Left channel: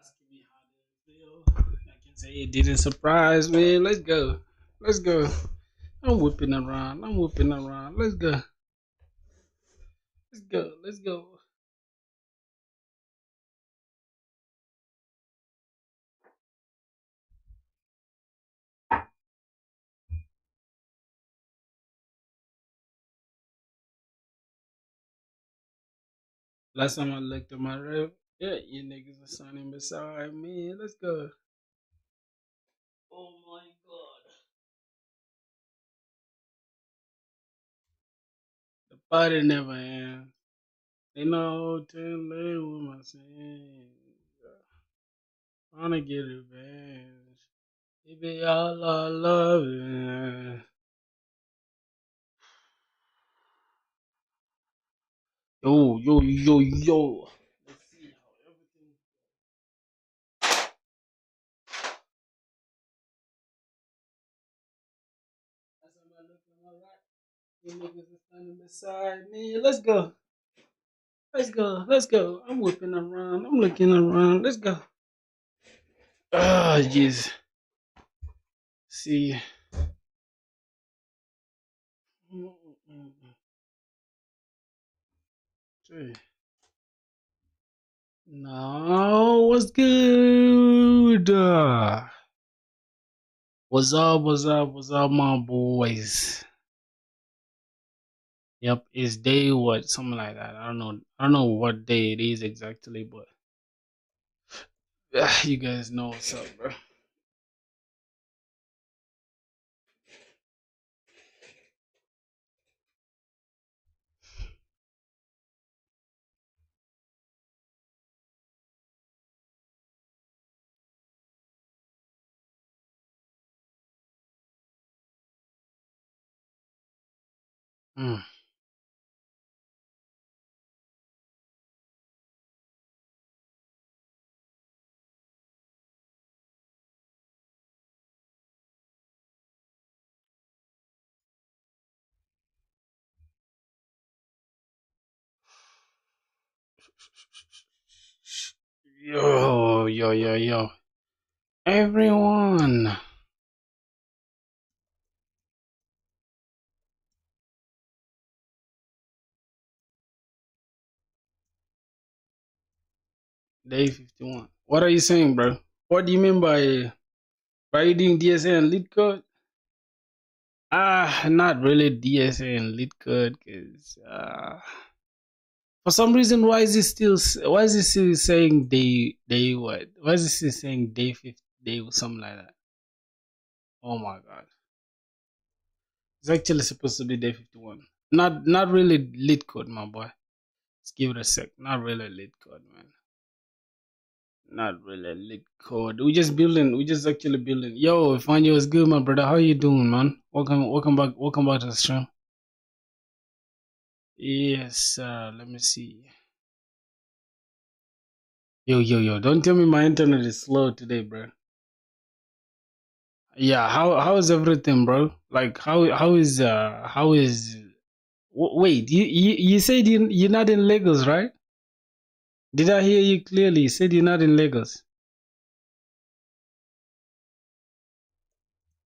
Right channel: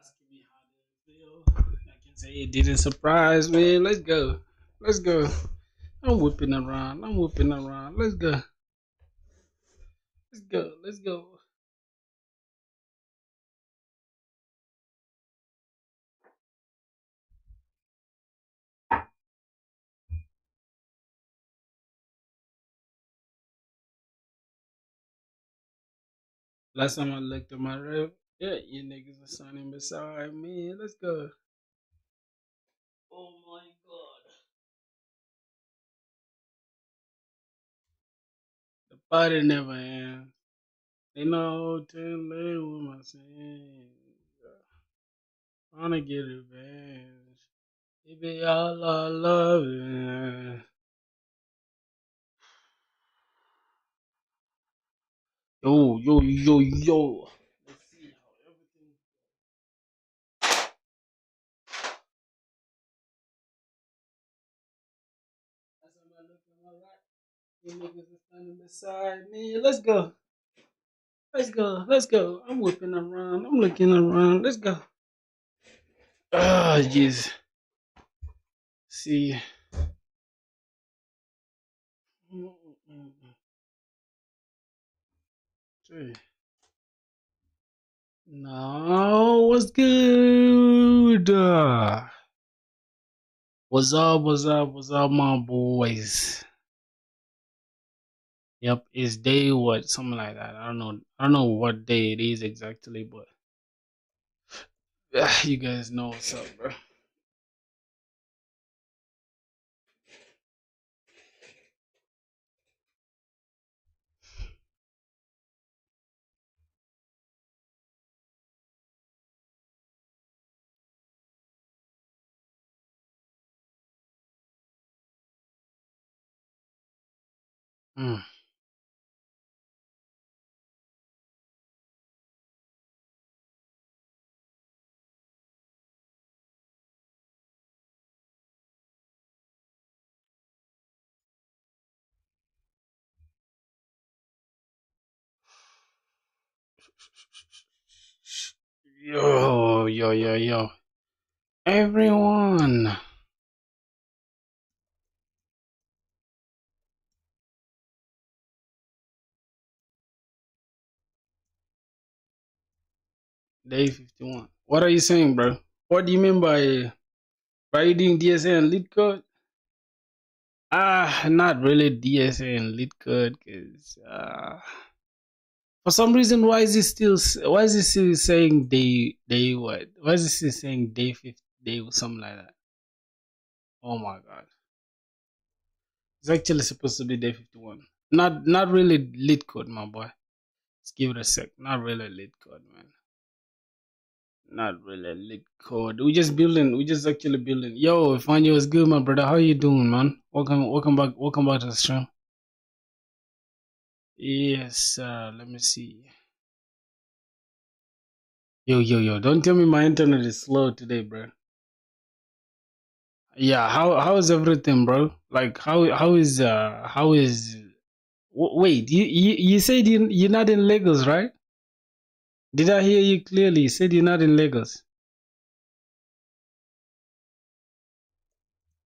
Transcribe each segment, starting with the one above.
asking me how did it feel. I can say it didn't surprise me. Let's go. Let's go. I'm whipping around. I'm whipping around. Let's go. Let's go. Let's go. Last time I looked at my rep, yeah, you niggas were standing beside me. Let's go. Oh my god. The party never ends. Ain't no hotel late with my sins. Wanna get revenge. Baby, all I love is. Yo, yo, yo, yo. Let's see how everything. As I'm looking my right, you niggas are standing beside me. Let's go. Let's go. Let's go. I'm whipping around. I'm looking around. Let's go. Ah, jeez. See. See. No, what's good? What's up? What's up? What's up, my boys? Yep, it's day what? Something like that. I don't know. I don't know what day it is exactly, but you guys know what's up, bro. Mm. Yo, yo, yo, yo. Everyone. Day 51. What are you saying, bro? What do you mean by you doing DSA and lead code? Not really DSA and lead code, cause for some reason, why is it still saying day what? Why is it still saying day 50 day or something like that? Oh my god, it's actually supposed to be day 51. Not really lead code, my boy. Let's give it a sec. Not really lead code, man. Not really lead code. We just building. We just actually building. Yo, Fanyo is good, my brother. How you doing, man? Welcome back to the stream. Yes, let me see. Yo, yo, yo! Don't tell me my internet is slow today, bro. Yeah, how is everything, bro? Like how is wait, you said you're not in Lagos, right? Did I hear you clearly? You said you're not in Lagos.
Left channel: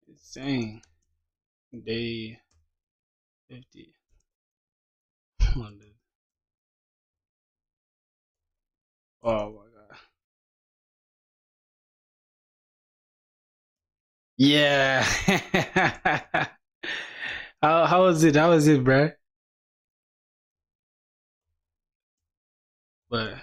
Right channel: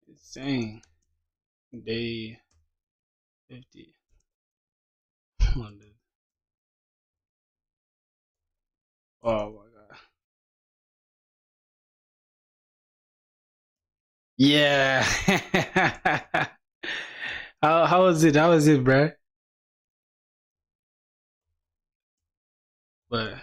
It's saying day 50. Oh my god. Yeah. How was it? How was it, bro? But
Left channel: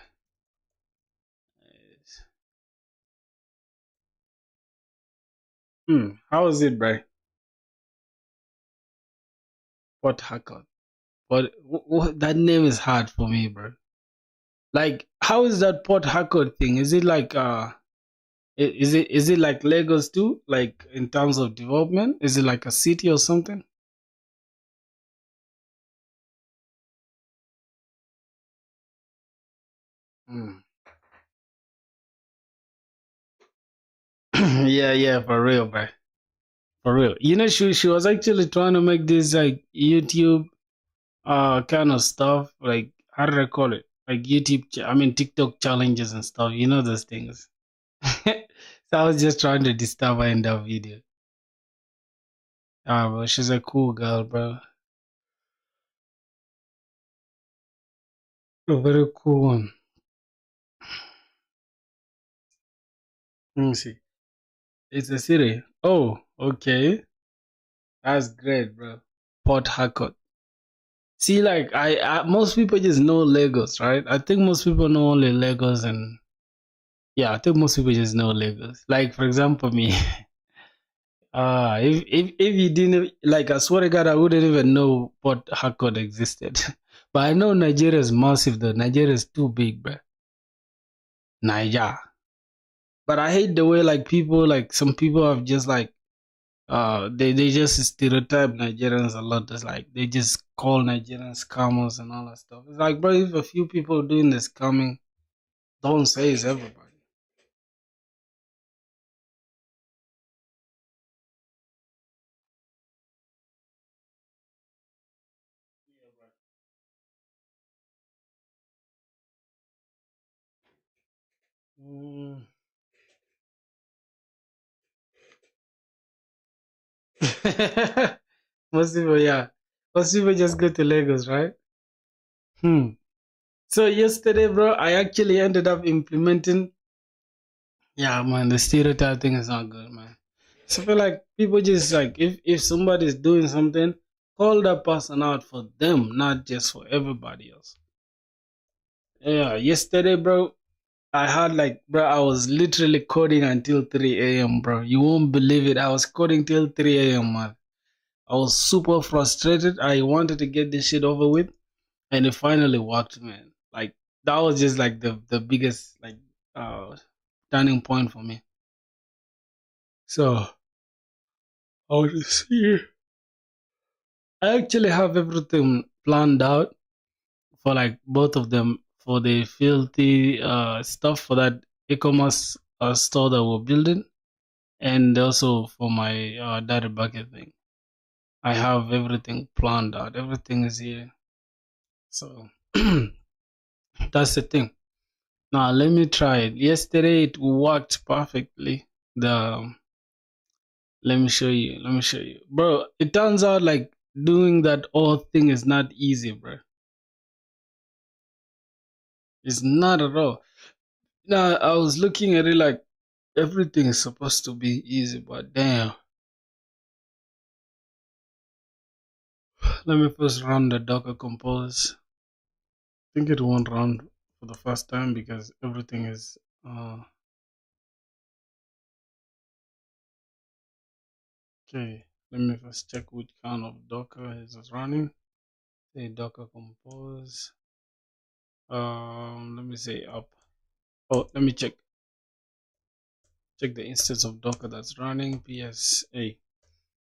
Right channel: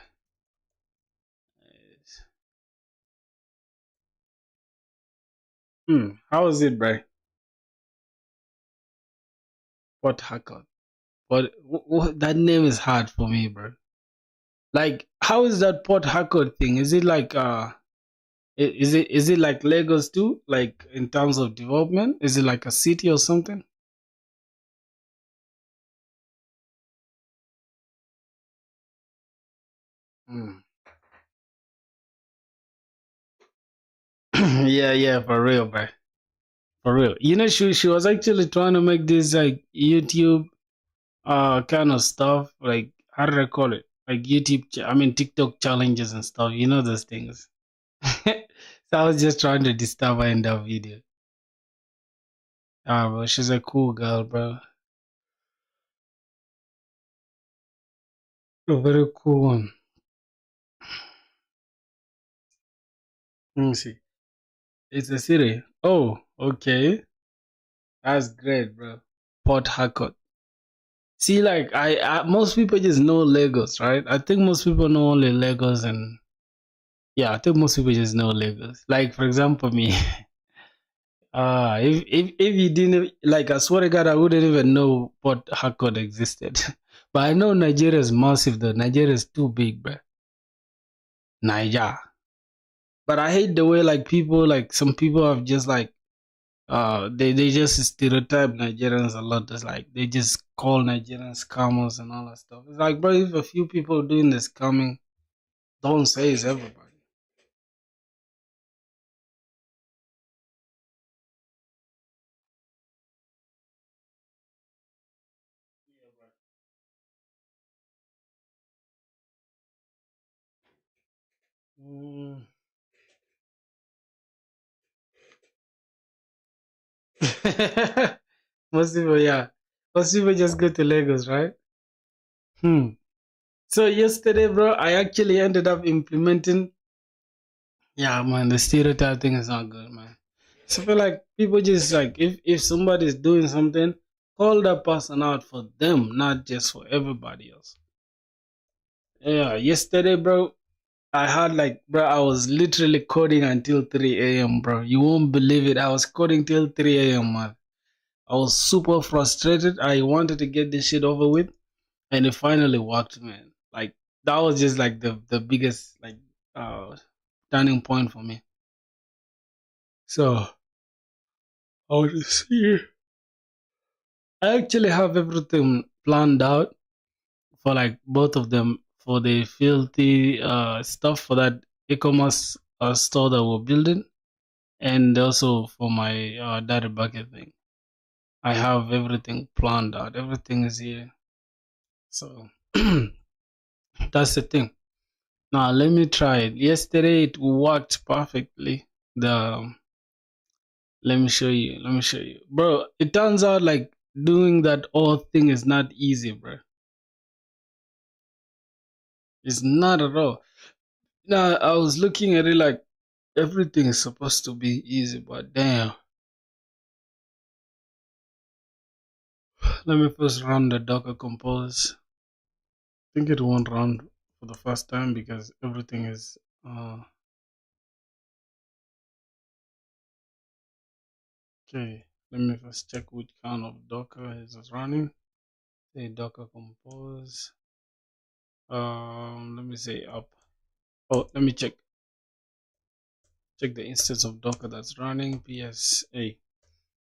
how was it, bro? Port Harcourt. But that name is hard for me, bro. Like, how is that Port Harcourt thing? Is it like is it like Lagos too? Like in terms of development, is it like a city or something? Mm. Yeah, yeah, for real, bro. For real. You know, she was actually trying to make this like YouTube kind of stuff. Like how do I call it? like I mean TikTok challenges and stuff. You know those things. So I was just trying to disturb her in that video. Ah, bro, she's a cool girl, bro. A very cool one. Let me see. It's a city. Oh, okay. That's great, bro. Port Harcourt. See, like most people just know Lagos, right? I think most people know only Lagos, and yeah, I think most people just know Lagos. Like for example, me. If you didn't like, I swear to God, I wouldn't even know Port Harcourt existed. But I know Nigeria is massive, though. Nigeria is too big, bro. Nigeria. But I hate the way like people, like some people have just like they just stereotype Nigerians a lot. It's like they just call Nigerians scammers and all that stuff. It's like, bro, if a few people doing this scamming, don't say it's everybody. Mm. Most people, yeah. Most people just go to Lagos, right? Hmm. So yesterday, bro, I actually ended up implementing. Yeah, man, the stereotype thing is not good, man. So I feel like people just like if somebody's doing something, call that person out for them, not just for everybody else. Yeah, yesterday, bro, I had like, bro, I was literally coding until 3 a.m., bro. You won't believe it. I was coding till 3 a.m., man. I was super frustrated. I wanted to get this shit over with, and it finally worked, man. Like that was just like the biggest like uh turning point for me. So I was see. I actually have everything planned out for like both of them for the filthy stuff for that e-commerce store that we're building, and also for my data bucket thing. I have everything planned out. Everything is here. So that's the thing. Now let me try it. Yesterday it worked perfectly. The Let me show you. Let me show you, bro. It turns out like doing that all thing is not easy, bro. It's not at all. Now I was looking at it like everything is supposed to be easy, but damn. Let me first run the Docker Compose. I think it won't run for the first time because everything is okay. Let me first check which kind of Docker is running. Say Docker Compose. Let me say up. Oh, let me check the instance of Docker that's running. PSA.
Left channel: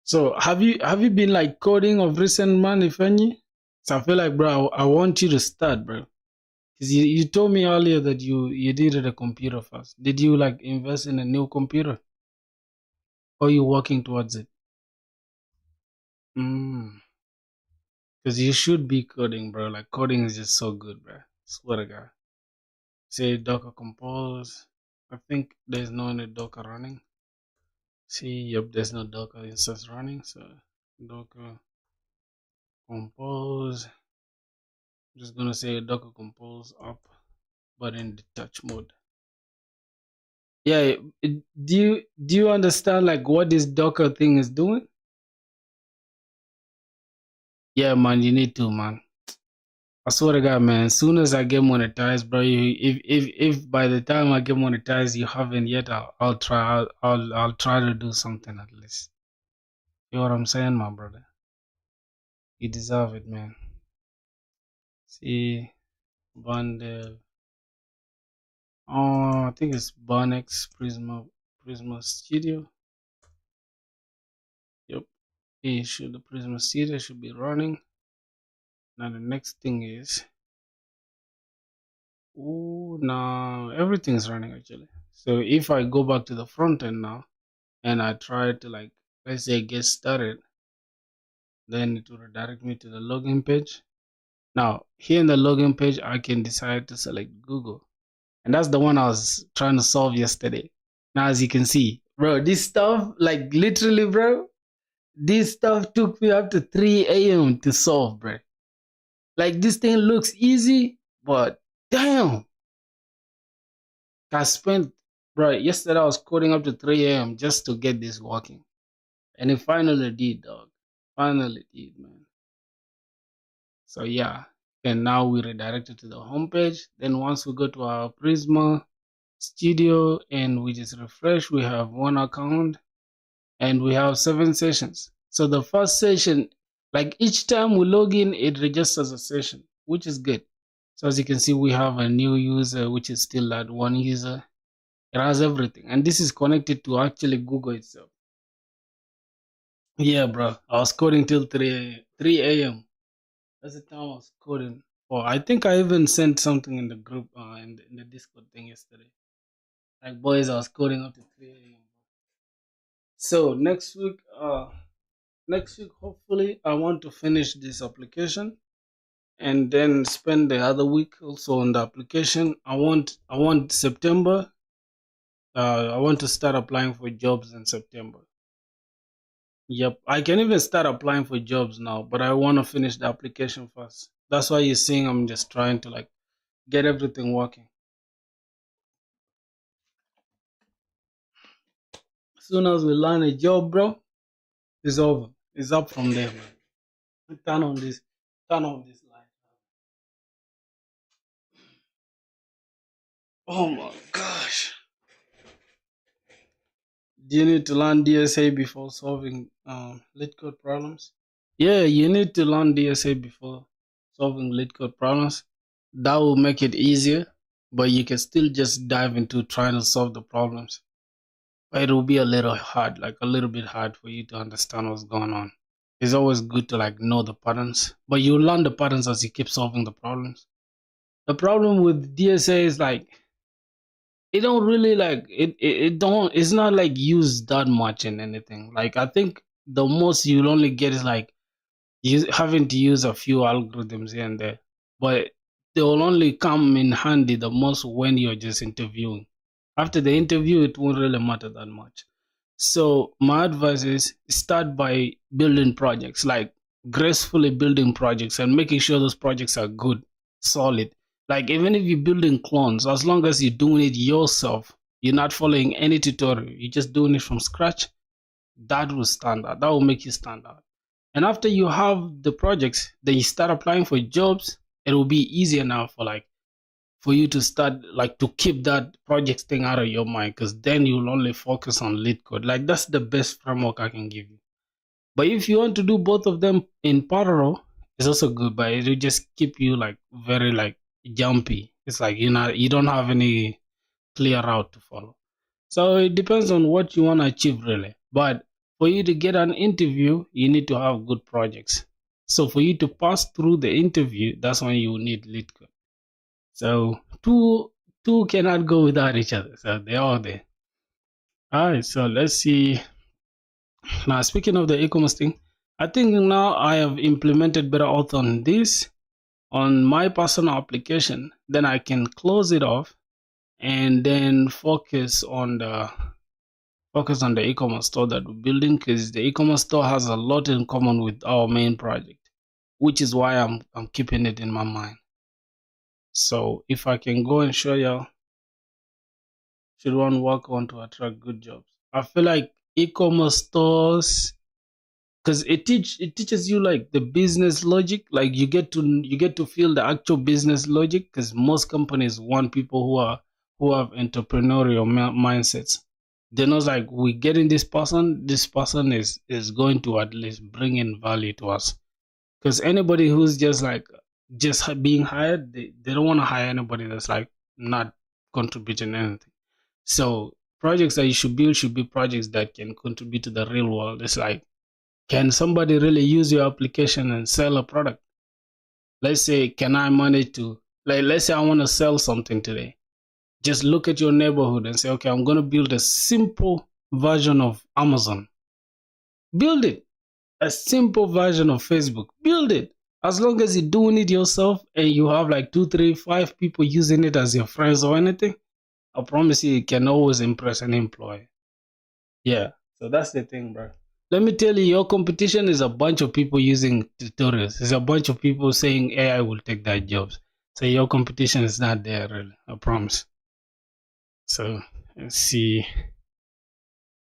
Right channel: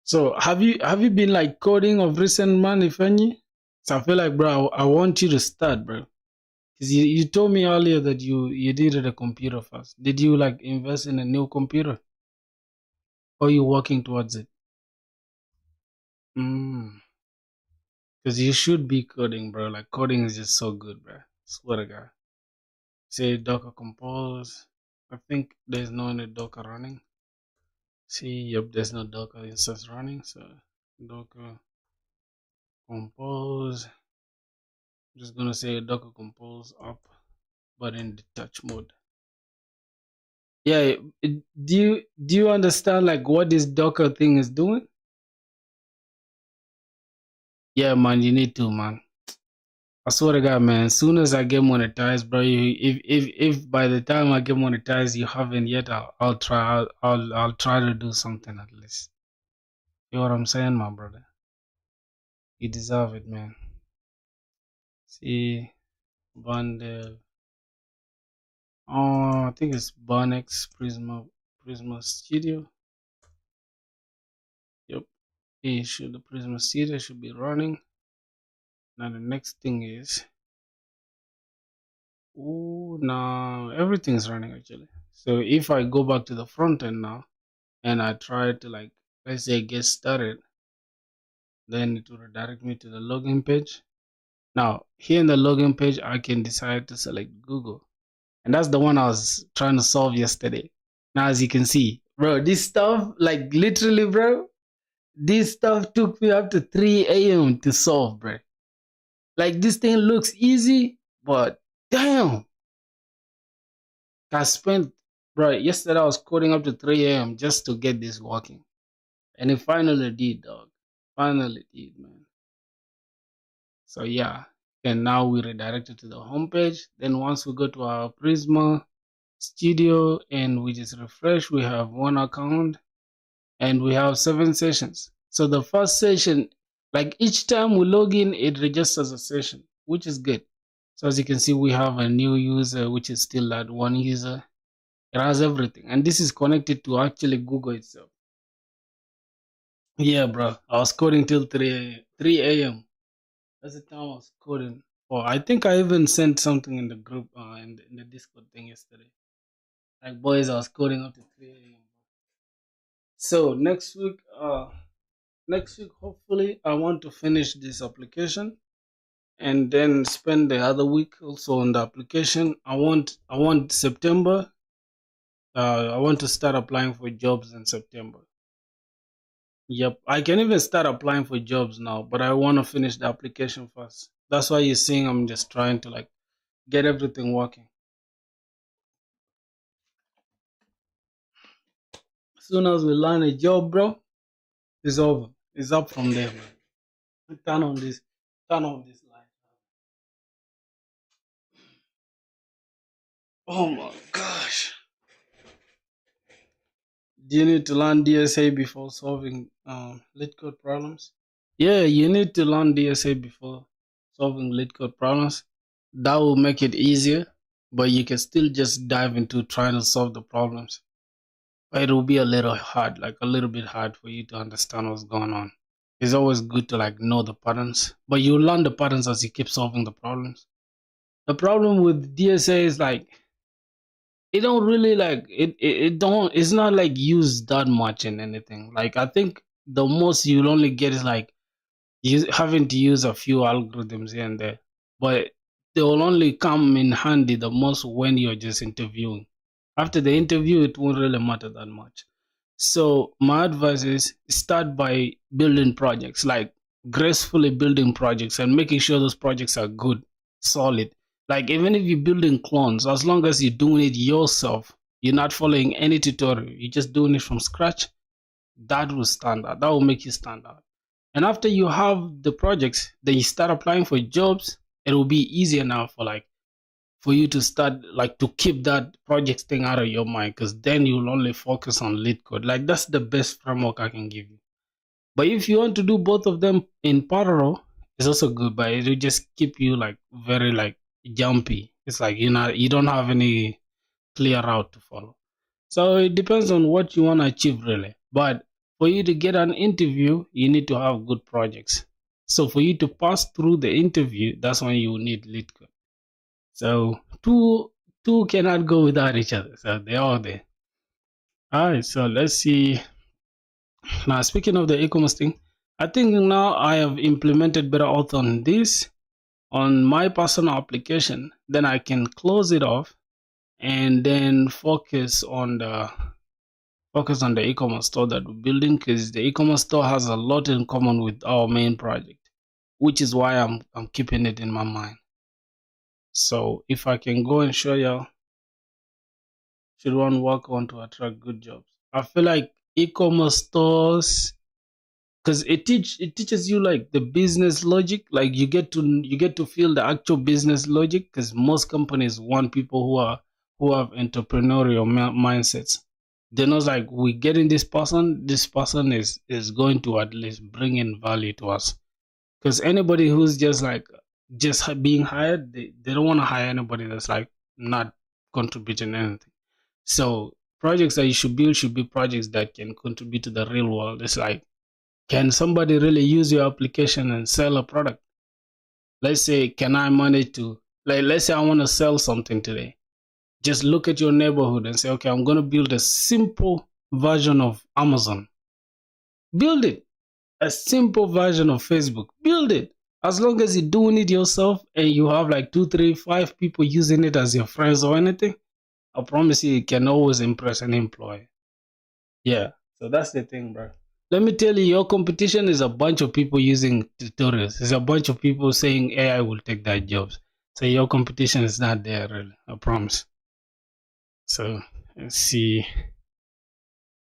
So have you been like coding of recent, man? If any? So I feel like, bro, I want you to start, bro. Cause you told me earlier that you needed a computer first. Did you like invest in a new computer, or you working towards it? Mm. Cause you should be coding, bro. Like coding is just so good, bro. Swear to God. Say Docker Compose. I think there's no any Docker running. See, yep, there's no Docker instance running. So Docker Compose. I'm just gonna say Docker Compose up, but in detach mode. Yeah, do you understand like what this Docker thing is doing? Yeah, man, you need to, man. I swear to God, man. As soon as I get monetized, bro, if by the time I get monetized you haven't yet, I'll try. I'll try to do something at least. You know what I'm saying, my brother? You deserve it, man. See, Bundle. Oh, I think it's Bonex Prisma Studio. Yep. The Prisma Studio should be running. Now the next thing is, oh, now everything's running actually. So if I go back to the front end now and I try to like, let's say get started, then it will redirect me to the login page. Now, here in the login page, I can decide to select Google. And that's the one I was trying to solve yesterday. Now, as you can see, bro, this stuff, like literally, bro, this stuff took me up to 3 a.m. to solve, bro. Like, this thing looks easy, but damn. I spent, bro, yesterday I was coding up to 3 a.m. just to get this working. And it finally did, dog. Finally did, man. So, yeah. And now we redirected to the homepage. Then once we go to our Prisma Studio and we just refresh, we have one account and we have 7 sessions. So the first session, like each time we log in, it registers a session, which is good. So as you can see, we have a new user, which is still that one user. It has everything. And this is connected to actually Google itself. Yeah, bro. I was coding till 3 a.m. That's the time I was coding. Oh, I think I even sent something in the group, in the Discord thing yesterday. Like, boys, I was coding up to 3 a.m. So next week, hopefully, I want to finish this application and then spend the other week also on the application. I want September. I want to start applying for jobs in September. Yep, I can even start applying for jobs now, but I want to finish the application first. That's why you're seeing I'm just trying to like get everything working. As soon as we land a job, bro, it's over. It's up from there, man. Turn on this light. Oh my gosh. Do you need to learn DSA before solving lead code problems? Yeah, you need to learn DSA before solving lead code problems. That will make it easier, but you can still just dive into trying to solve the problems. But it will be a little hard, like a little bit hard for you to understand what's going on. It's always good to like know the patterns, but you learn the patterns as you keep solving the problems. The problem with DSA is like it don't really like it don't it's not like used that much in anything. Like I think the most you'll only get is like you having to use a few algorithms here and there, but they will only come in handy the most when you're just interviewing. After the interview, it won't really matter that much. So my advice is start by building projects, like gracefully building projects and making sure those projects are good, solid. Like even if you're building clones, as long as you're doing it yourself, you're not following any tutorial, you're just doing it from scratch, that will stand out. That will make you stand out. And after you have the projects, then you start applying for jobs. It will be easier now for you to start like to keep that project thing out of your mind, because then you'll only focus on lead code. Like that's the best framework I can give you. But if you want to do both of them in parallel, it's also good, but it will just keep you like very like jumpy. It's like you don't have any clear route to follow. So it depends on what you want to achieve really. But for you to get an interview, you need to have good projects. So for you to pass through the interview, that's when you need lead code. So two cannot go without each other. So they're all there. All right, so let's see. Now speaking of the e-commerce thing, I think now I have implemented better auth on this on my personal application. Then I can close it off and then focus on the e-commerce store that we're building, because the e-commerce store has a lot in common with our main project, which is why I'm keeping it in my mind. So if I can go and show you, should one work on to attract good jobs? I feel like e-commerce stores, because it teaches you like the business logic. Like you get to feel the actual business logic, because most companies want people who have entrepreneurial mindsets. They know like we're getting this person is going to at least bring in value to us. Because anybody who's just being hired, they don't want to hire anybody that's like not contributing anything. So projects that you should build should be projects that can contribute to the real world. It's like, can somebody really use your application and sell a product? Let's say, can I manage to, like, let's say I want to sell something today. Just look at your neighborhood and say, okay, I'm going to build a simple version of Amazon. Build it. A simple version of Facebook. Build it. As long as you're doing it yourself and you have like 2, 3, 5 people using it as your friends or anything, I promise you can always impress an employee. Yeah. So that's the thing, bro. Let me tell you, your competition is a bunch of people using tutorials. It's a bunch of people saying AI will take their jobs. So your competition is not there, really. I promise. So let's see.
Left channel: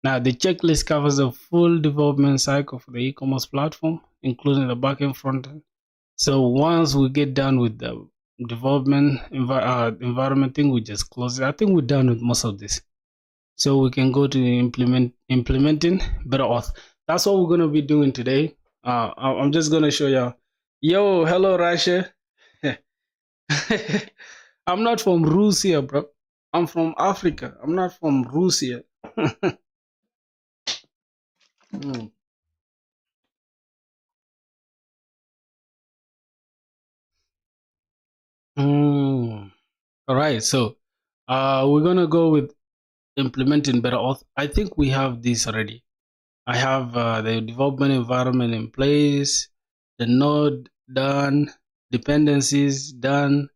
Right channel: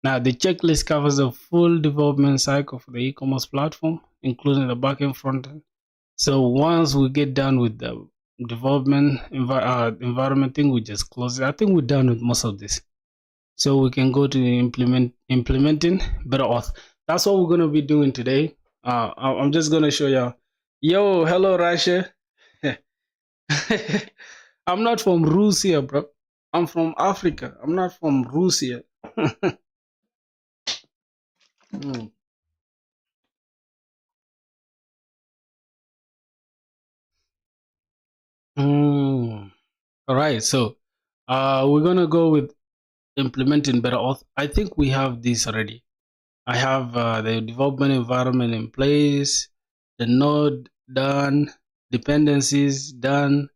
Now the checklist covers the full development cycle for the e-commerce platform, including the backend frontend. So once we get done with the development environment thing, we just close it. I think we're done with most of this. So we can go to implementing better auth. That's what we're gonna be doing today. I'm just gonna show you. Yo, hello Russia. I'm not from Russia, bro. I'm from Africa. I'm not from Russia. Mm. Mm. All right, so we're gonna go with implementing better auth. I think we have this already. I have the development environment in place, the node done, dependencies done.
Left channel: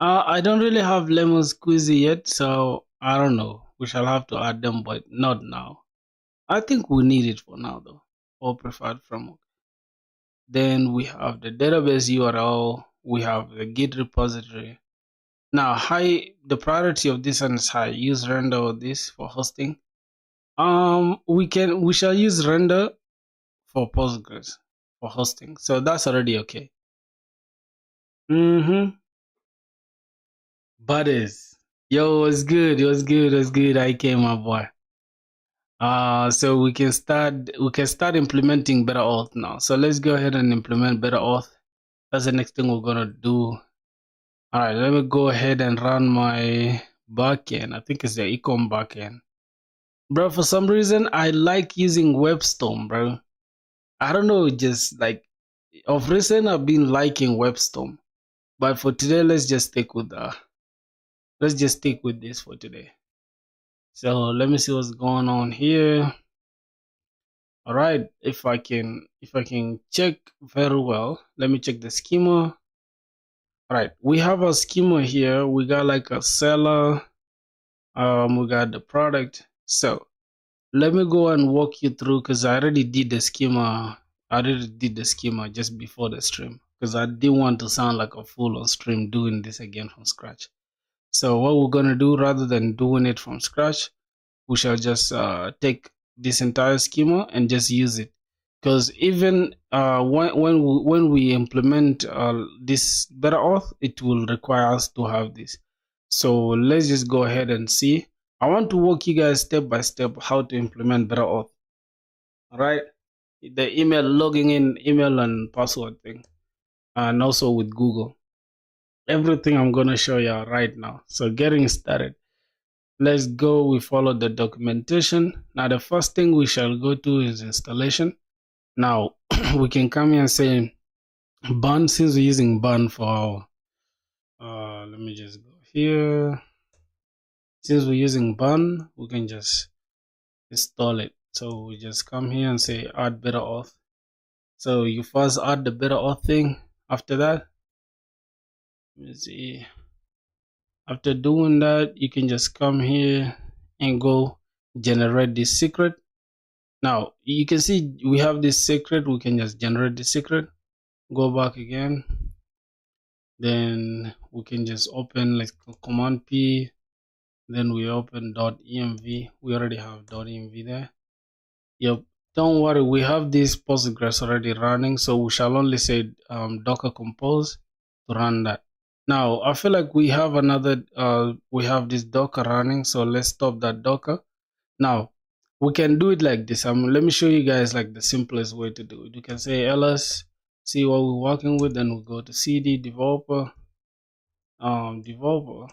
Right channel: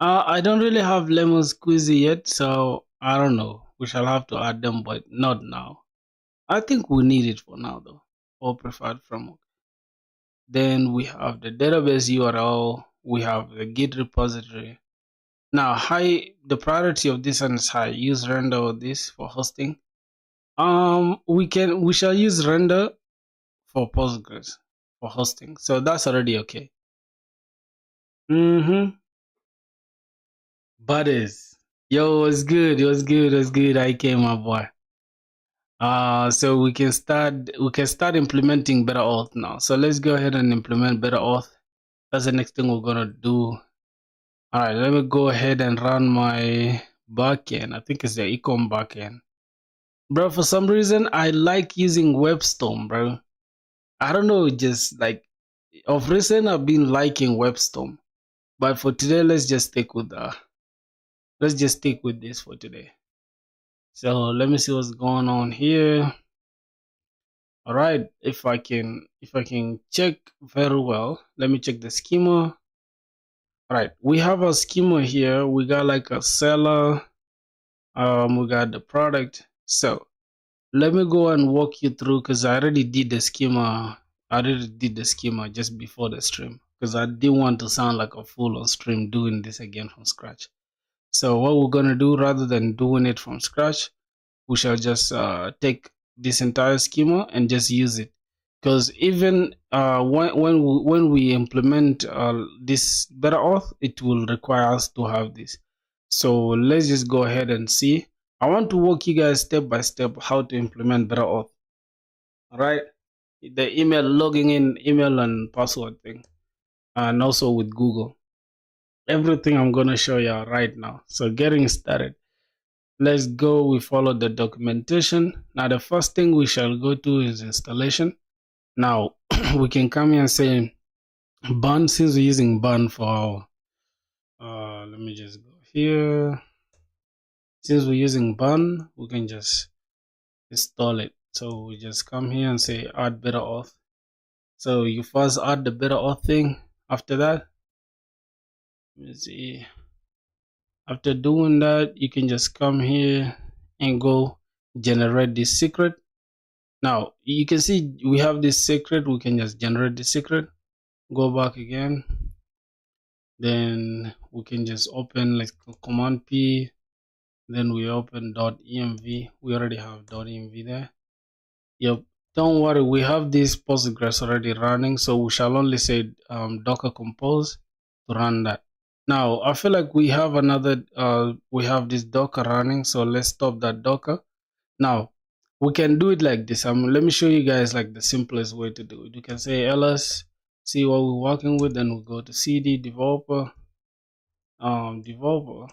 I don't really have lemon squeezy yet, so I don't know. We shall have to add them, but not now. I think we need it for now, though, or preferred framework. Then we have the database URL. We have the Git repository. Now, the priority of this one is high. Use render or this for hosting. We shall use render for Postgres for hosting. So that's already okay. Butters. Yo, what's good? What's good? What's good? I came, my boy. So we can start implementing better auth now. So let's go ahead and implement better auth. That's the next thing we're gonna do. Alright, let me go ahead and run my backend. I think it's the ecom backend. Bro, for some reason I like using WebStorm, bro. I don't know, just like of recent I've been liking WebStorm. But for today, let's just stick with this for today. So let me see what's going on here. All right, if I can check very well, let me check the schema. All right, we have a schema here. We got like a seller. We got the product. So let me go and walk you through because I already did the schema. I already did the schema just before the stream because I didn't want to sound like a fool on stream doing this again from scratch. So what we're gonna do, rather than doing it from scratch, we shall just take this entire schema and just use it. Because even when we implement this better auth, it will require us to have this. So let's just go ahead and see. I want to walk you guys step by step how to implement better auth. All right, the email logging in, email and password thing, and also with Google. Everything I'm gonna show you right now. So getting started. Let's go, we follow the documentation. Now the first thing we shall go to is installation. Now we can come here and say burn, since we're using burn for our, let me just go here. Since we're using burn, we can just install it. So we just come here and say add better auth. So you first add the better auth thing. After that, let me see. After doing that, you can just come here and go generate this secret. Now you can see we have this secret. We can just generate the secret, go back again, then we can just open like command P, then we open .env. We already have .env there. Yep, don't worry, we have this Postgres already running, so we shall only say docker compose to run that. Now I feel like we have another we have this docker running, so let's stop that docker. Now we can do it like this. Let me show you guys like the simplest way to do it. You can say ls, see what we're working with, then we go to cd developer, developer,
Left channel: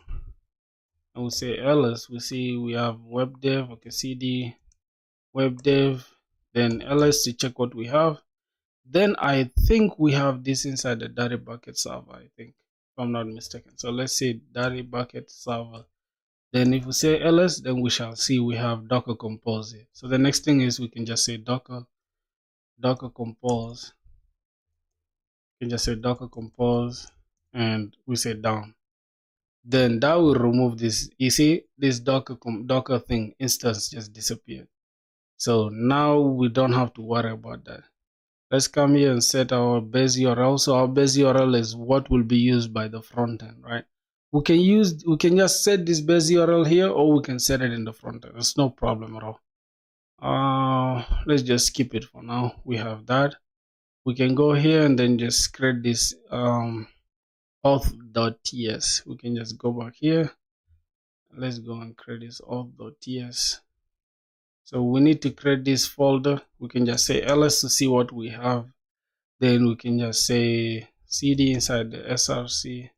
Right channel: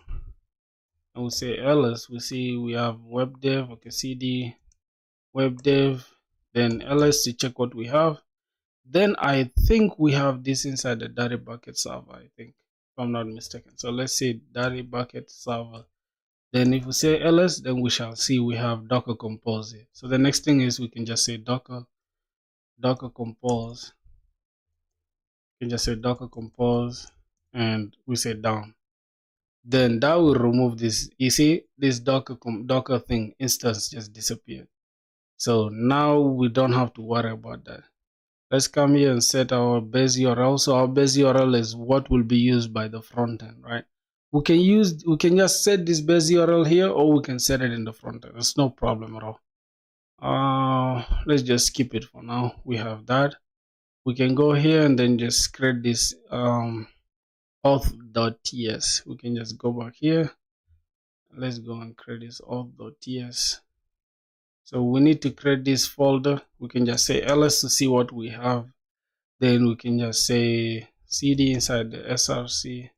and we say ls. We see we have web dev. Okay, cd web dev, then ls to check what we have. Then I think we have this inside the data bucket server, I think, if I'm not mistaken. So let's say data bucket server. Then if we say ls, then we shall see we have docker compose here. So the next thing is we can just say docker compose. can just say docker compose and we say down. Then that will remove this. You see, this docker thing instance just disappeared. So now we don't have to worry about that. Let's come here and set our base URL. So our base URL is what will be used by the front end, right? We can just set this base URL here, or we can set it in the front end. It's no problem at all. Let's just skip it for now. We have that. We can go here and then just create this auth.ts. We can just go back here. Let's go and create this auth.ts. So we need to create this folder. We can just say ls to see what we have. Then we can just say cd inside the src.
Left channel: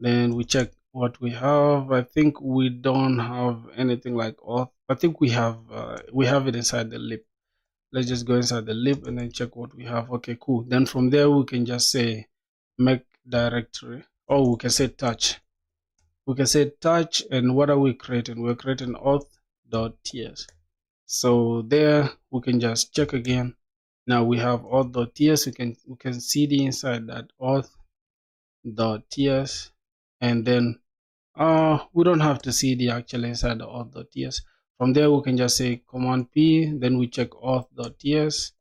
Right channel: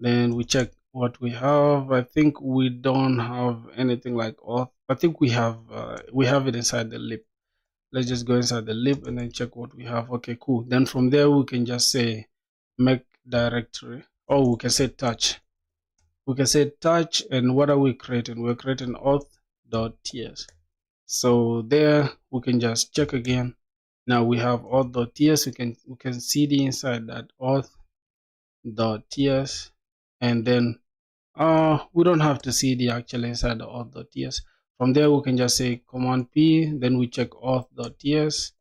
Then we check what we have. I think we don't have anything like auth. I think we have it inside the lib. Let's just go inside the lib and then check what we have. Okay, cool. Then from there we can just say make directory, or we can say touch. We can say touch, and what are we creating? We're creating auth.ts. So there we can just check again. Now we have auth.ts. We can cd inside that auth.ts, and then we don't have to cd actually inside the auth.ts. From there we can just say command p, then we check auth.ts.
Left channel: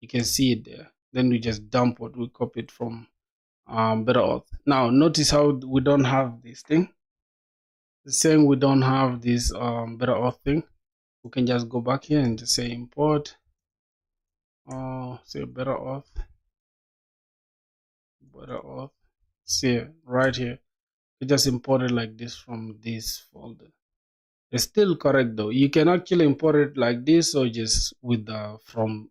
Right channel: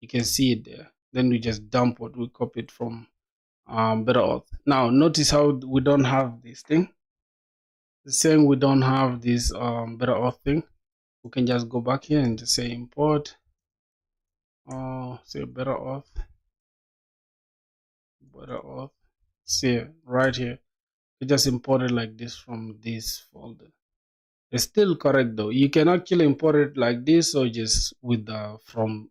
You can see it there. Then we just dump what we copied from better auth. Now notice how we don't have this thing. It's saying we don't have this better auth thing. We can just go back here and just say import say better auth. See right here, it just imported like this from this folder. It's still correct though. You can actually import it like this, or just with the from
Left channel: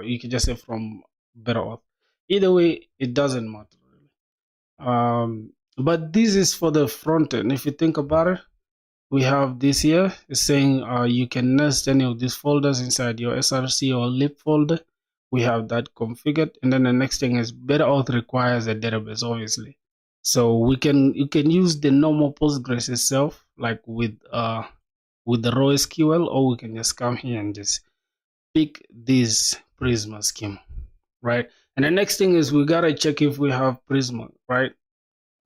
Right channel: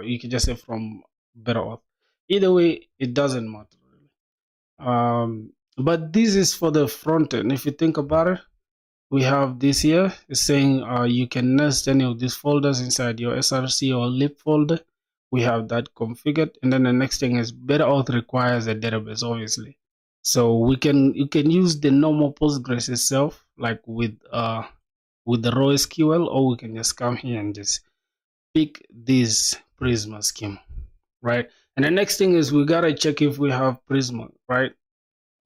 you can just say from better auth. Either way, it doesn't matter really. But this is for the front end. If you think about it, we have this here. It's saying you can nest any of these folders inside your src or lib folder. We have that configured, and then the next thing is better auth requires a database, obviously. So you can use the normal Postgres itself, like with the raw SQL, or we can just come here and just pick this Prisma schema, right? And the next thing is we gotta check if we have Prisma, right?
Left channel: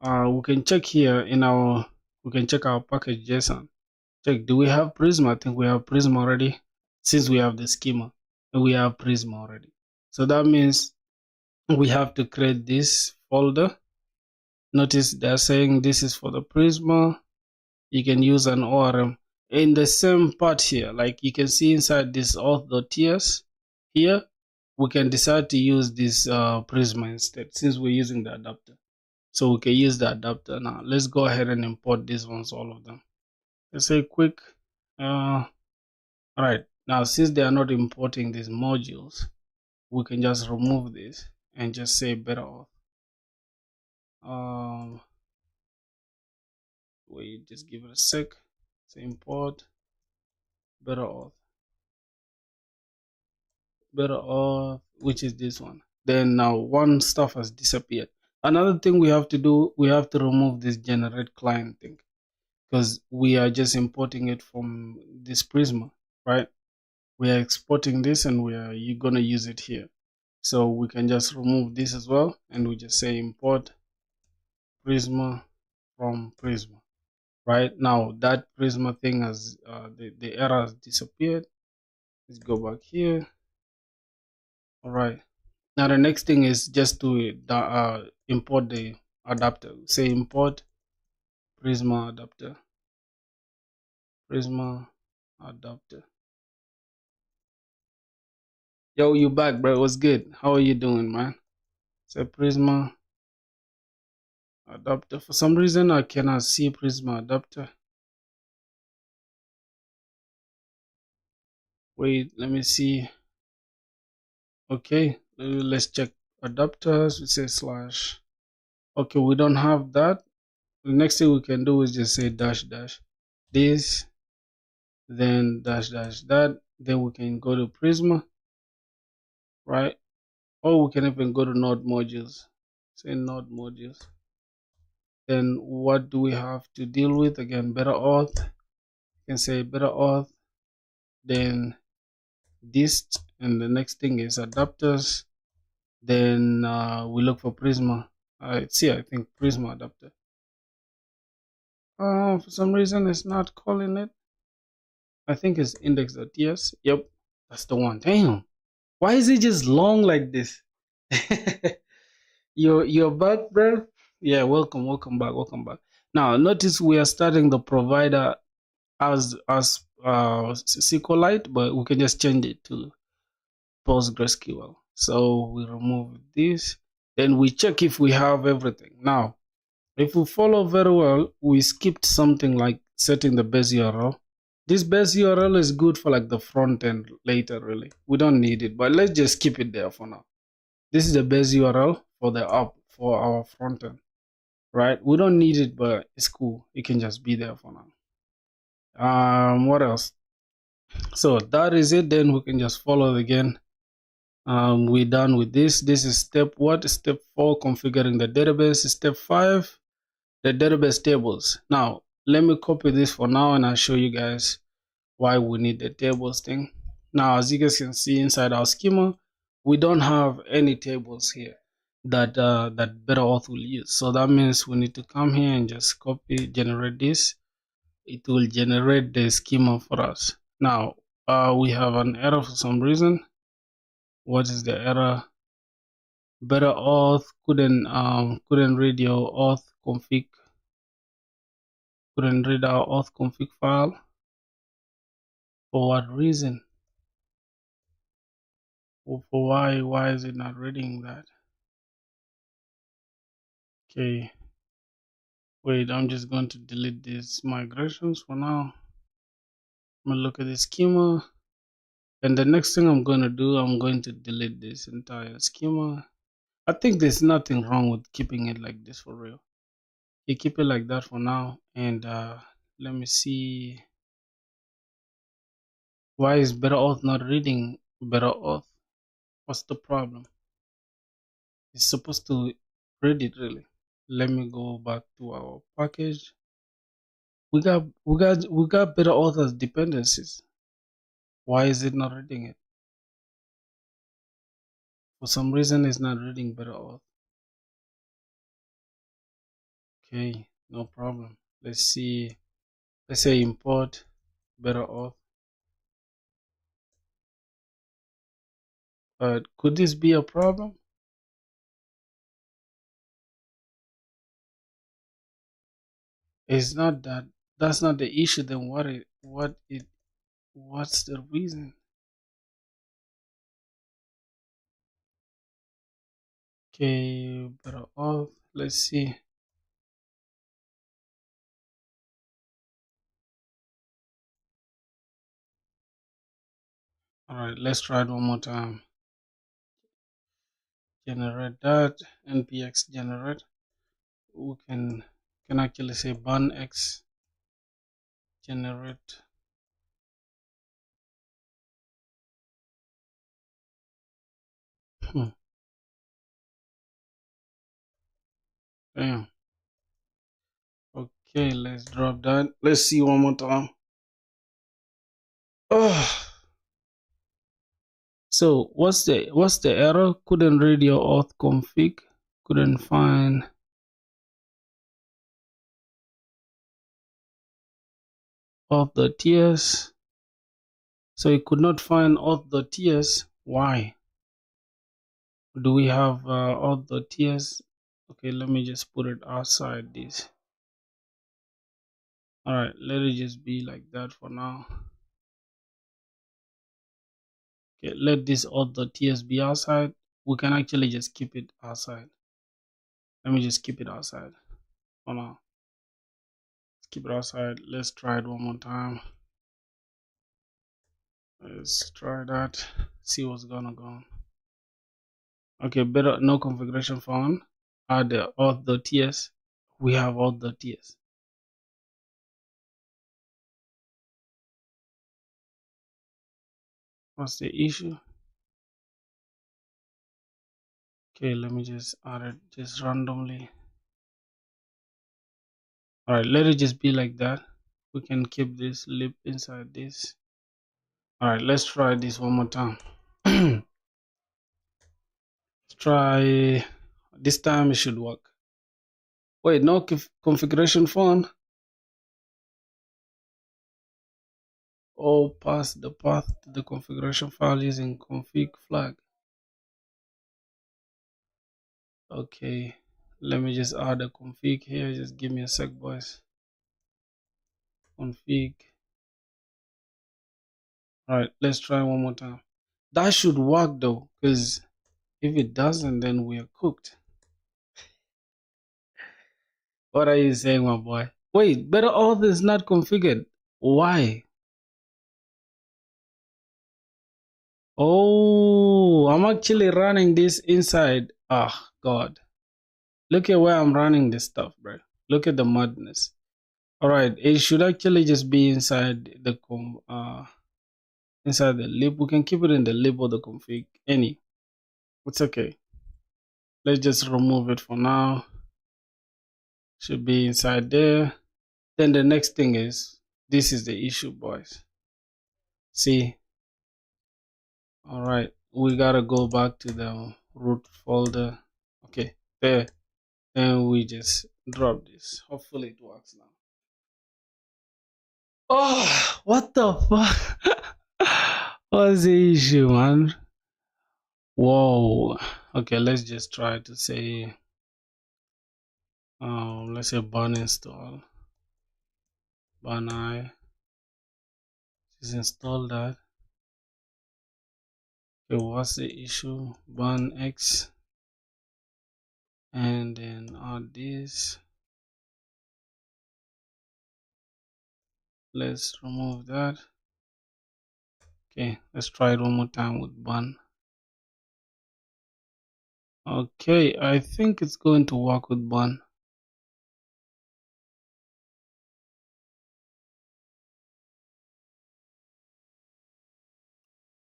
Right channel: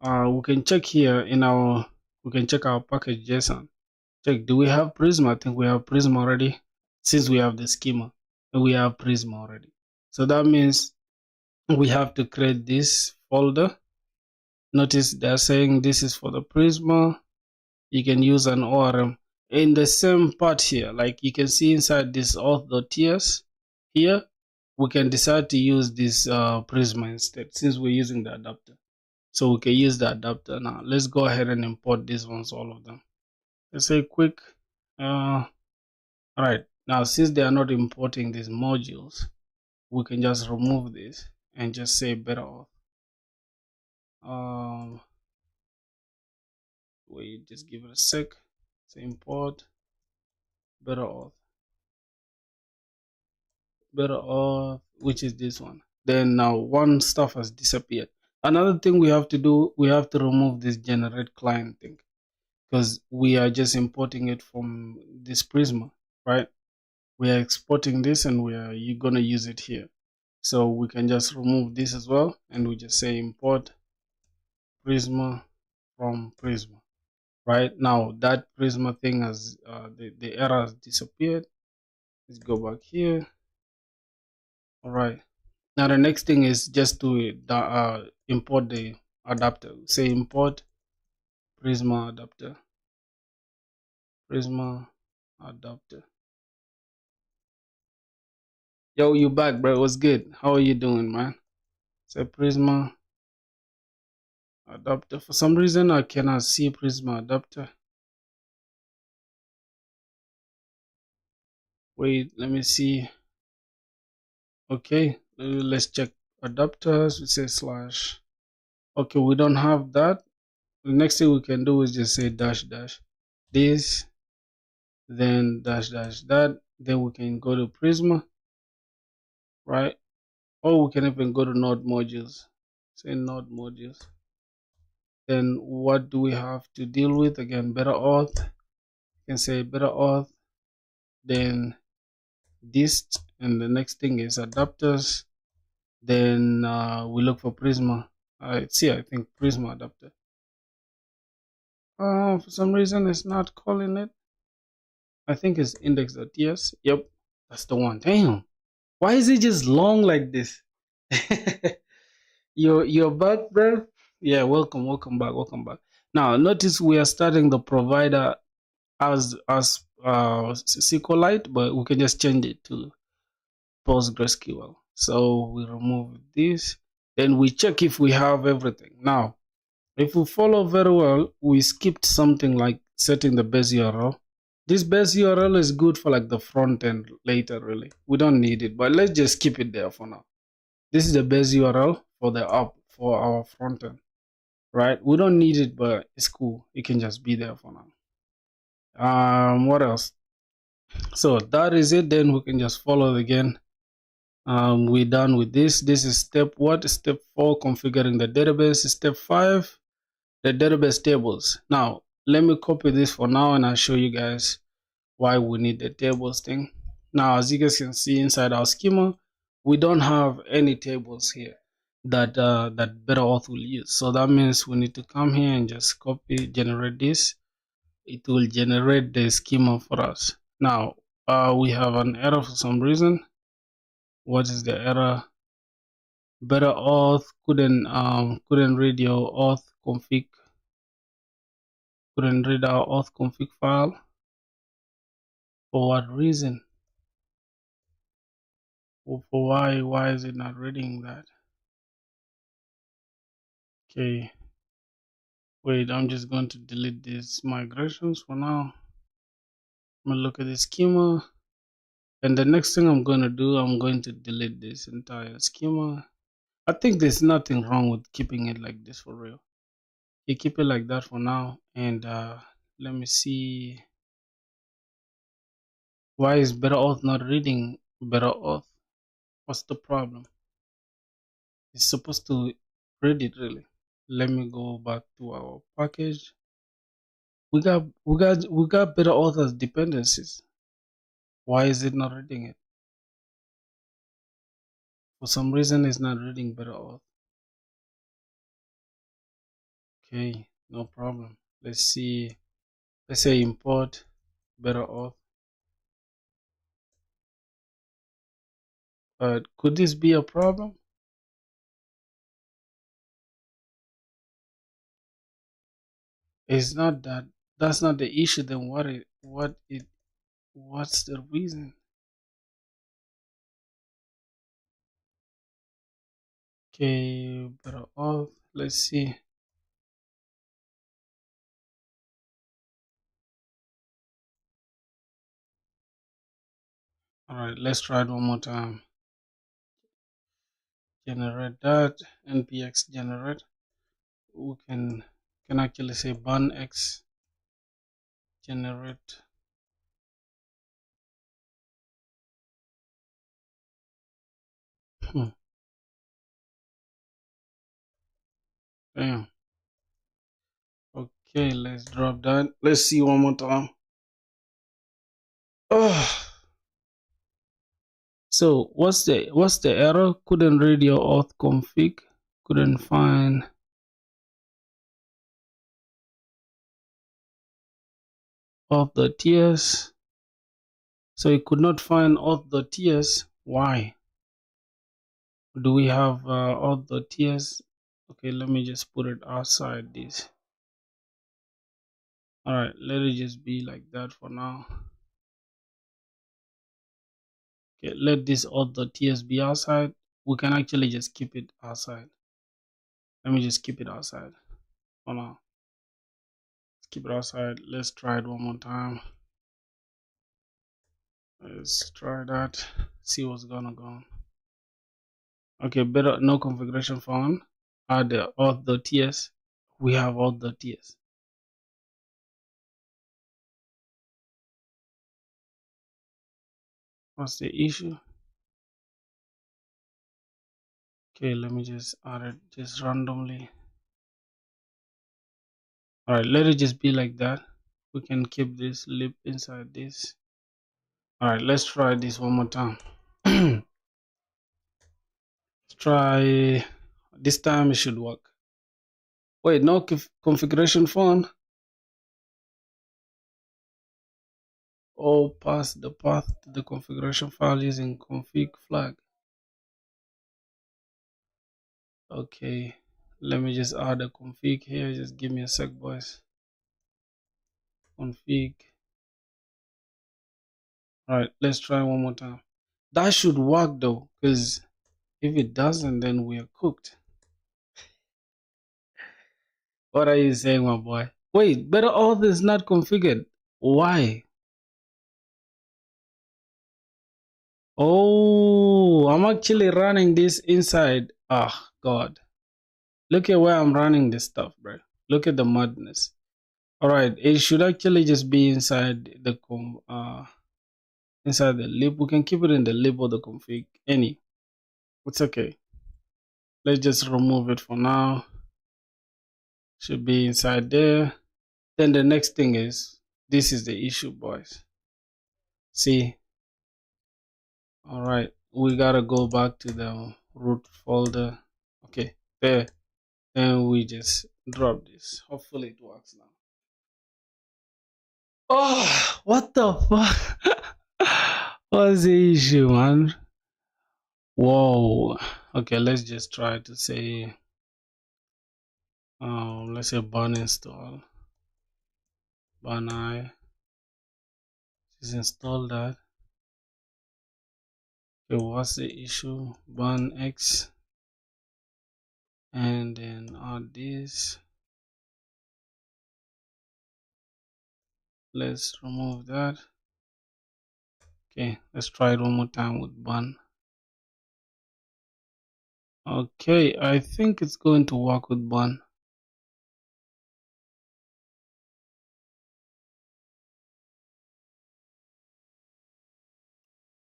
We can check here we can check our package JSON. Check, do we have Prisma? I think we have Prisma already, since we have the schema, and we have Prisma already. So that means we have to create this folder. Notice they're saying this is for the Prisma. You can use an ORM in the same part here. Like you can see inside this auth.ts here, we can decide to use this Prisma instead, since we're using the adapter. So we can use the adapter. Now let's go ahead and import these ones, all of them. Let's say quick. All right, now since they are not importing these modules, we can just remove this and just say better auth. Wait, just give it a sec. Say import better auth, which is this one. Then now one stuff has disappeared. Another thing we have to do, we have to remove this generate client thing, because we are just importing it from this Prisma, right? We are exporting this and you're gonna use it here. So we can just remove this as well, and we just say import Prisma from Prisma. Right now that Prisma thing has the error has disappeared. Let's go back here. All right, now the next thing is just to import the adapter. Say import Prisma adapter. Yo, you back, bro? What's good? How are you doing, man? Say Prisma adapter. For some reason I cannot see Prisma adapter. Wait, let me see. Okay, let's check adapters. We say slash. Okay, we don't have that. The next thing we can do is just say dash this, then dash that. Then we can go to Prisma, right? Or we can even go to node modules. Say node modules. Then what do we have to deal with? Again, better auth. You can say better auth. Then this, and the next thing is adapters. Then we look for Prisma. It's here, I think Prisma adapter. For some reason it's not calling it. I think it's index.ts. Yep, that's the one. Damn. Why is it just long like this? You're back, bro? Yeah, welcome back, welcome back. Now notice we are starting the provider as SQLite, but we can just change it to PostgreSQL. So we remove this, then we check if we have everything. Now, if we follow very well, we skipped something like setting the base URL. This base URL is good for like the front end later, really. We don't need it, but let's just keep it there for now. This is the base URL for the app for our front end, right? We don't need it, but it's cool. It can just be there for now. What else? So that is it. Then we can just follow it again. We're done with this. This is step what? Step 4, configuring the database. Step 5, the database tables. Now, let me copy this for now and I'll show you guys why we need the tables thing. Now, as you guys can see inside our schema, we don't have any tables here that that Better Auth will use. So that means we need to come here and just copy, generate this. It will generate the schema for us. Now, we have an error for some reason. What is the error? Better Auth couldn't read your auth config, couldn't read our auth config file. For what reason? Or for why is it not reading that? Okay, wait, I'm just going to delete these migrations for now. I'm gonna look at the schema, and the next thing I'm going to do, I'm going to delete this entire schema. I think there's nothing wrong with keeping it like this for real. You keep it like that for now, and let me see. Why is Better Auth not reading Better Auth? What's the problem? It's supposed to read it really. Let me go back to our package. We got Better Auth as dependencies. Why is it not reading it? For some reason it's not reading Better Auth. Okay, no problem. Let's see. Let's say import Better Auth. Could this be a problem? It's not that. That's not the issue. Then what's the reason? Okay, Better Auth. Let's see. All right, let's try it one more time. Generate that npx generate. We can actually say burn x generate. Damn. Okay, let's drop that. Let's see one more time. Oh, so what's the error? Couldn't read your auth config. Couldn't find auth.ts. So it could not find auth.ts. Why? Do we have auth.ts? Okay, let me just put it outside this. All right, let it just be like that for now. Okay, let this auth.ts be outside. We can actually just keep it outside. Let me just keep it outside for now. Let's keep it outside. Let's try it one more time. Let's try that. See what's gonna go on. Okay, better no configuration found. Add the auth.ts. We have auth.ts. What's the issue? Okay, let me just add it just randomly. All right, let it just be like that. We can keep this lip inside this. All right, let's try this one more time. Let's try. This time it should work. Wait, no configuration phone. Oh, pass the path to the configuration file using config flag. Okay, let me just add a config here. Just give me a sec, boys. Config. All right, let's try one more time. That should work though, because if it doesn't, then we're cooked. What are you saying, my boy? Wait, better auth is not configured. Why? Oh, I'm actually running this inside. Oh, God. Look at where I'm running this stuff, bro. Look at the madness. All right, it should actually just be inside the inside the lib. We can keep it in the lib or the config. It's okay. Let's just remove it for now. Should be inside there. Then the next thing is, this is the issue, boys. See, all right, we gotta go back to the root folder. Okay, there. Then we just drop this. Hopefully it works now. Oh, what the fuck? What's the issue, man? Whoa. Okay, let's just try to say, let's say burn install. Burn I. Just install that. Okay, what's the issue? Burn X. And then add this. Let's remove that. Okay, let's try it one more time with burn. Okay, I think it's going to work with burn.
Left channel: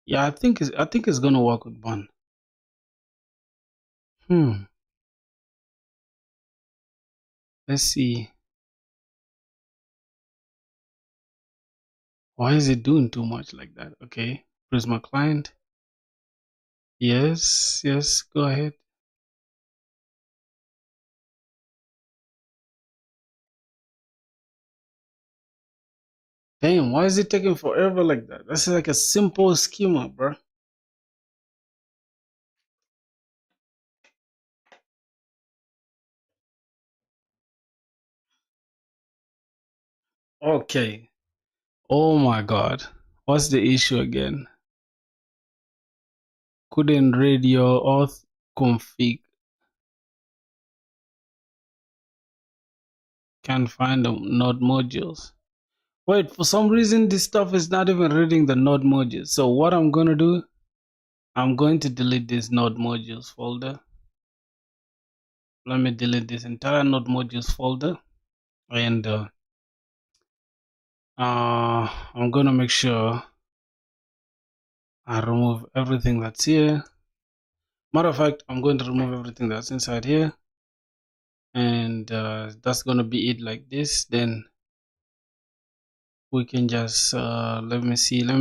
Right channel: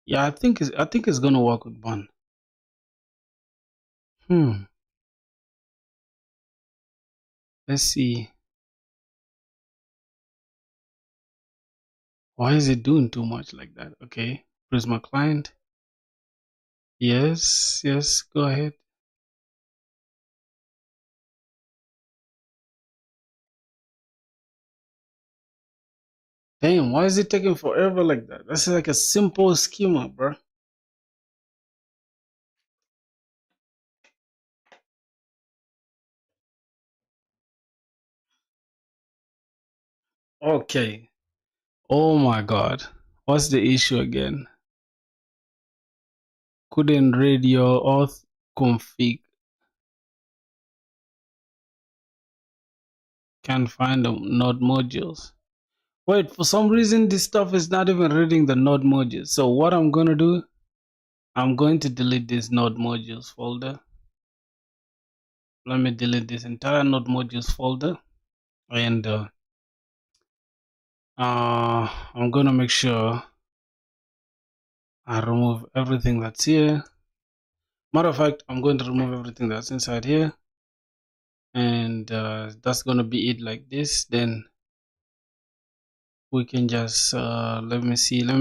Yeah, I think it's gonna work with burn. Let's see. Why is it doing too much like that? Okay, Prisma client. Yes, go ahead. Damn, why is it taking forever like that? That's like a simple schema, bro. Okay. Oh my God. What's the issue again? Couldn't read your auth config. Can't find the node modules. Wait, for some reason this stuff is not even reading the node modules. So what I'm gonna do, I'm going to delete this node modules folder. Let me delete this entire node modules folder, and I'm gonna make sure I remove everything that's here. Matter of fact, I'm going to remove everything that's inside here, and that's gonna be it like this. Then we can just let me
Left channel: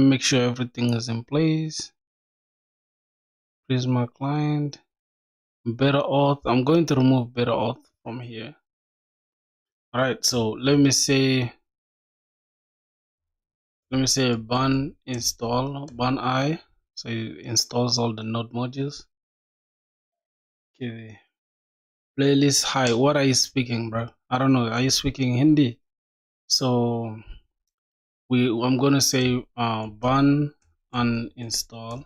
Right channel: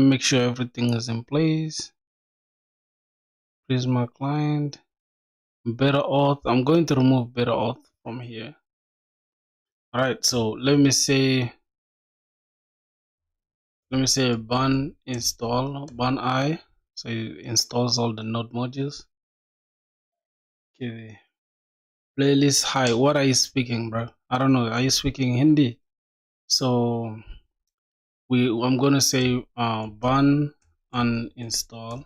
make sure everything is in place. Prisma client, better auth. I'm going to remove better auth from here. All right, so let me say burn install burn I, so it installs all the node modules. Okay, playlist hi. What are you speaking, bro? I don't know. Are you speaking Hindi? So I'm gonna say burn uninstall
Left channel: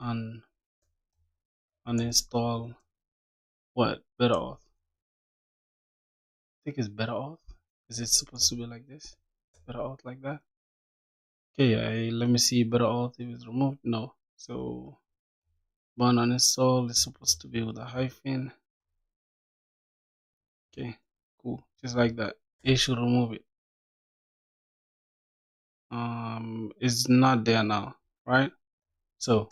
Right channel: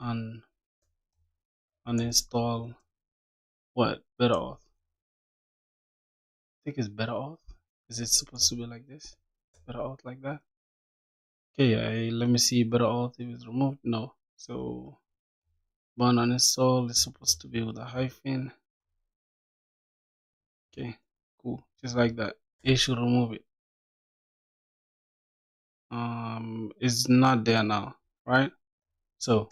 and uninstall what better auth. I think it's better auth. Is it supposed to be like this? Better auth like that? Okay, let me see better auth if it's removed. No. So burn uninstall is supposed to be with a hyphen. Okay, cool. Just like that. It should remove it. It's not there now, right? So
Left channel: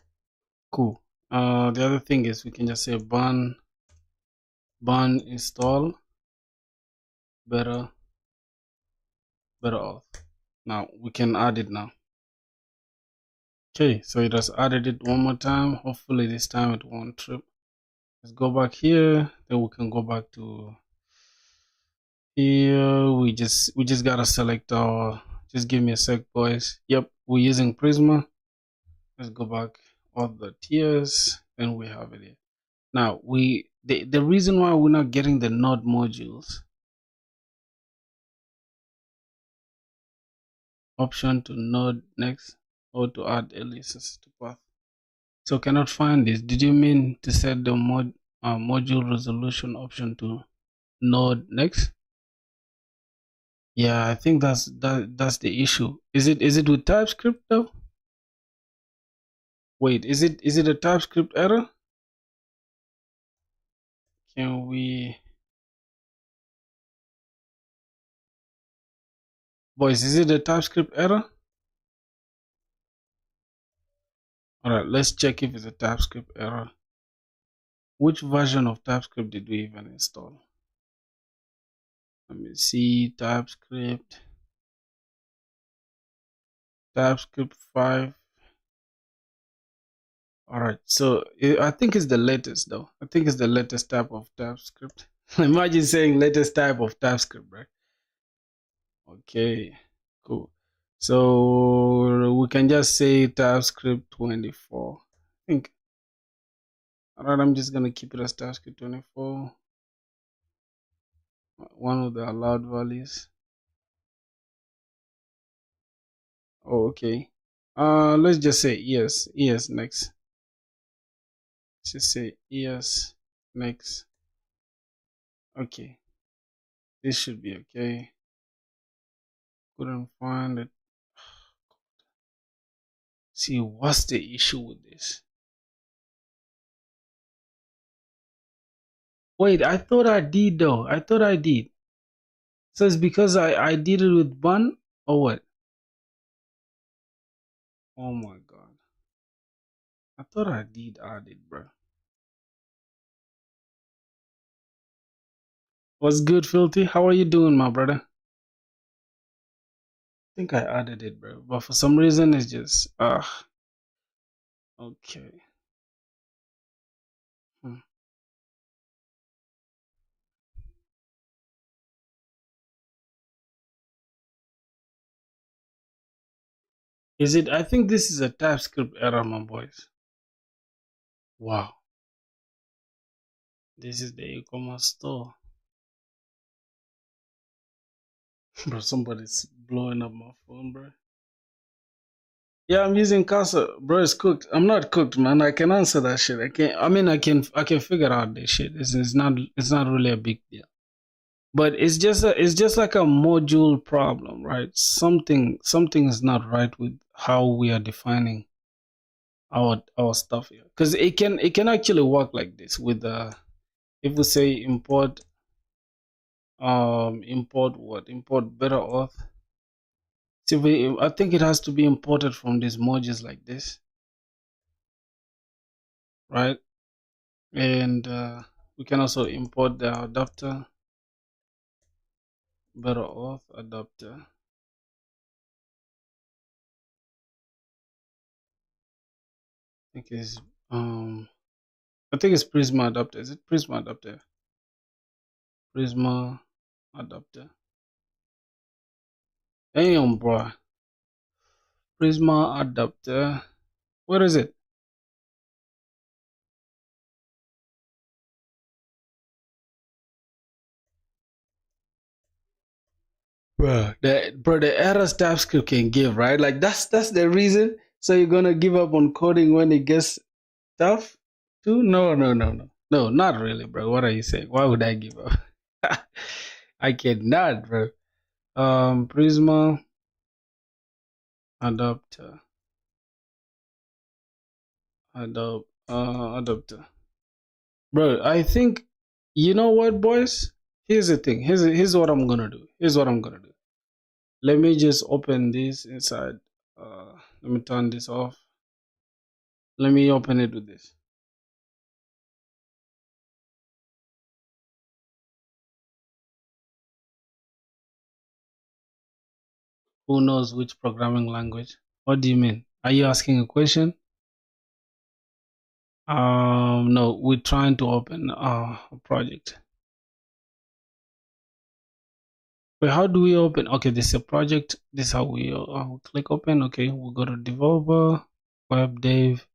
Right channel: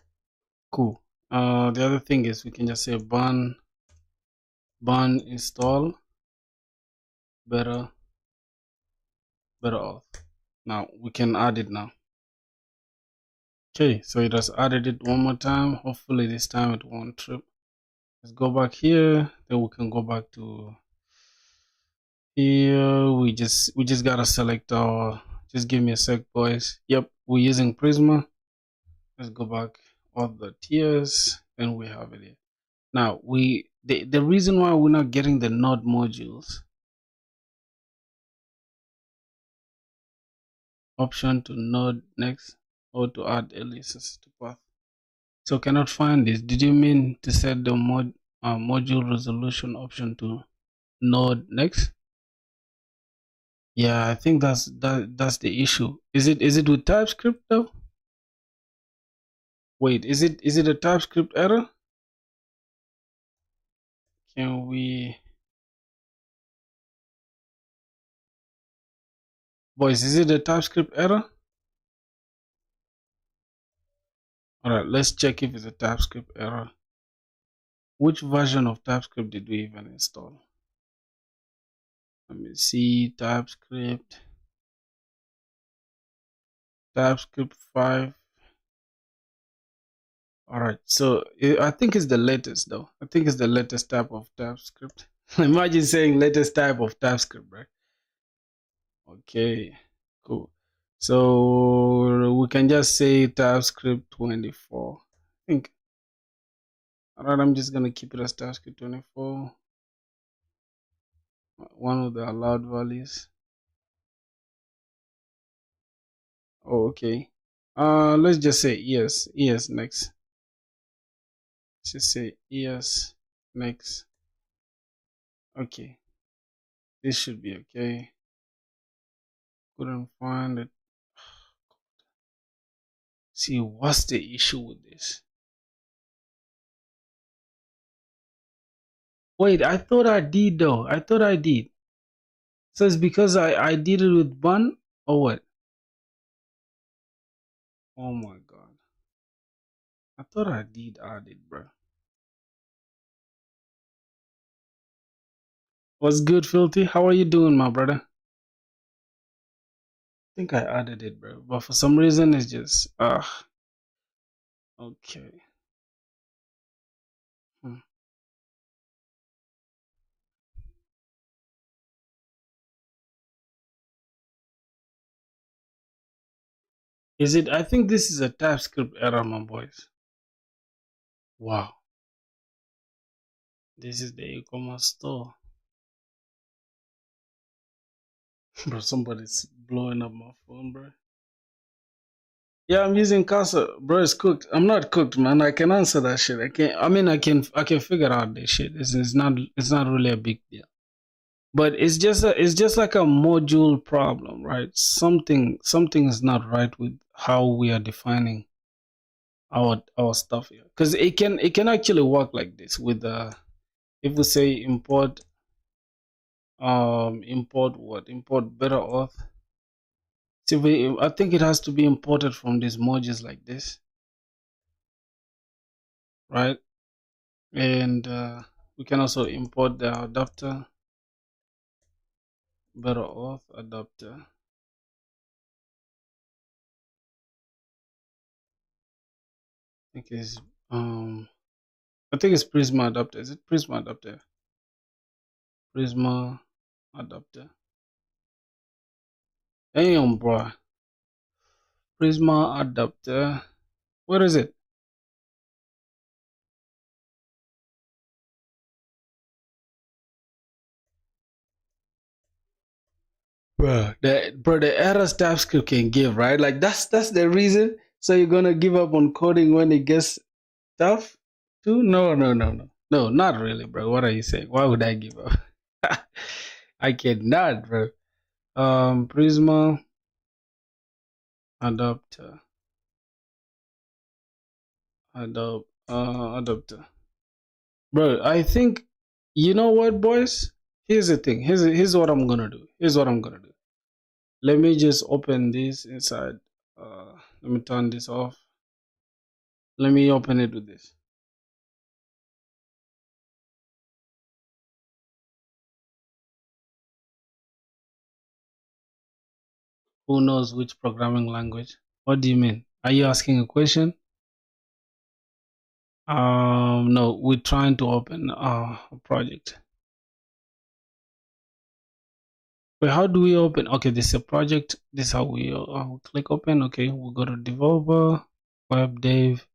cool. The other thing is we can just say burn install better auth. Now we can add it now. Okay, so it has added it one more time. Hopefully this time it won't trip. Let's go back here. Then we can go back to here. We just gotta select our. Just give me a sec, boys. Yep, we're using Prisma. Let's go back all the tiers. Then we have it here. Now the reason why we're not getting the node modules option to node next or to add aliases to path. So cannot find this. Did you mean to set the module resolution option to node next? Yeah, I think that's the issue. Is it with TypeScript though? Wait, is it a TypeScript error? Can we, boys, is it a TypeScript error? All right, let's check if it's a TypeScript error. Which version of TypeScript did we even install? Let me see. TypeScript 5. All right, so I think it's the latest though. I think it's the latest type of TypeScript. Imagine saying latest type of TypeScript, right? Okay, cool. So we can just say TypeScript 24. I think. All right, I'm just gonna keep it as TypeScript 24. One of the allowed values. Oh, okay. Let's just say yes next. Let's just say yes next. Okay, this should be okay. Couldn't find it. See, what's the issue with this? Wait, I thought I did though. I thought I did. So it's because I did it with bun or what? Oh my god. I thought I did add it, bro. What's good, Filthy? How are you doing, my brother? I think I added it, bro. But for some reason it's just okay. Hmm. Is it? I think this is a TypeScript error, my boys. Wow. This is the e-commerce store. Bro, somebody's blowing up my phone, bro. Yeah, I'm using Casa. Bro, it's cooked. I'm not cooked, man. I can answer that shit. I can. I mean, I can figure out this shit. It's not really a big deal. But it's just like a module problem, right? Something is not right with how we are defining our stuff here. Because it can actually work like this with if we say import better auth. See, I think it has to be imported from these modules like this, right? And we can also import the adapter, better auth adapter. I think it's Prisma adapter. Is it Prisma adapter? Prisma adapter. Damn, bro. Prisma adapter. Where is it? The errors TypeScript can give, right? Like that's the reason. So you're gonna give up on coding when it gets tough too? No, no, no, no. No, not really, bro. What are you saying? Why would I give up? I cannot, bro. Prisma adapter. Adapter. Bro, I think you know what, boys? Here's the thing. Here's what I'm gonna do. Here's what I'm gonna do. Let me just open this inside. Let me turn this off. Let me open it with this. Who knows which programming language? What do you mean? Are you asking a question? No, we're trying to open a project. But how do we open? Okay, this is a project. This is how we click open. Okay, we'll go to developer, web dev.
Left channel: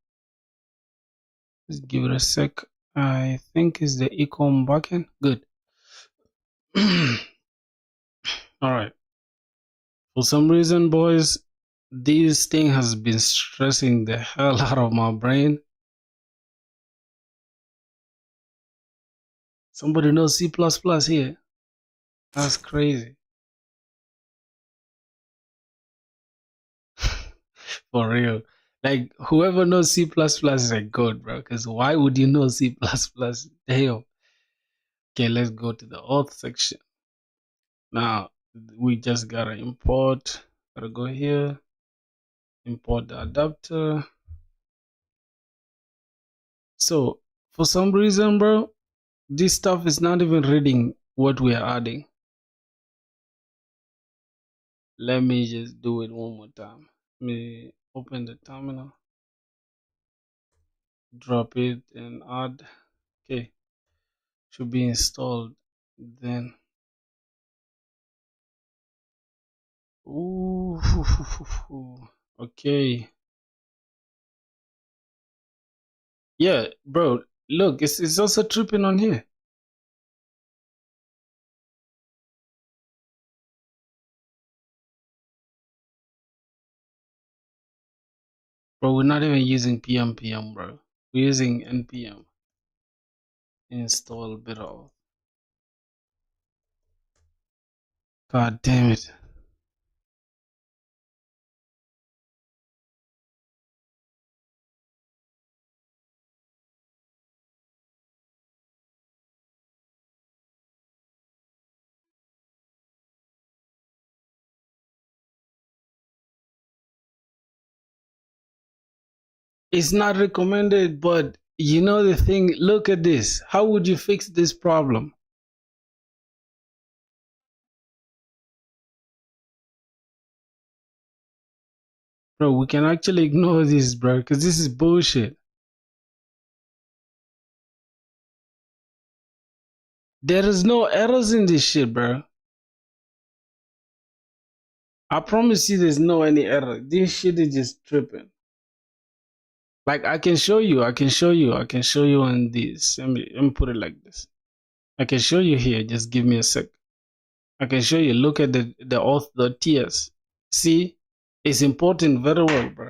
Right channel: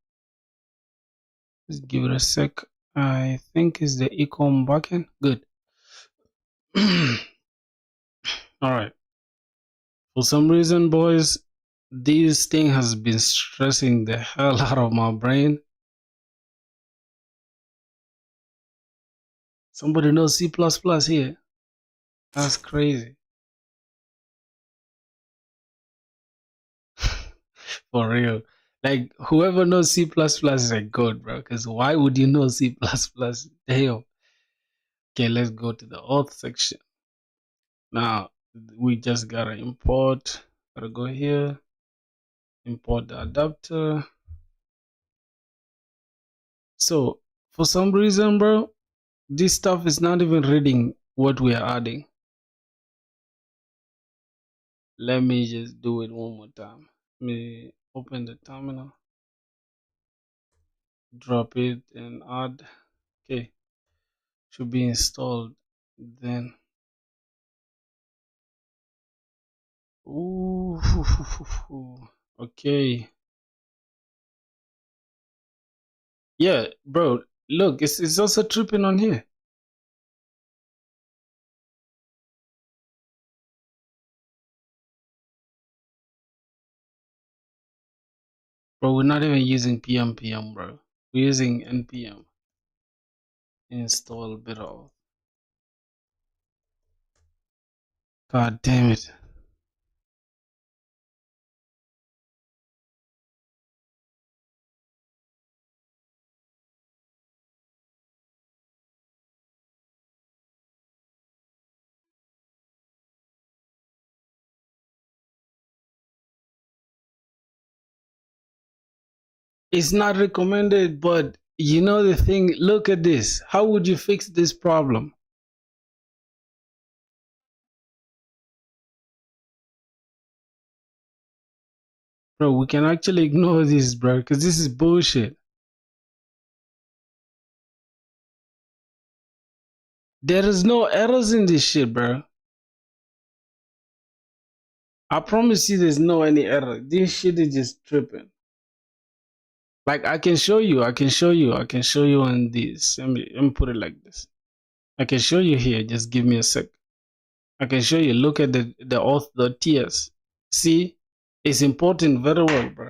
Let's give it a sec. I think it's the ecom backend. Good. All right. For some reason, boys, this thing has been stressing the hell out of my brain. Somebody knows C++ here. That's crazy. For real. Like, whoever knows C++ is a god, bro. Because why would you know C++? Damn. Okay, let's go to the auth section. Now, we just gotta import. Gotta go here. Import the adapter. So, for some reason, bro, this stuff is not even reading what we are adding. Let me just do it one more time. Let me open the terminal, drop it, and add. Okay, should be installed. Then, ooh, okay, yeah, bro. Look, it's also tripping on here. Bro, we're not even using pm, bro. We're using npm. Install bit.auth. God damn it. It's not recommended, but you know the thing, look at this. How would you fix this problem? Bro, we can actually ignore this, bro, because this is bullshit. There is no errors in this shit, bro. I promise you there's no any error. This shit is just tripping. Like, I can show you on this. Let me put it like this. I can show you here. Just give me a sec. I can show you. Look at the auth.ts. See? It's important very well, bro.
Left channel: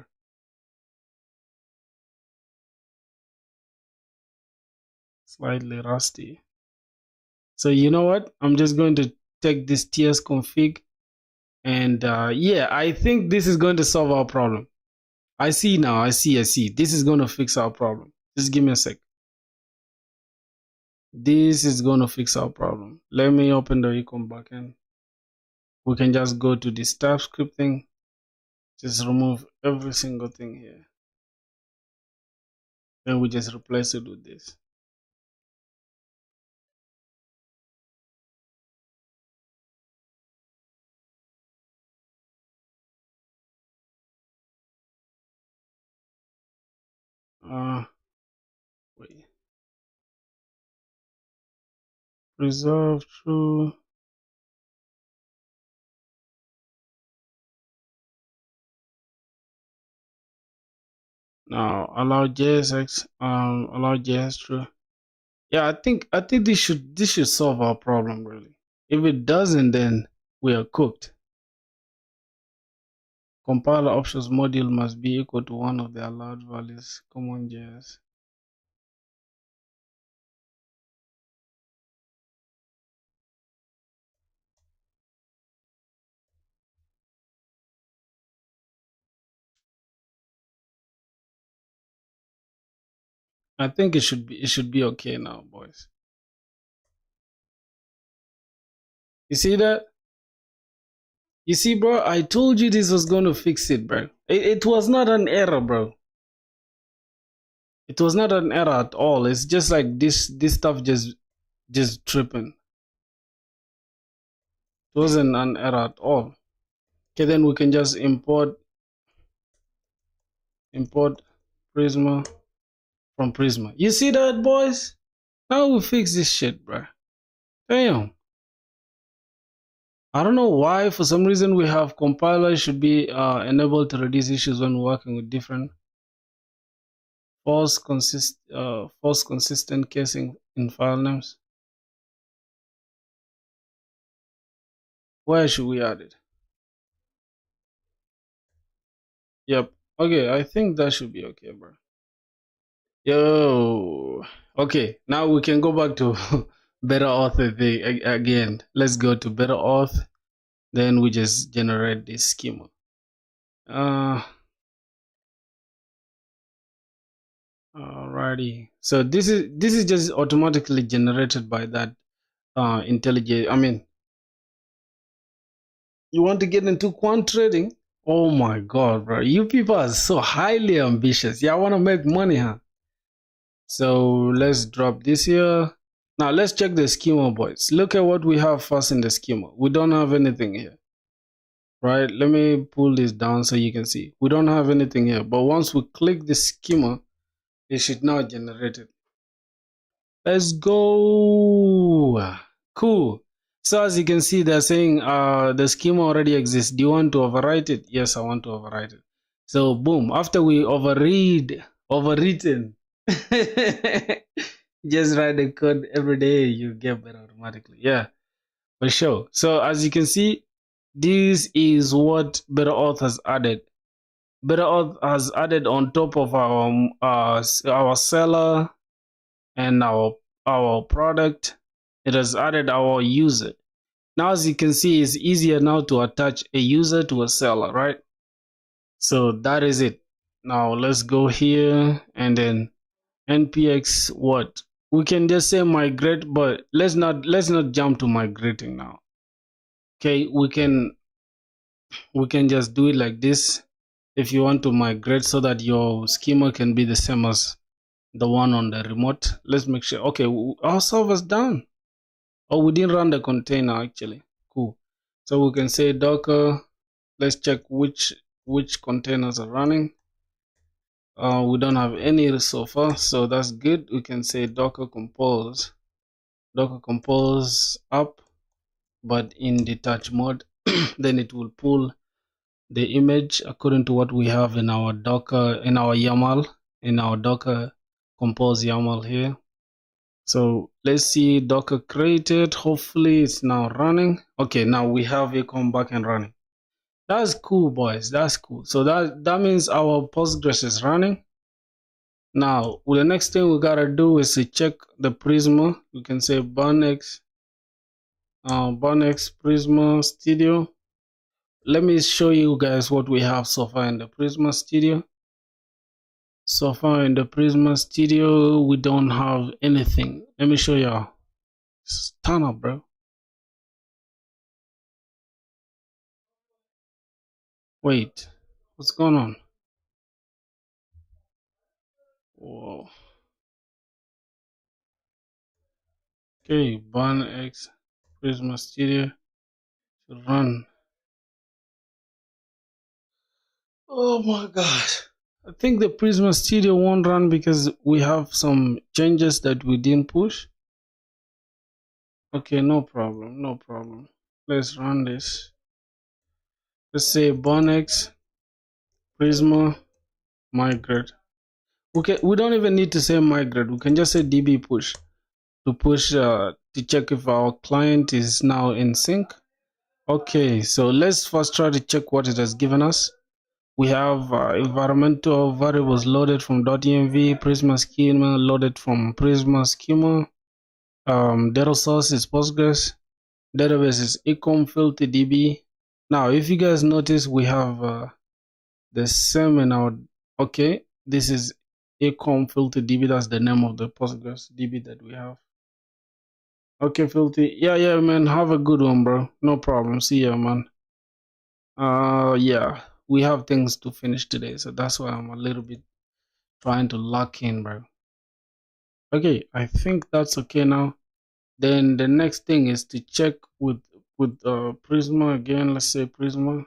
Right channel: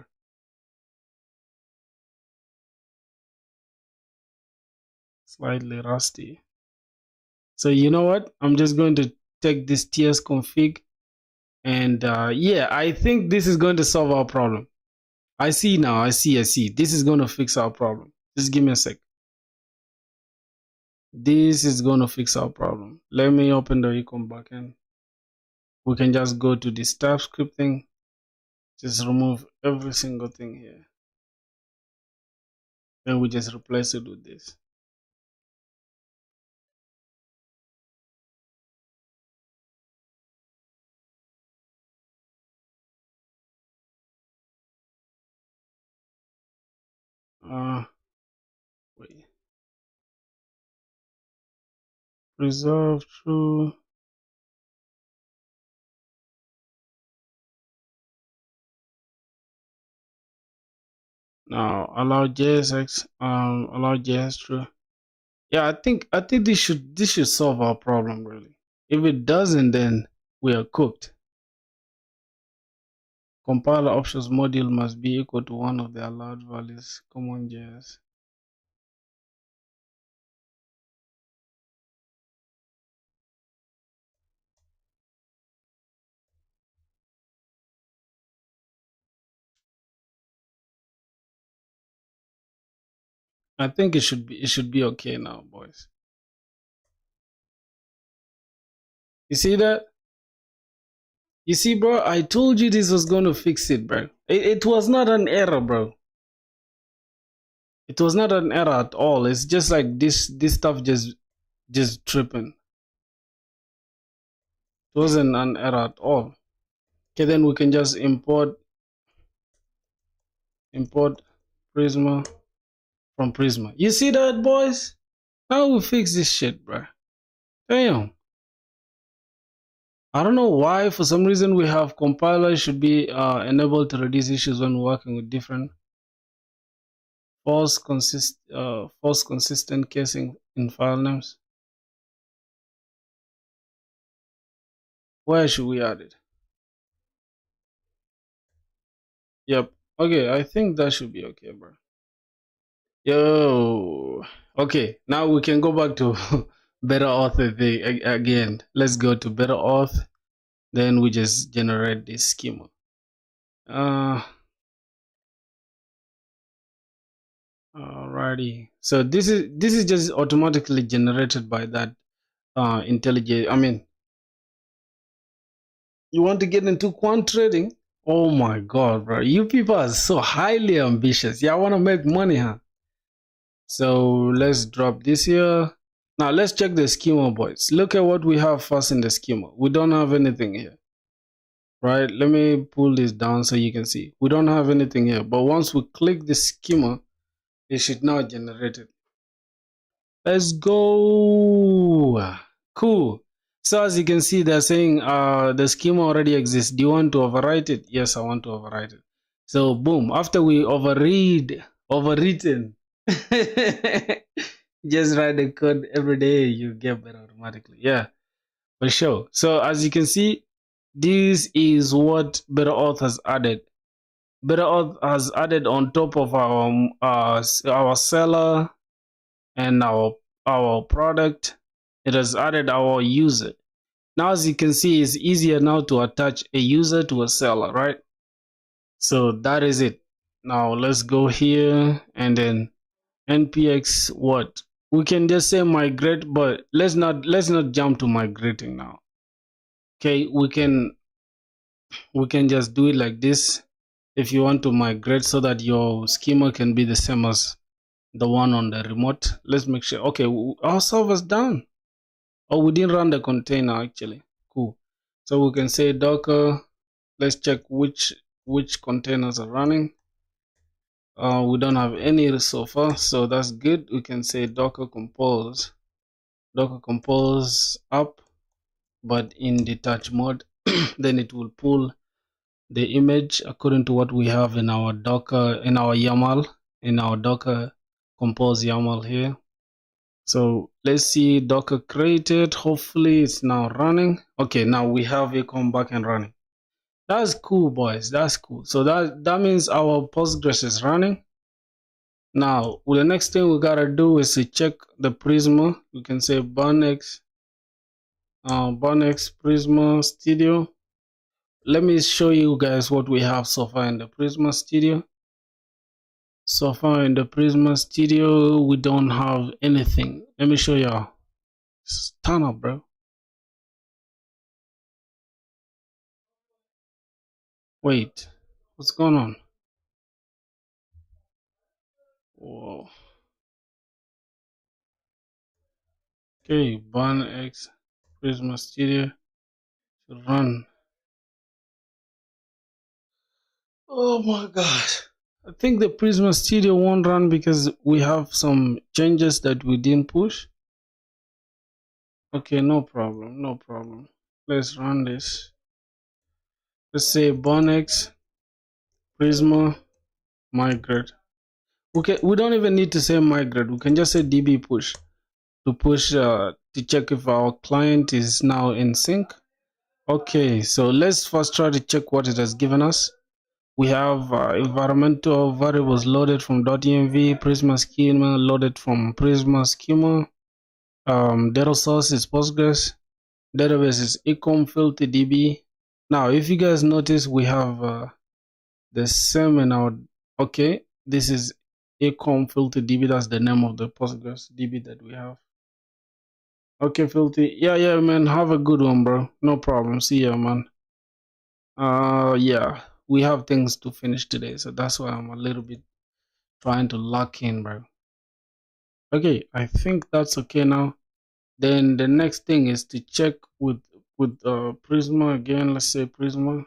Slightly rusty. So you know what? I'm just going to take this ts config and yeah, I think this is going to solve our problem. I see now. I see. This is going to fix our problem. Just give me a sec. This is going to fix our problem. Let me open the ecom backend. We can just go to the staff scripting. Just remove every single thing here. Then we just replace it with this. Wait. Preserve true. Now allow JSX. Allow JS true. Yeah, I think this should solve our problem really. If it doesn't, then we are cooked. Compiler options module must be equal to one of the allowed values. Common JS. I think it should be okay now, boys. You see that? You see, bro, I told you this was going to fix it, bro. It was not an error, bro. It was not an error at all. It's just like this stuff just tripping. It wasn't an error at all. Okay, then we can just import. Import Prisma from Prisma. You see that, boys? How we fix this shit, bro? Damn. I don't know why. For some reason, we have compiler should be enabled to reduce issues when working with different false consistent casing in file names. Where should we add it? Yep. Okay, I think that should be okay, bro. Yo. Okay, now we can go back to better author thing again. Let's go to better auth. Then we just generate this schema. Alrighty. So this is just automatically generated by that intelligent. I mean, you want to get into quant trading? Oh my god, bro! You people are so highly ambitious. Yeah, I want to make money, huh? So let's drop this here. Now let's check the schema, boys. Look at what we have first in the schema. We don't have anything here. Right, let me pull this down so you can see. We don't have anything here, but once we click the schema, it should now generate it. Let's go. Cool. So as you can see, they're saying the schema already exists. Do you want to overwrite it? Yes, I want to overwrite it. So boom, after we overwritten, just write the code every day, you get better automatically. Yeah, for sure. So as you can see, this is what Better Auth has added. Better Auth has added on top of our seller and our product. It has added our user. Now, as you can see, it's easier now to attach a user to a seller, right? So that is it. Now let's go here and then npx what? We can just say migrate, but let's not jump to migrating now. Okay, we can just do it like this if you want to migrate so that your schema can be the same as the one on the remote. Let's make sure. Okay, our server's down. Oh, we didn't run the container actually. Cool. So we can say docker. Let's check which containers are running. We don't have any so far, so that's good. We can say docker compose up, but in detach mode. Then it will pull the image according to what we have in our docker, in our YAML, in our docker compose YAML here. So let's see, docker created. Hopefully it's now running. Okay, now we have it come back and running. That's cool, boys. That's cool. So that means our Postgres is running. Now, the next thing we gotta do is to check the Prisma. We can say Barnex Prisma Studio. Let me show you guys what we have so far in the Prisma Studio. So far in the Prisma Studio, we don't have anything. Let me show you. Turn up, bro. Wait, what's going on? Whoa. Okay, Barnex Prisma Studio should run. Oh my god. I think the Prisma Studio won't run because we have some changes that we didn't push. Okay, no problem, no problem. Let's run this. Let's say Barnex Prisma migrate. Okay, we don't even need to say migrate. We can just say db push to push to check if our client is now in sync. Okay, so let's first try to check what it has given us. We have environmental variables loaded from .env, Prisma schema loaded from Prisma schema. Data source is Postgres. Database is ecom filter db. Now, if you guys notice, we have the same in our. Okay, this is ecom filter db. That's the name of the Postgres db that we have. Okay, filter. Yeah, man. Have a good one, bro. No problem. See ya, man. Yeah, we have things to finish today, so that's why I'm a little bit trying to lock in, bro. Okay, I think that's okay now. Then the next thing is to check with Prisma again. Let's say Prisma.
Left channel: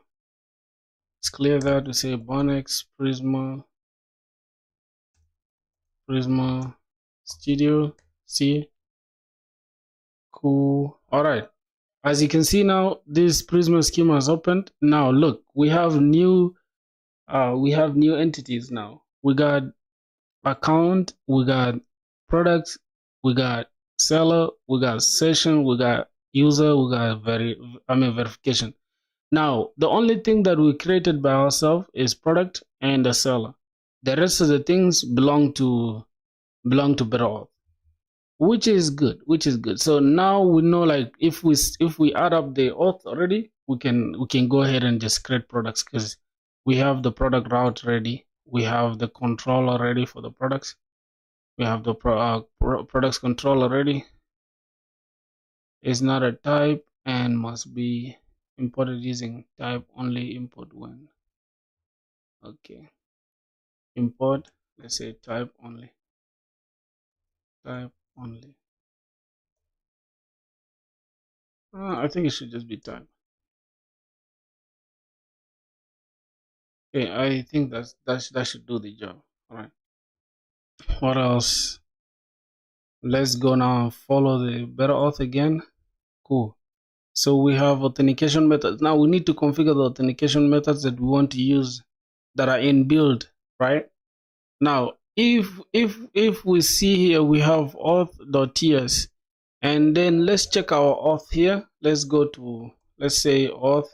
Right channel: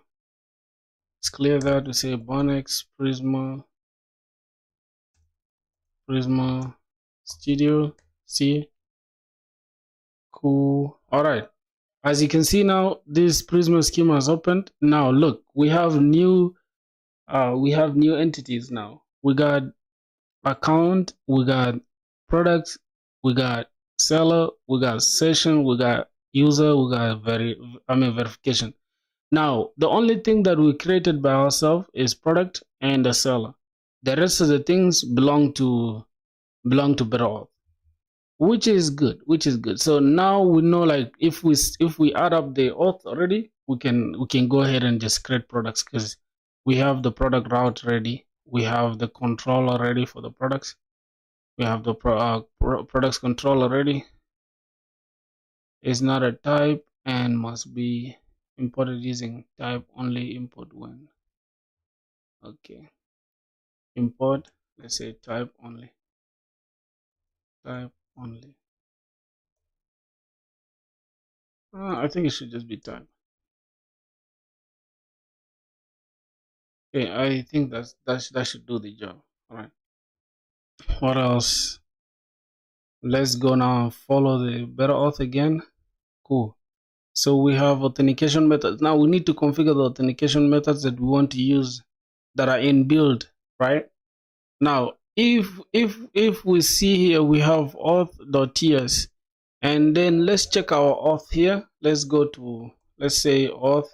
Let's clear that. We say Barnex Prisma Prisma Studio. See, cool. All right. As you can see now, this Prisma schema is opened. Now look, we have new entities now. We got account, we got products, we got seller, we got session, we got user, we got verification. Now the only thing that we created by ourselves is product and the seller. The rest of the things belong to Better, which is good, so now we know, like, if we add up the auth already, we can go ahead and just create products, because we have the product route ready, we have the controller ready for the products, we have the products controller ready. It's not a type and must be imported using type only import when. Okay, import, let's say type only. I think it should just be type. Okay, I think that should do the job. All right. What else? Let's go now and follow the better auth again. Cool. So we have authentication methods. Now we need to configure the authentication methods that we want to use that are in build, right? Now, if we see here, we have auth.ts, and then let's check our auth here. Let's go to, let's say, auth.ts.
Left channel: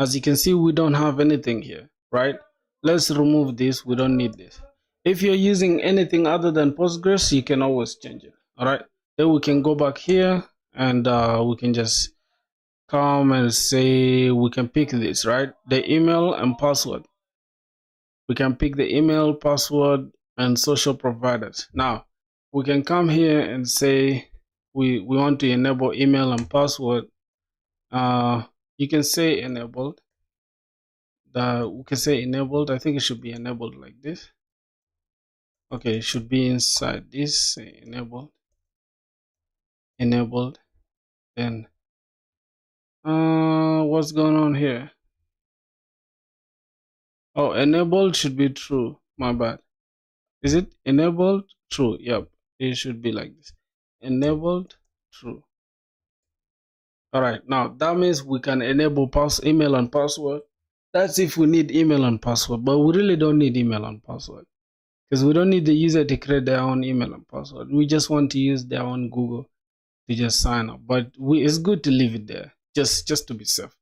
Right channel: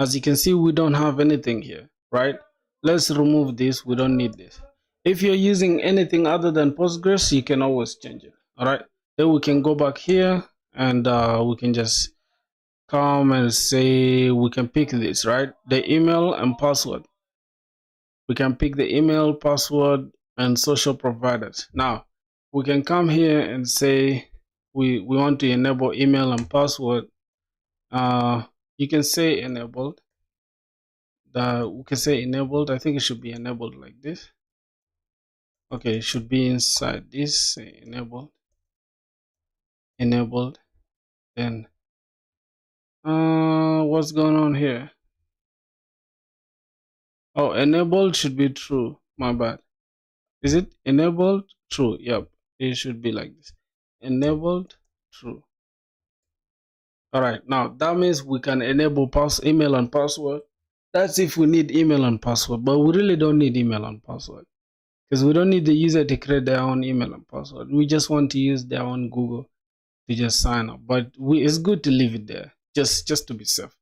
As you can see, we don't have anything here, right? Let's remove this. We don't need this. If you're using anything other than Postgres, you can always change it. All right. Then we can go back here and we can just come and say, we can pick this, right? The email and password. We can pick the email, password, and social providers. Now, we can come here and say we want to enable email and password. You can say enabled. We can say enabled. I think it should be enabled like this. Okay, it should be inside this. Say enabled. Then what's going on here? Oh, enabled should be true. My bad. Is it enabled? True. Yep. It should be like this. Enabled true. All right. Now that means we can enable email and password. That's if we need email and password, but we really don't need email and password, because we don't need the user to create their own email and password. We just want to use their own Google to just sign up. But it's good to leave it there, just to be safe.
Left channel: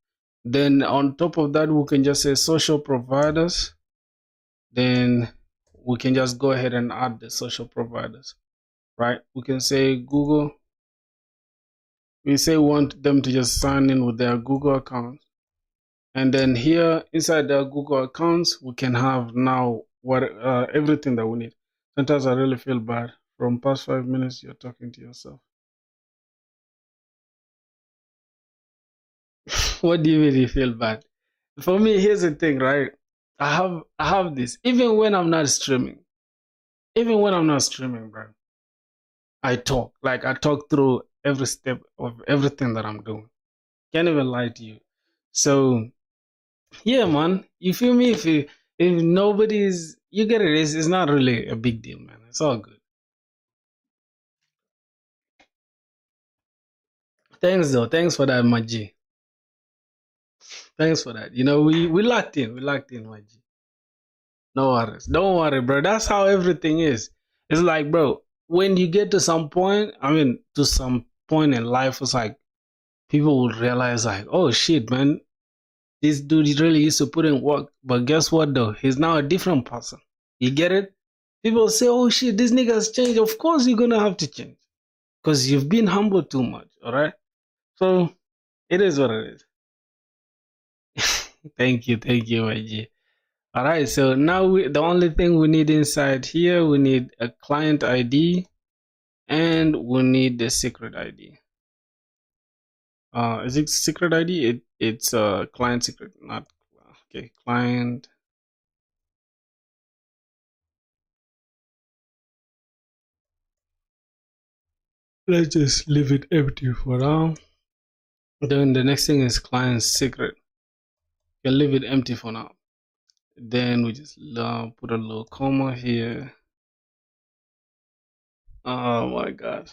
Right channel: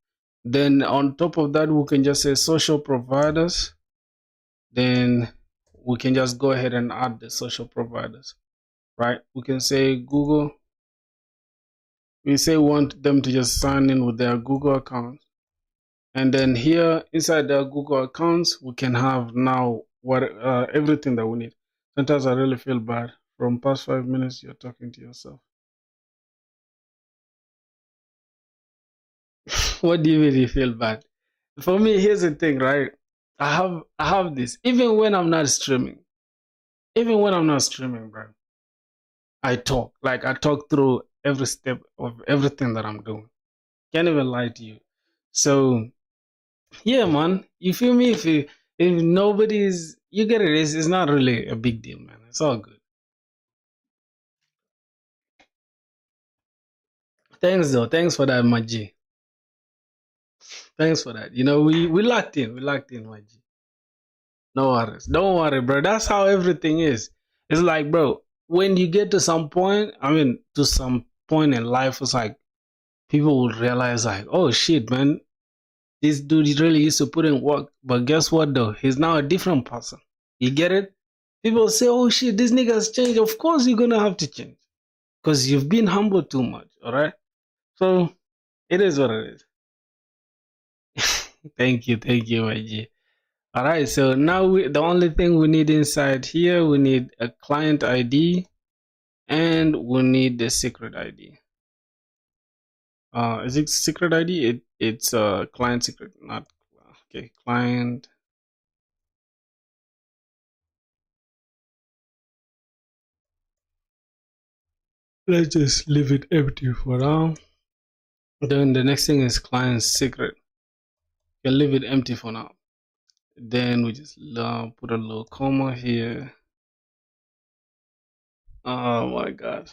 Then on top of that, we can just say social providers. Then we can just go ahead and add the social providers, right? We can say Google. We say we want them to just sign in with their Google account. And then here inside their Google accounts, we can have now everything that we need. Sometimes I really feel bad. From past 5 minutes, you're talking to yourself. What do you mean you feel bad? For me, here's the thing, right? I have this. Even when I'm not streaming, bro, I talk. Like, I talk through every step of everything that I'm doing. Can't even lie to you. So yeah, man, you feel me? If nobody's, you get it, it's not really a big deal, man. It's all good. Thanks though. Thanks for that, my G. Thanks for that. You know, we locked in, my G. No worries. Don't worry, bro. That's how everything is. It's like, bro, when you get to some point, in life, it's like people will realize, like, oh shit, man, this dude really used to put in work. But guess what though? He's now a different person. You get it? People say, oh shit, this nigga's changed. Of course you're gonna have to change, because you've been humbled too much, alright? So it is what it is. Thank you, my G. Alright, so now the only thing we need inside here, we need a client ID and we need the secret ID. Is it secret ID? It's a client secret, not okay, client. Let's just leave it empty for now. Then the next thing is client secret. You can leave it empty for now. Then we just put a little comma here. Oh my god.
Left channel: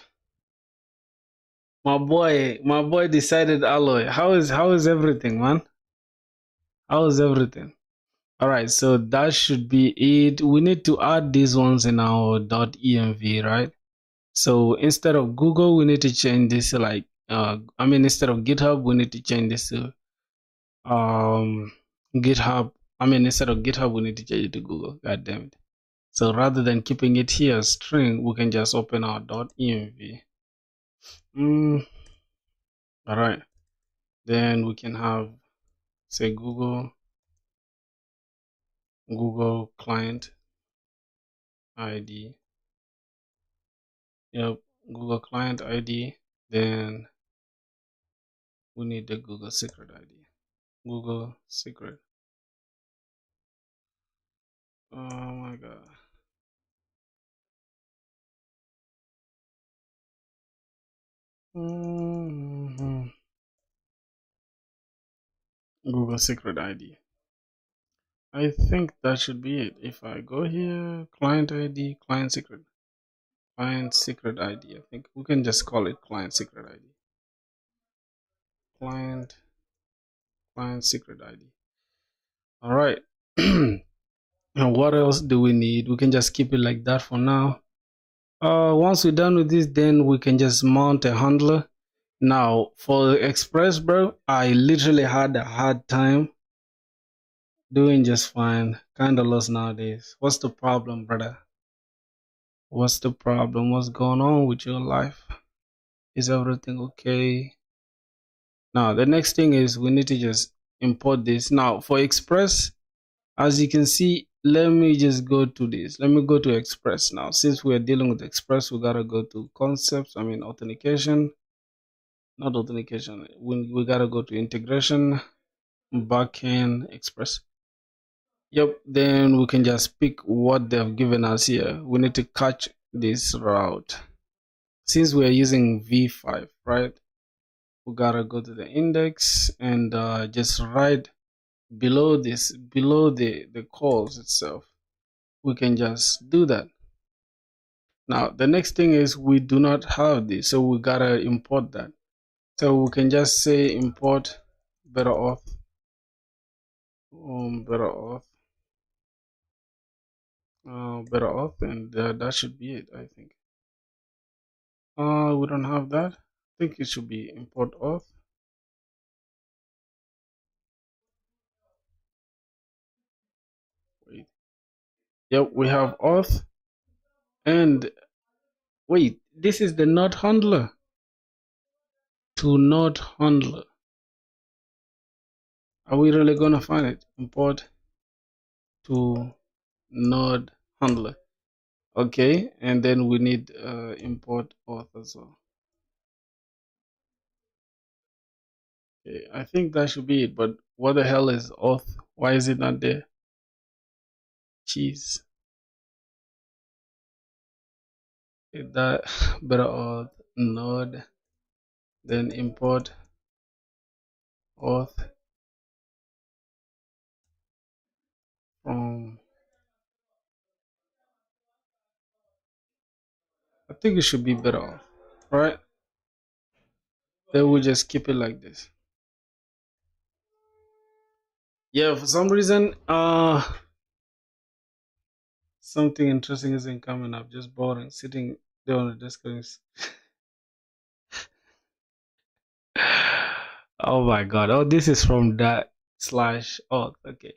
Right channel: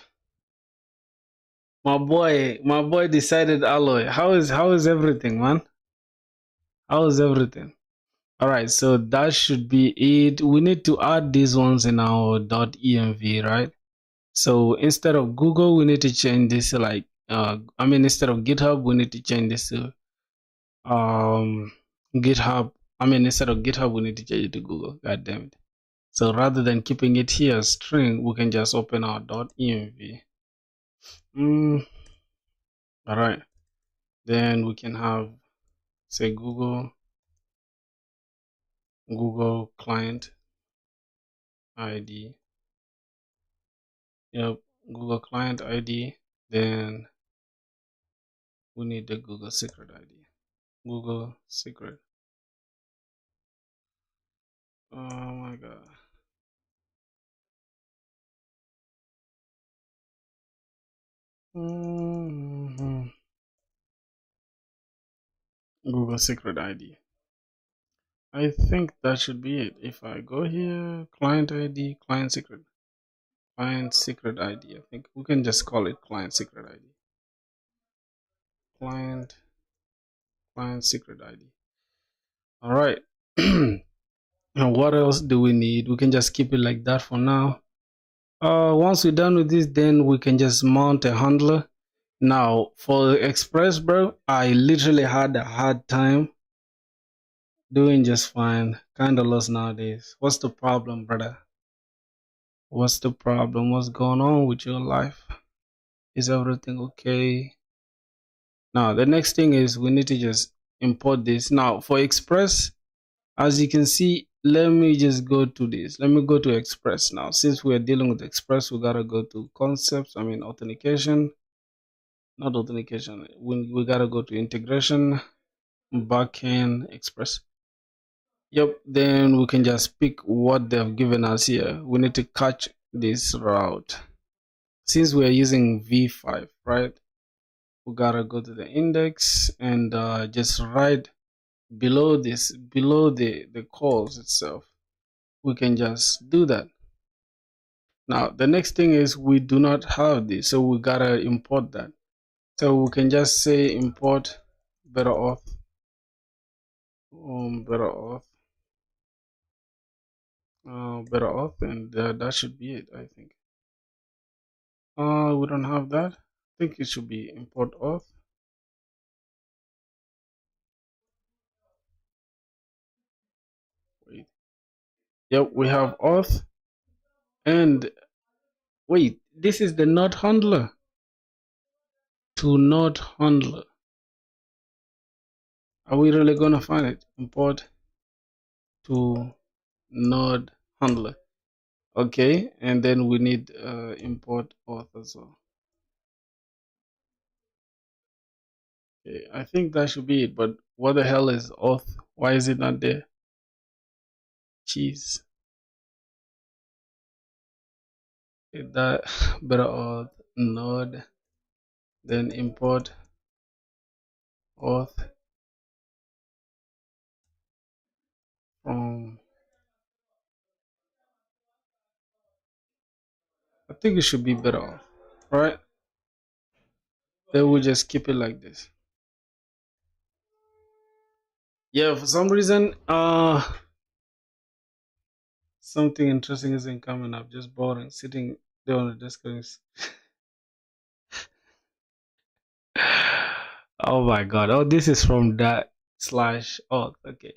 My boy decided alloy. How is everything, man? How is everything? All right, so that should be it. We need to add these ones in our .env, right? So instead of Google, we need to change this to like instead of GitHub, we need to change this to GitHub. Instead of GitHub, we need to change it to Google. God damn it. So rather than keeping it here as string, we can just open our .env. All right. Then we can have, say, Google client ID. Yep, Google client ID. Then we need the Google secret ID. Google secret. Oh my god. Google secret ID. I think that should be it. If I go here, client ID, client secret ID. I think we can just call it client secret ID. Client secret ID. All right. And what else do we need? We can just keep it like that for now. Once we're done with this, then we can just mount a handler. Now for Express, bro, I literally had a hard time doing just fine. Kinda lost nowadays. What's the problem, brother? What's the problem? What's going on with your life? Is everything okay? Now the next thing is we need to just import this. Now for Express, as you can see, let me just go to this. Let me go to Express now. Since we're dealing with Express, we gotta go to concepts. Authentication. Not authentication. We gotta go to integration, backend, Express. Yep. Then we can just pick what they've given us here. We need to catch this route. Since we're using v5, right? We gotta go to the index and just right below this, below the calls itself, we can just do that. Now the next thing is we do not have this, so we gotta import that. So we can just say import better auth, and that should be it. I think. We don't have that. I think it should be import auth. Wait. Yep, we have auth, and wait, this is the node handler. To node handler. Are we really gonna find it? Import to node handler. Okay, and then we need import auth as well. Okay, I think that should be it, but what the hell is auth? Why is it not there? Jeez. That better auth node, then import auth from, I think it should be better auth, right? Then we'll just keep it like this. Yeah, for some reason, something interesting isn't coming up. Just boring, sitting there on the desk. Oh my god. Oh, this is from that slash auth. Okay.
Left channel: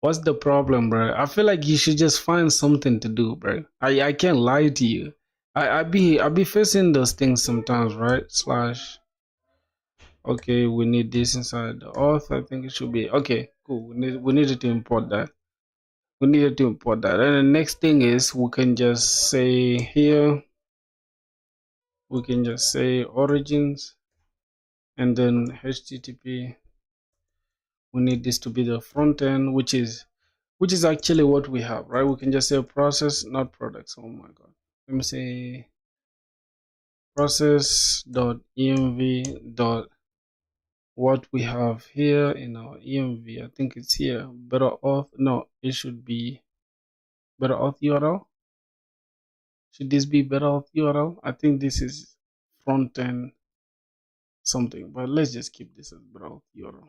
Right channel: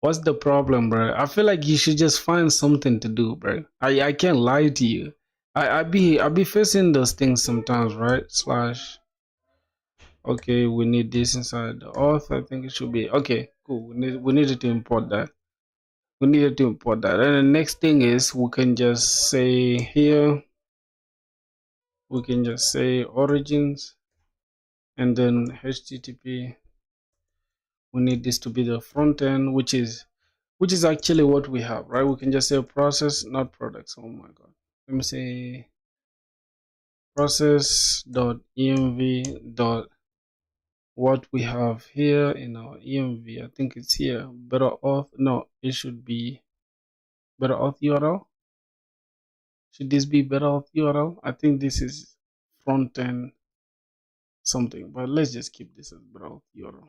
What's the problem, bro? I feel like you should just find something to do, bro. I can't lie to you. I be facing those things sometimes, right? Slash. Okay, we need this inside the auth. I think it should be okay. Cool. We needed to import that. We needed to import that. And the next thing is we can just say here. We can just say origins, and then HTTP. We need this to be the front end, which is actually what we have, right? We can just say process, not products. Oh my god. Let me say process.env. what we have here in our env. I think it's here, better auth. No, it should be better auth URL. Should this be better auth URL? I think this is front end something, but let's just keep this as better auth URL.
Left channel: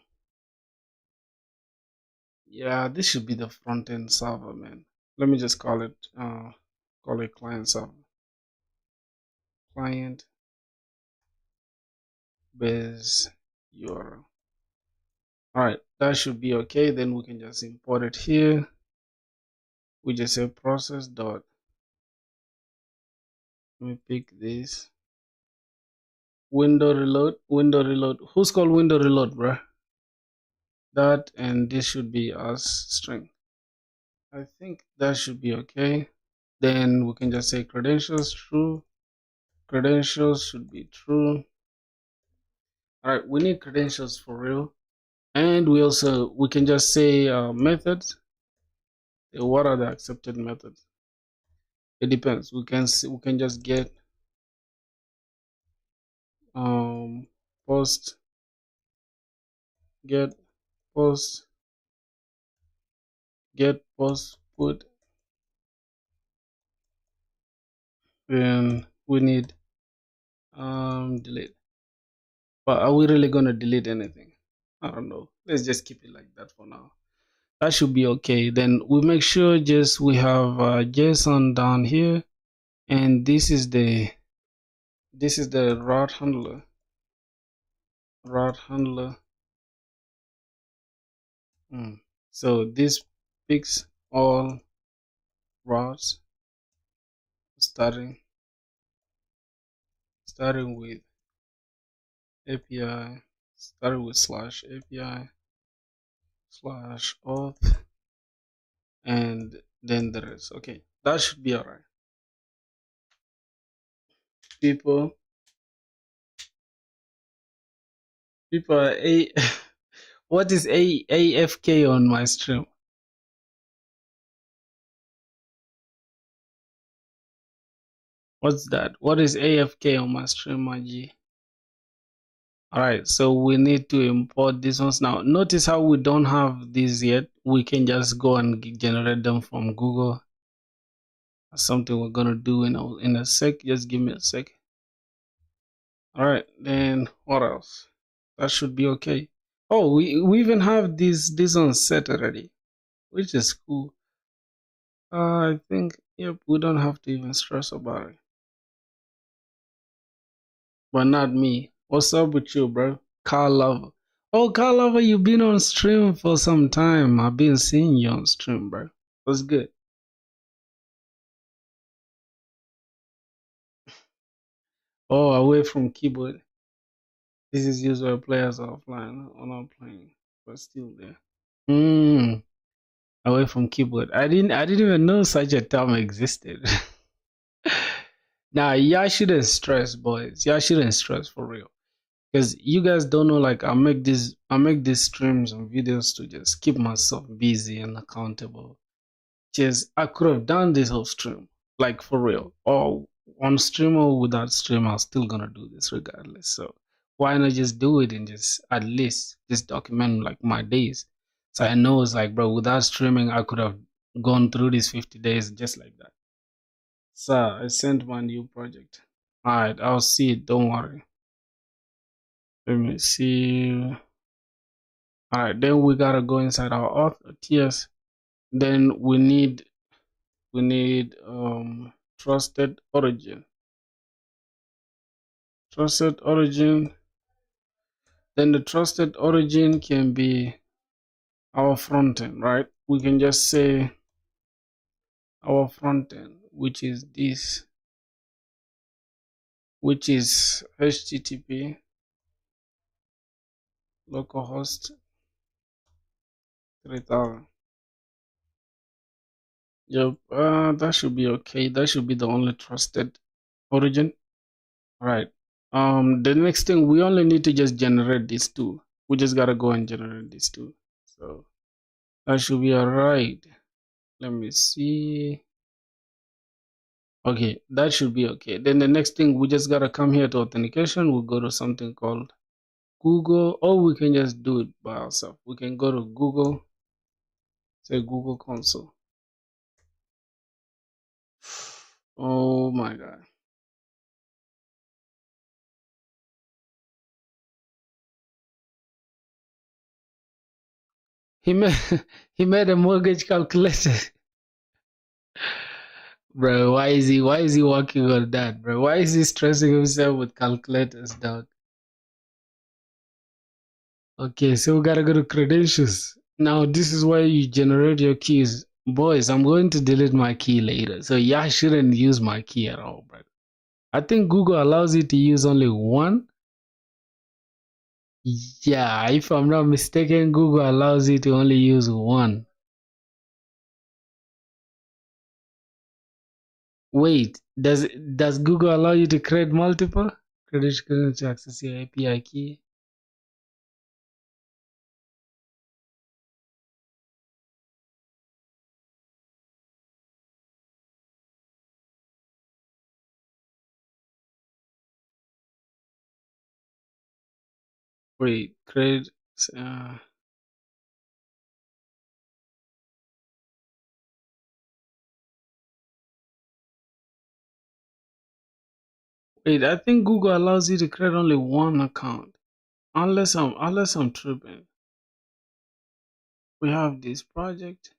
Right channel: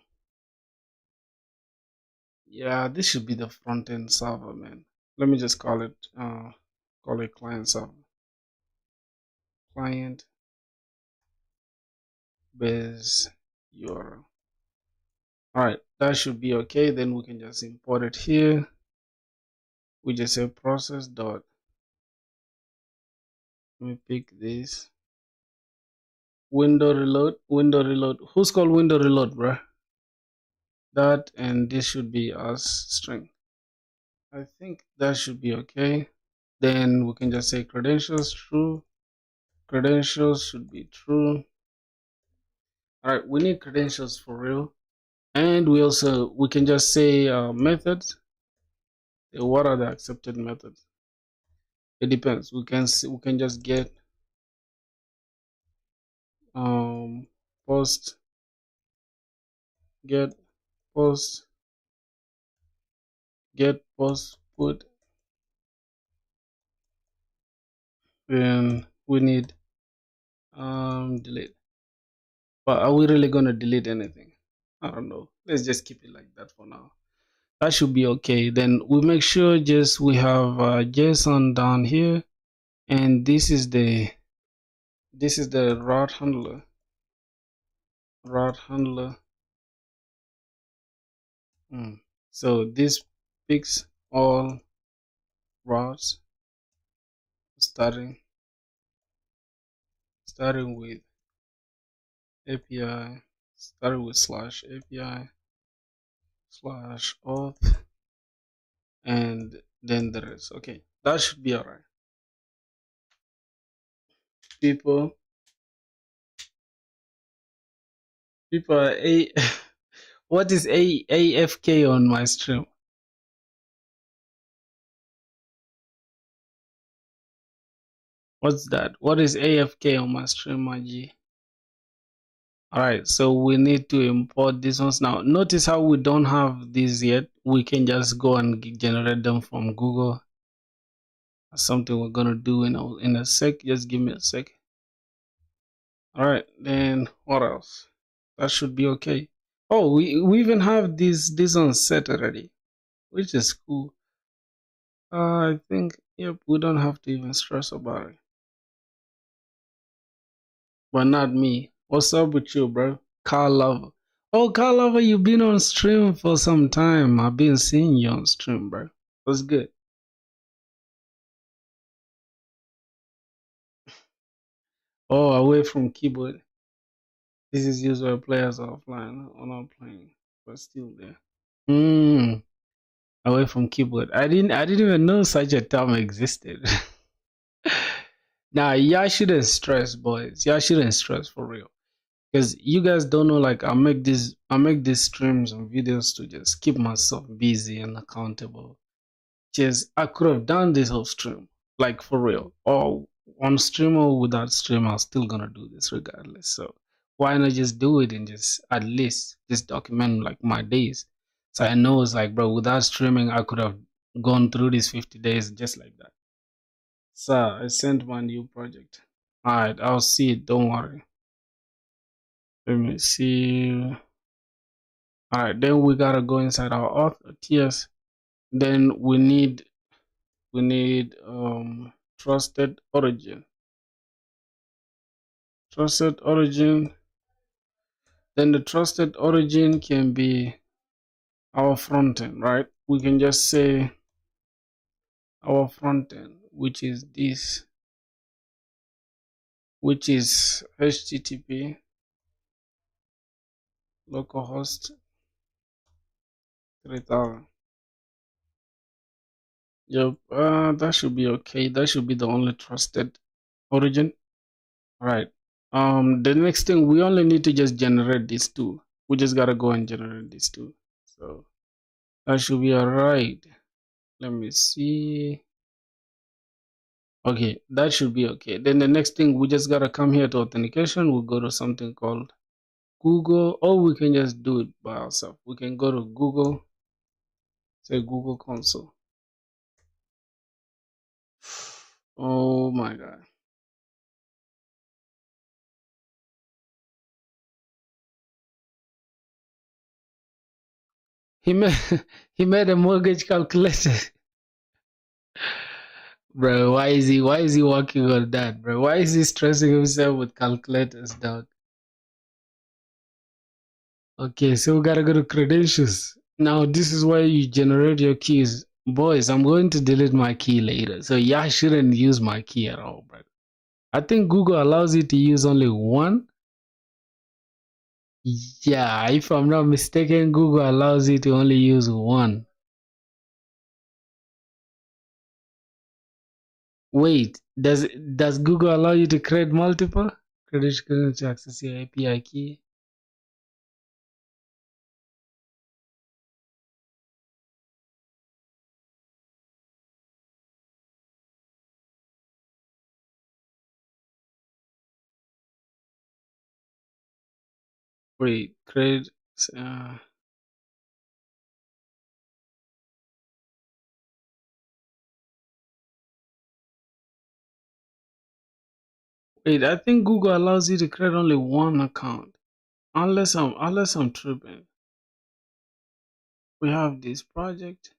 Yeah, this should be the front end server, man. Let me just call it client server. Client base URL. Alright, that should be okay. Then we can just import it here. We just say process dot. Let me pick this. Window reload. Who's called window reload, bro? That, and this should be as string. I think that should be okay. Then we can just say credentials true. Credentials should be true. Alright, we need credentials for real. And we can just say methods. What are the accepted methods? It depends. We can just get post, get post put, and we need delete. But are we really gonna delete anything? I don't know. Let's just keep it like that for now. That should be okay. Then we make sure just we have JSON down here, and this is the route handler. So this picks all routes starting with API, starting with /API /auth, and then the rest. Okay, that should be alright. People are what is AFK on my stream? What's that? What is AFK on my stream, my G? Alright, so we need to import these ones now. Notice how we don't have these yet. We can just go and generate them from Google. That's something we're gonna do in a sec. Just give me a sec. Alright, then what else? That should be okay. Oh, we even have this on set already, which is cool. I think, yep, we don't have to even stress about it. But not me. What's up with you, bro? Carl Lover. Oh, Carl Lover, you've been on stream for some time. I've been seeing you on stream, bro. What's good? Oh, away from keyboard. This is used where players are offline or not playing, but still there. Away from keyboard. I didn't even know such a term existed. Nah, y'all shouldn't stress, boys. Y'all shouldn't stress for real. Because you guys don't know, like I make these streams and videos to just keep myself busy and accountable. Just I could have done this off stream, like for real, or on stream or without stream. I'm still gonna do this regardless. So why not just do it and just at least just document like my days, so I know it's like, bro, without streaming I could have gone through these 50 days just like that. So I sent my new project. Alright, I'll see it, don't worry. Let me see. Alright, then we gotta go inside our auth TS. Then we need trusted origin. Then the trusted origin can be our front end, right? We can just say our front end, which is this, which is HTTP localhost 3000. Yep, that should be okay. That should be the only trusted origin. Right. The next thing, we only need to just generate these two. We just gotta go and generate these two. So that should be alright. Let me see. Okay, that should be okay. Then the next thing, we just gotta come here to authentication. We'll go to something called Google, or we can just do it by ourselves. We can go to Google, say Google Console. Oh my God. He made he made a mortgage calculator. Bro, why is he working on that, bro? Why is he stressing himself with calculators, dog? Okay, so we gotta go to credentials. Now this is where you generate your keys. Boys, I'm going to delete my key later. So y'all shouldn't use my key at all, bro. I think Google allows you to use only one. Yeah, if I'm not mistaken, Google allows you to only use one. Wait, does Google allow you to create multiple? Credentials to access your API key. Wait, create. Uh, Wait, I think Google allows you to create only one account. Unless I'm tripping. We have this project.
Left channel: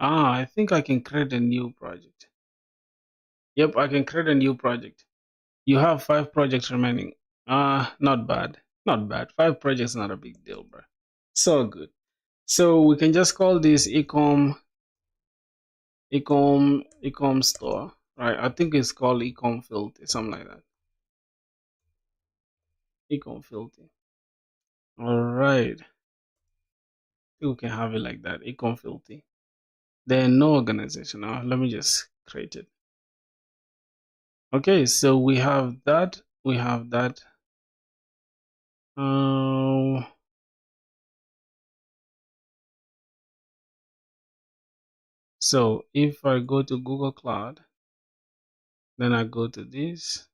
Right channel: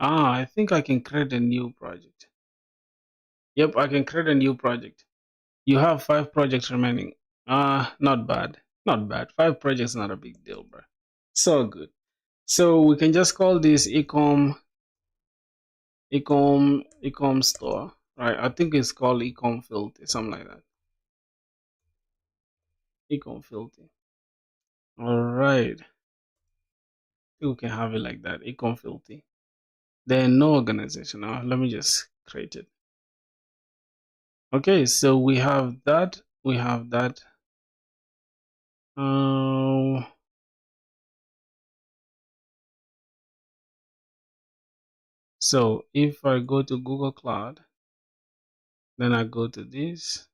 I think I can create a new project. Yep, I can create a new project. You have 5 projects remaining. Not bad. Not bad. 5 projects not a big deal, bro. So good. So we can just call this ecom store, right? I think it's called ecom filter, something like that. Ecom filter. All right. We can have it like that. Ecom filter. Then no organization. Now let me just create it. Okay, so we have that. We have that. So if I go to Google Cloud, then I go to this.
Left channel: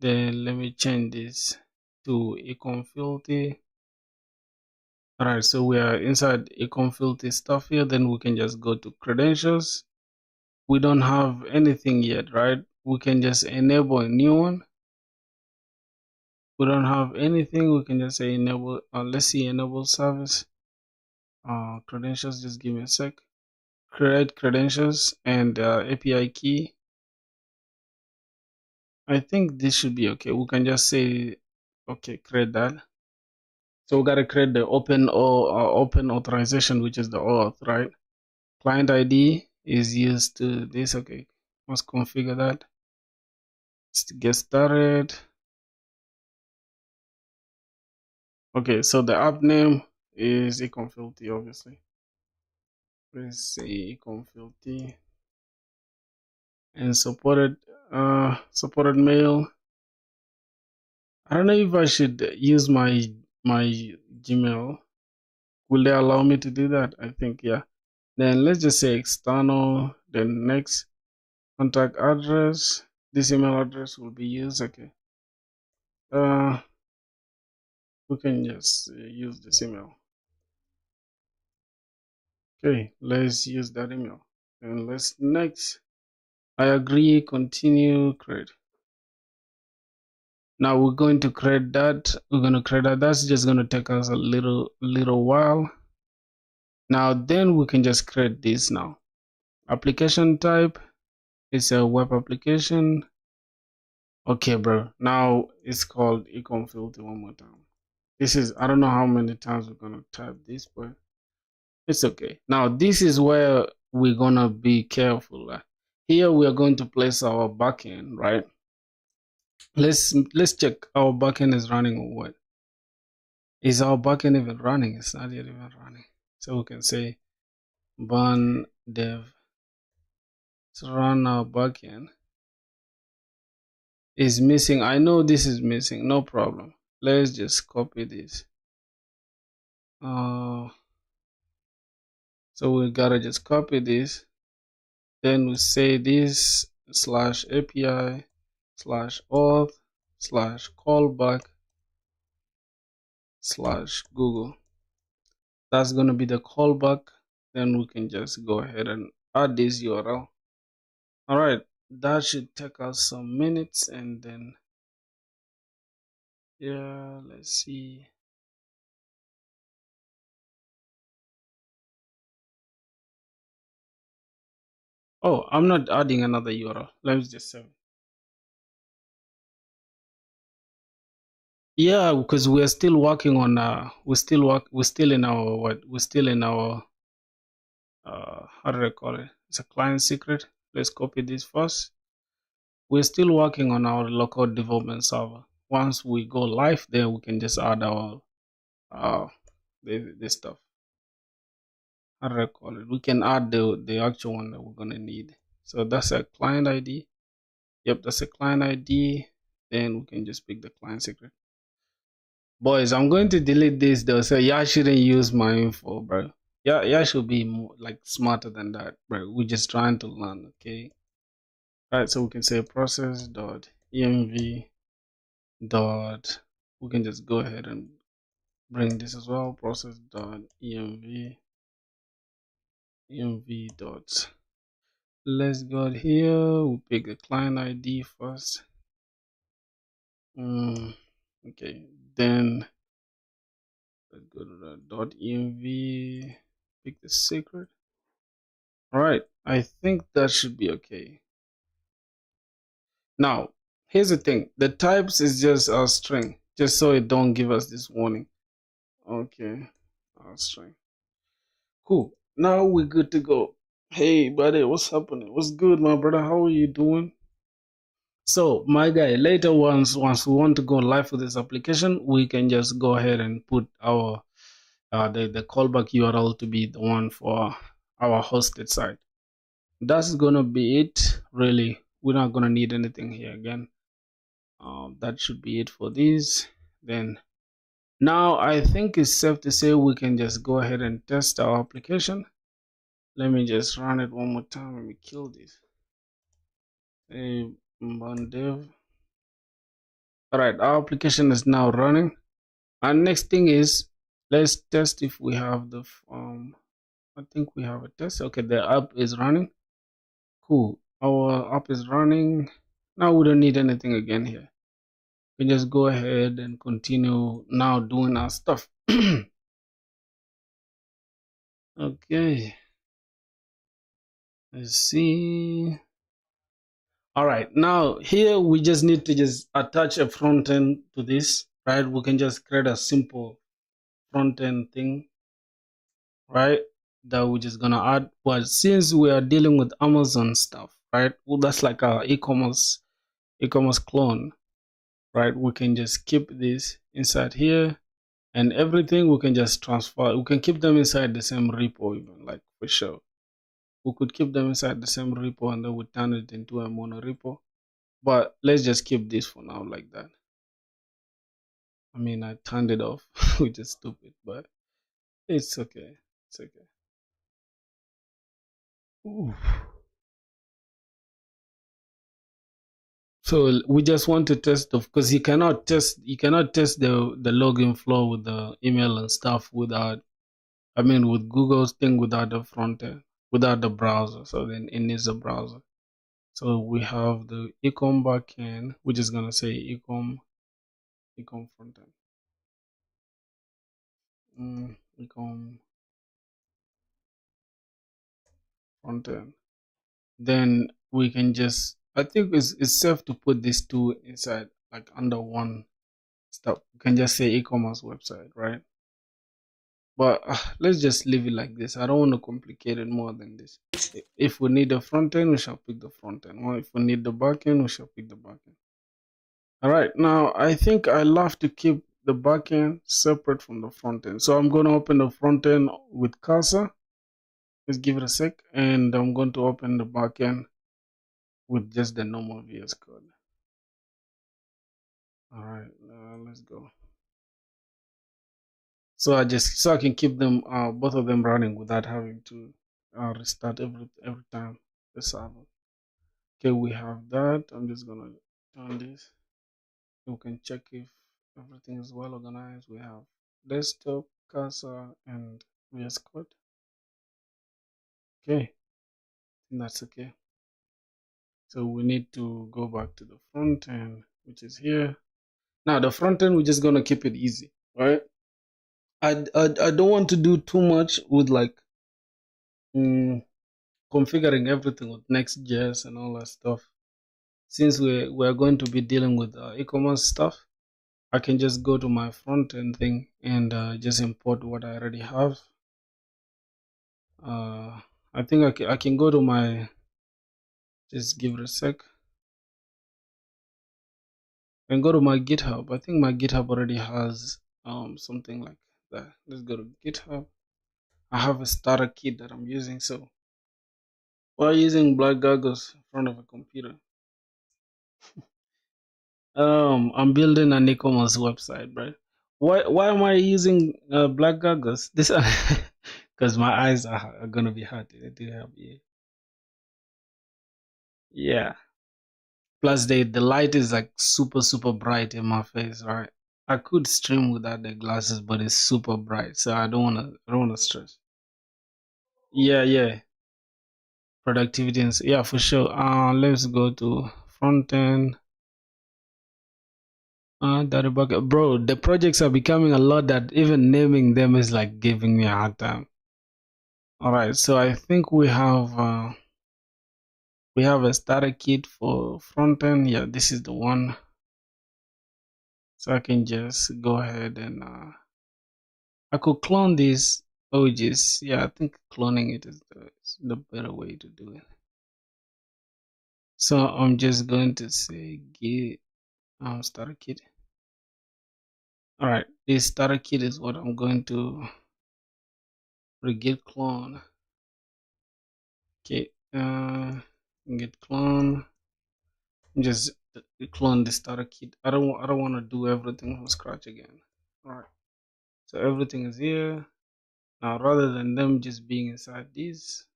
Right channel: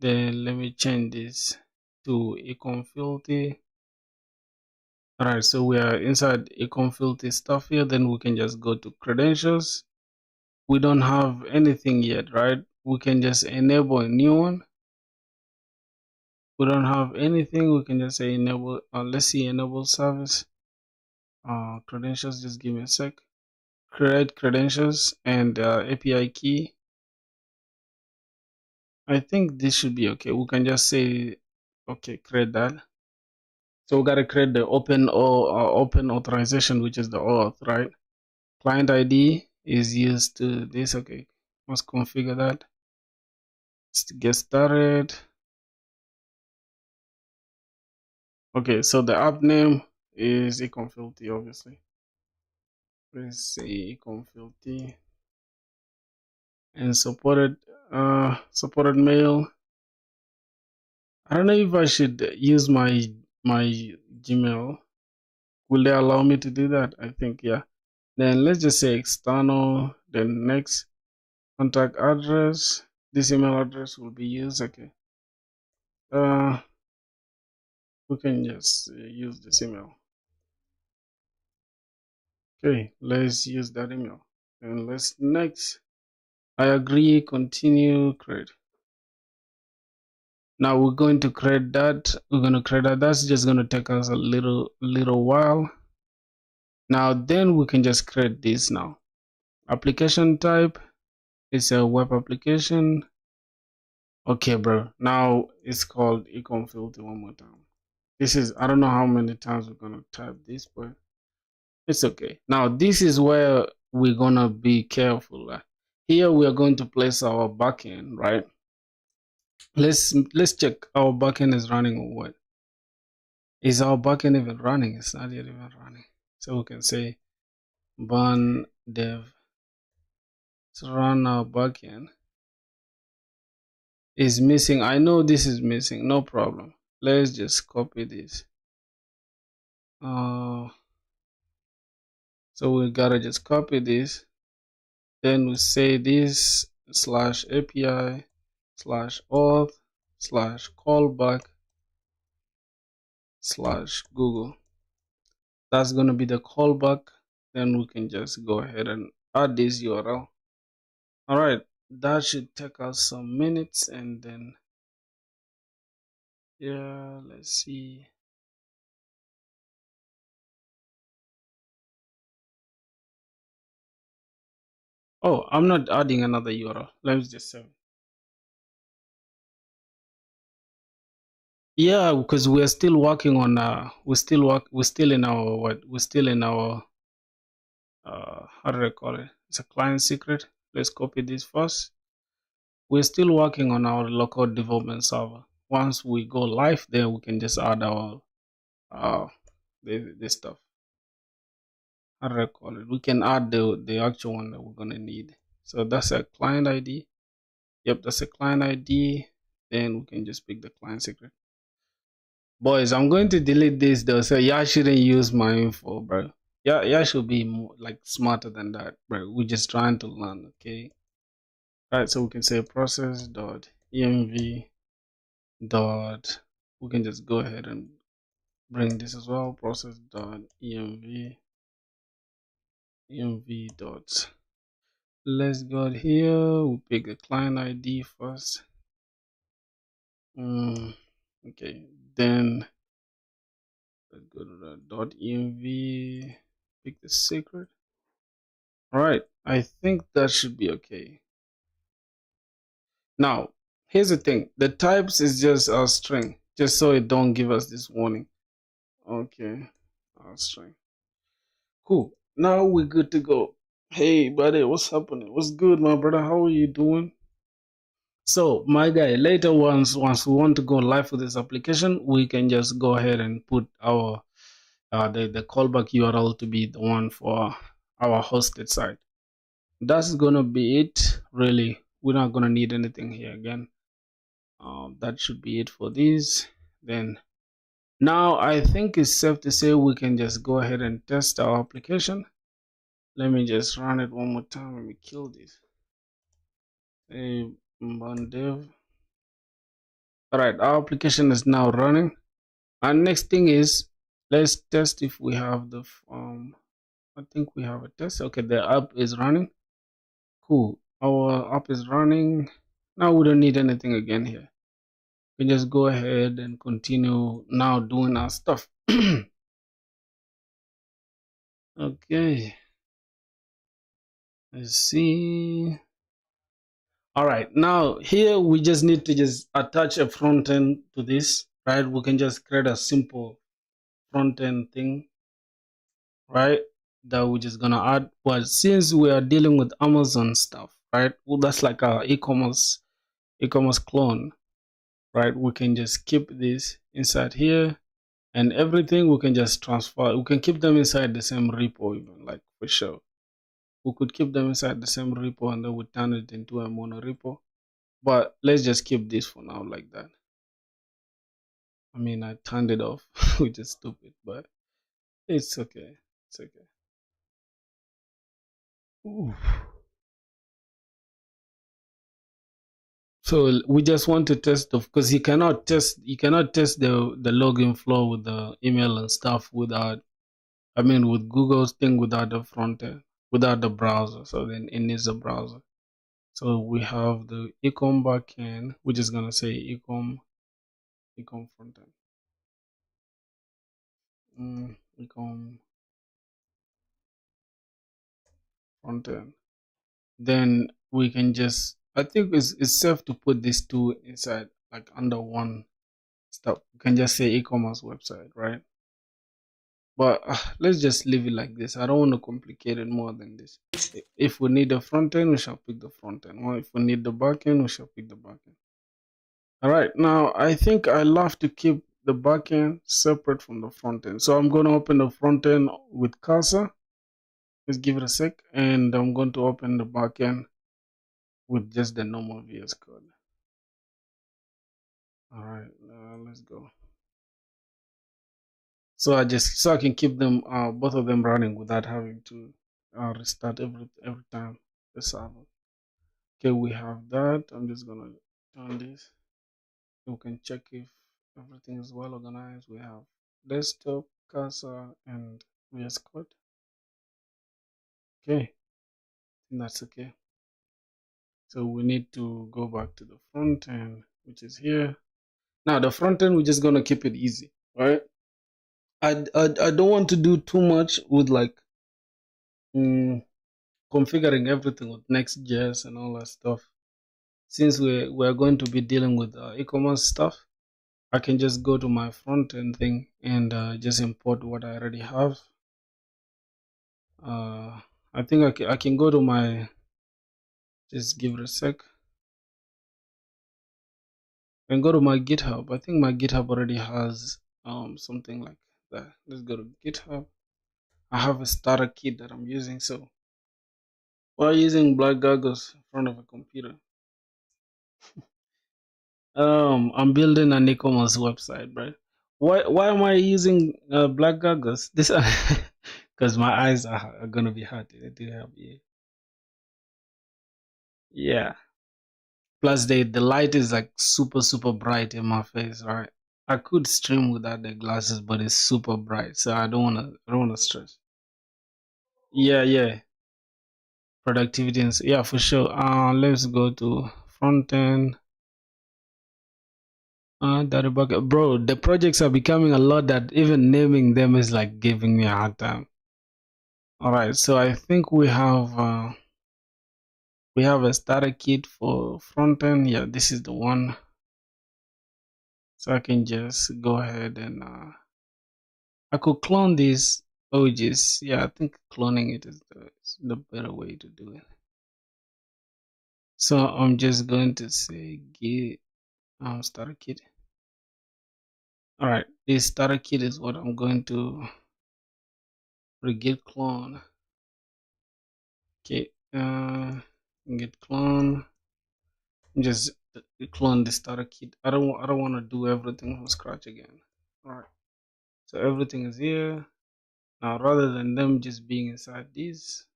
Then let me change this to ecom filter. Alright, so we are inside ecom filter stuff here. Then we can just go to credentials. We don't have anything yet, right? We can just enable a new one. We don't have anything. We can just say enable. Let's see, enable service. Credentials. Just give me a sec. Create credentials and API key. I think this should be okay. We can just say, okay, create that. So we gotta create the open authorization, which is the auth, right? Client ID is used to this. Okay, let's configure that. Let's get started. Okay, so the app name is econfilty, obviously. Let's say econfilty and supported mail. I don't know if I should use my Gmail. Will they allow me to do that? I think yeah. Then let's just say external. Then next, contact address. This email address will be used. Okay. We can just use this email. Okay, let's use that email. And let's next. I agree. Continue. Create. Now we're going to create that. We're going to create that. That's just going to take us a little while. Now then we can just create this now. Application type is a web application. Okay, bro. Now it's called ecom filter one more time. This is, I don't know how many times we're gonna type this, but it's okay. Now this is where we're gonna be careful. Here we are going to place our backend, right? Let's check our backend is running or what. Is our backend even running? It's not yet even running. So we can say burn dev to run our backend. Is missing. I know this is missing, no problem. Let's just copy this. So we gotta just copy this. Then we say this /API /auth /callback/Google. That's gonna be the callback. Then we can just go ahead and add this URL. All right, that should take us some minutes, and then yeah, let's see. Oh, I'm not adding another URL. Let's just save. Yeah, because we're still working on we're still in our how do I call it? It's a client secret. Let's copy this first. We're still working on our local development server. Once we go live, then we can just add our this stuff. How do I call it? We can add the actual one that we're gonna need. So that's a client ID. Yep, that's a client ID. Then we can just pick the client secret. Boys, I'm going to delete this though, so y'all shouldn't use my info, bro. Y'all should be more, like smarter than that, bro. We're just trying to learn, okay? All right, so we can say process.env dot. We can just go ahead and bring this as well. Process.env dot. Let's go here. We'll pick the client ID first. Okay, then let's go to the .env. Pick the secret. All right, I think that should be okay. Now, here's the thing. The types is just our string, just so it don't give us this warning. Okay, our string. Cool. Now we're good to go. Hey, buddy, what's happening? What's good, my brother? How are you doing? So, my guy, later once we want to go live with this application, we can just go ahead and put our the callback URL to be the one for our hosted site. That's gonna be it. Really, we're not gonna need anything here again. That should be it for these. Then now I think it's safe to say we can just go ahead and test our application. Let me just run it one more time. Let me kill this. Dev. All right, our application is now running. And next thing is, let's test if we have the I think we have a test. Okay, the app is running. Cool. Our app is running. Now we don't need anything again here. We just go ahead and continue now doing our stuff. Okay. Let's see. All right. Now here we just need to just attach a front end to this, right? We can just create a simple front end thing, right? That we're just gonna add. But since we are dealing with Amazon stuff, right? Well, that's like our e-commerce clone, right? We can just keep this inside here, and everything we can just transfer. We can keep them inside the same repo, even, like, for sure. We could keep them inside the same repo and then we turn it into a mono repo. But let's just keep this for now like that. I mean, I turned it off, which is stupid, but it's okay. It's okay. Ooh. So we just want to test because you cannot test the login flow with the email and stuff without, I mean, with Google's thing without the front end, without the browser. So then it needs a browser. So we have the ecom backend, which is gonna say ecom front end. Ecom front end. Then we can just, I think it's safe to put these two inside, like under one stuff. You can just say e-commerce website, right? But let's just leave it like this. I don't want to complicate it more than this. If we need the front end, we shall pick the front end. Or if we need the back end, we shall pick the back end. All right, now I think I love to keep the back end separate from the front end. So I'm going to open the front end with cursor. Let's give it a sec. And I'm going to open the back end with just the normal VS Code. All right, let's go. So I can keep them both of them running without having to restart every time the server. Okay, we have that. I'm just gonna on this. We can check if everything is well organized. We have desktop, cursor, and VS Code. Okay, that's okay. So we need to go back to the front end, which is here. Now the front end, we're just gonna keep it easy, right? I don't want to do too much with like configuring everything with Next.js and all that stuff. Since we're going to be dealing with e-commerce stuff, I can just go to my front end thing and just import what I already have. I think I can go to my, just give it a sec, and go to my GitHub. I think my GitHub already has something like that. Let's go to GitHub. I have a starter kit that I'm using. So while using black goggles in front of a computer, I'm building an e-commerce website, bro. Why am I using black goggles? This because my eyes are gonna be hurt. They do help. Yeah. Plus the light is like super bright in my face, right? I could stream without the glasses, but it's super bright, so I don't wanna stress. Yeah. Productivity and yeah, for sure. Let's go to front end. Data bucket, bro. The projects are becoming a lot that even naming them is like giving me a hard time. All right, so I think we have a starter kit for front end. Yeah, this is the one. So I can just go ahead and I could clone these OGs. Yeah, I think cloning it is the better way to do it. So I'm just going to say git starter kit. All right, this starter kit is what I'm going to git clone. Okay, git clone. Just clone the starter kit. I don't want to do everything from scratch again. All right, so everything is here now. Rather than them just being inside this,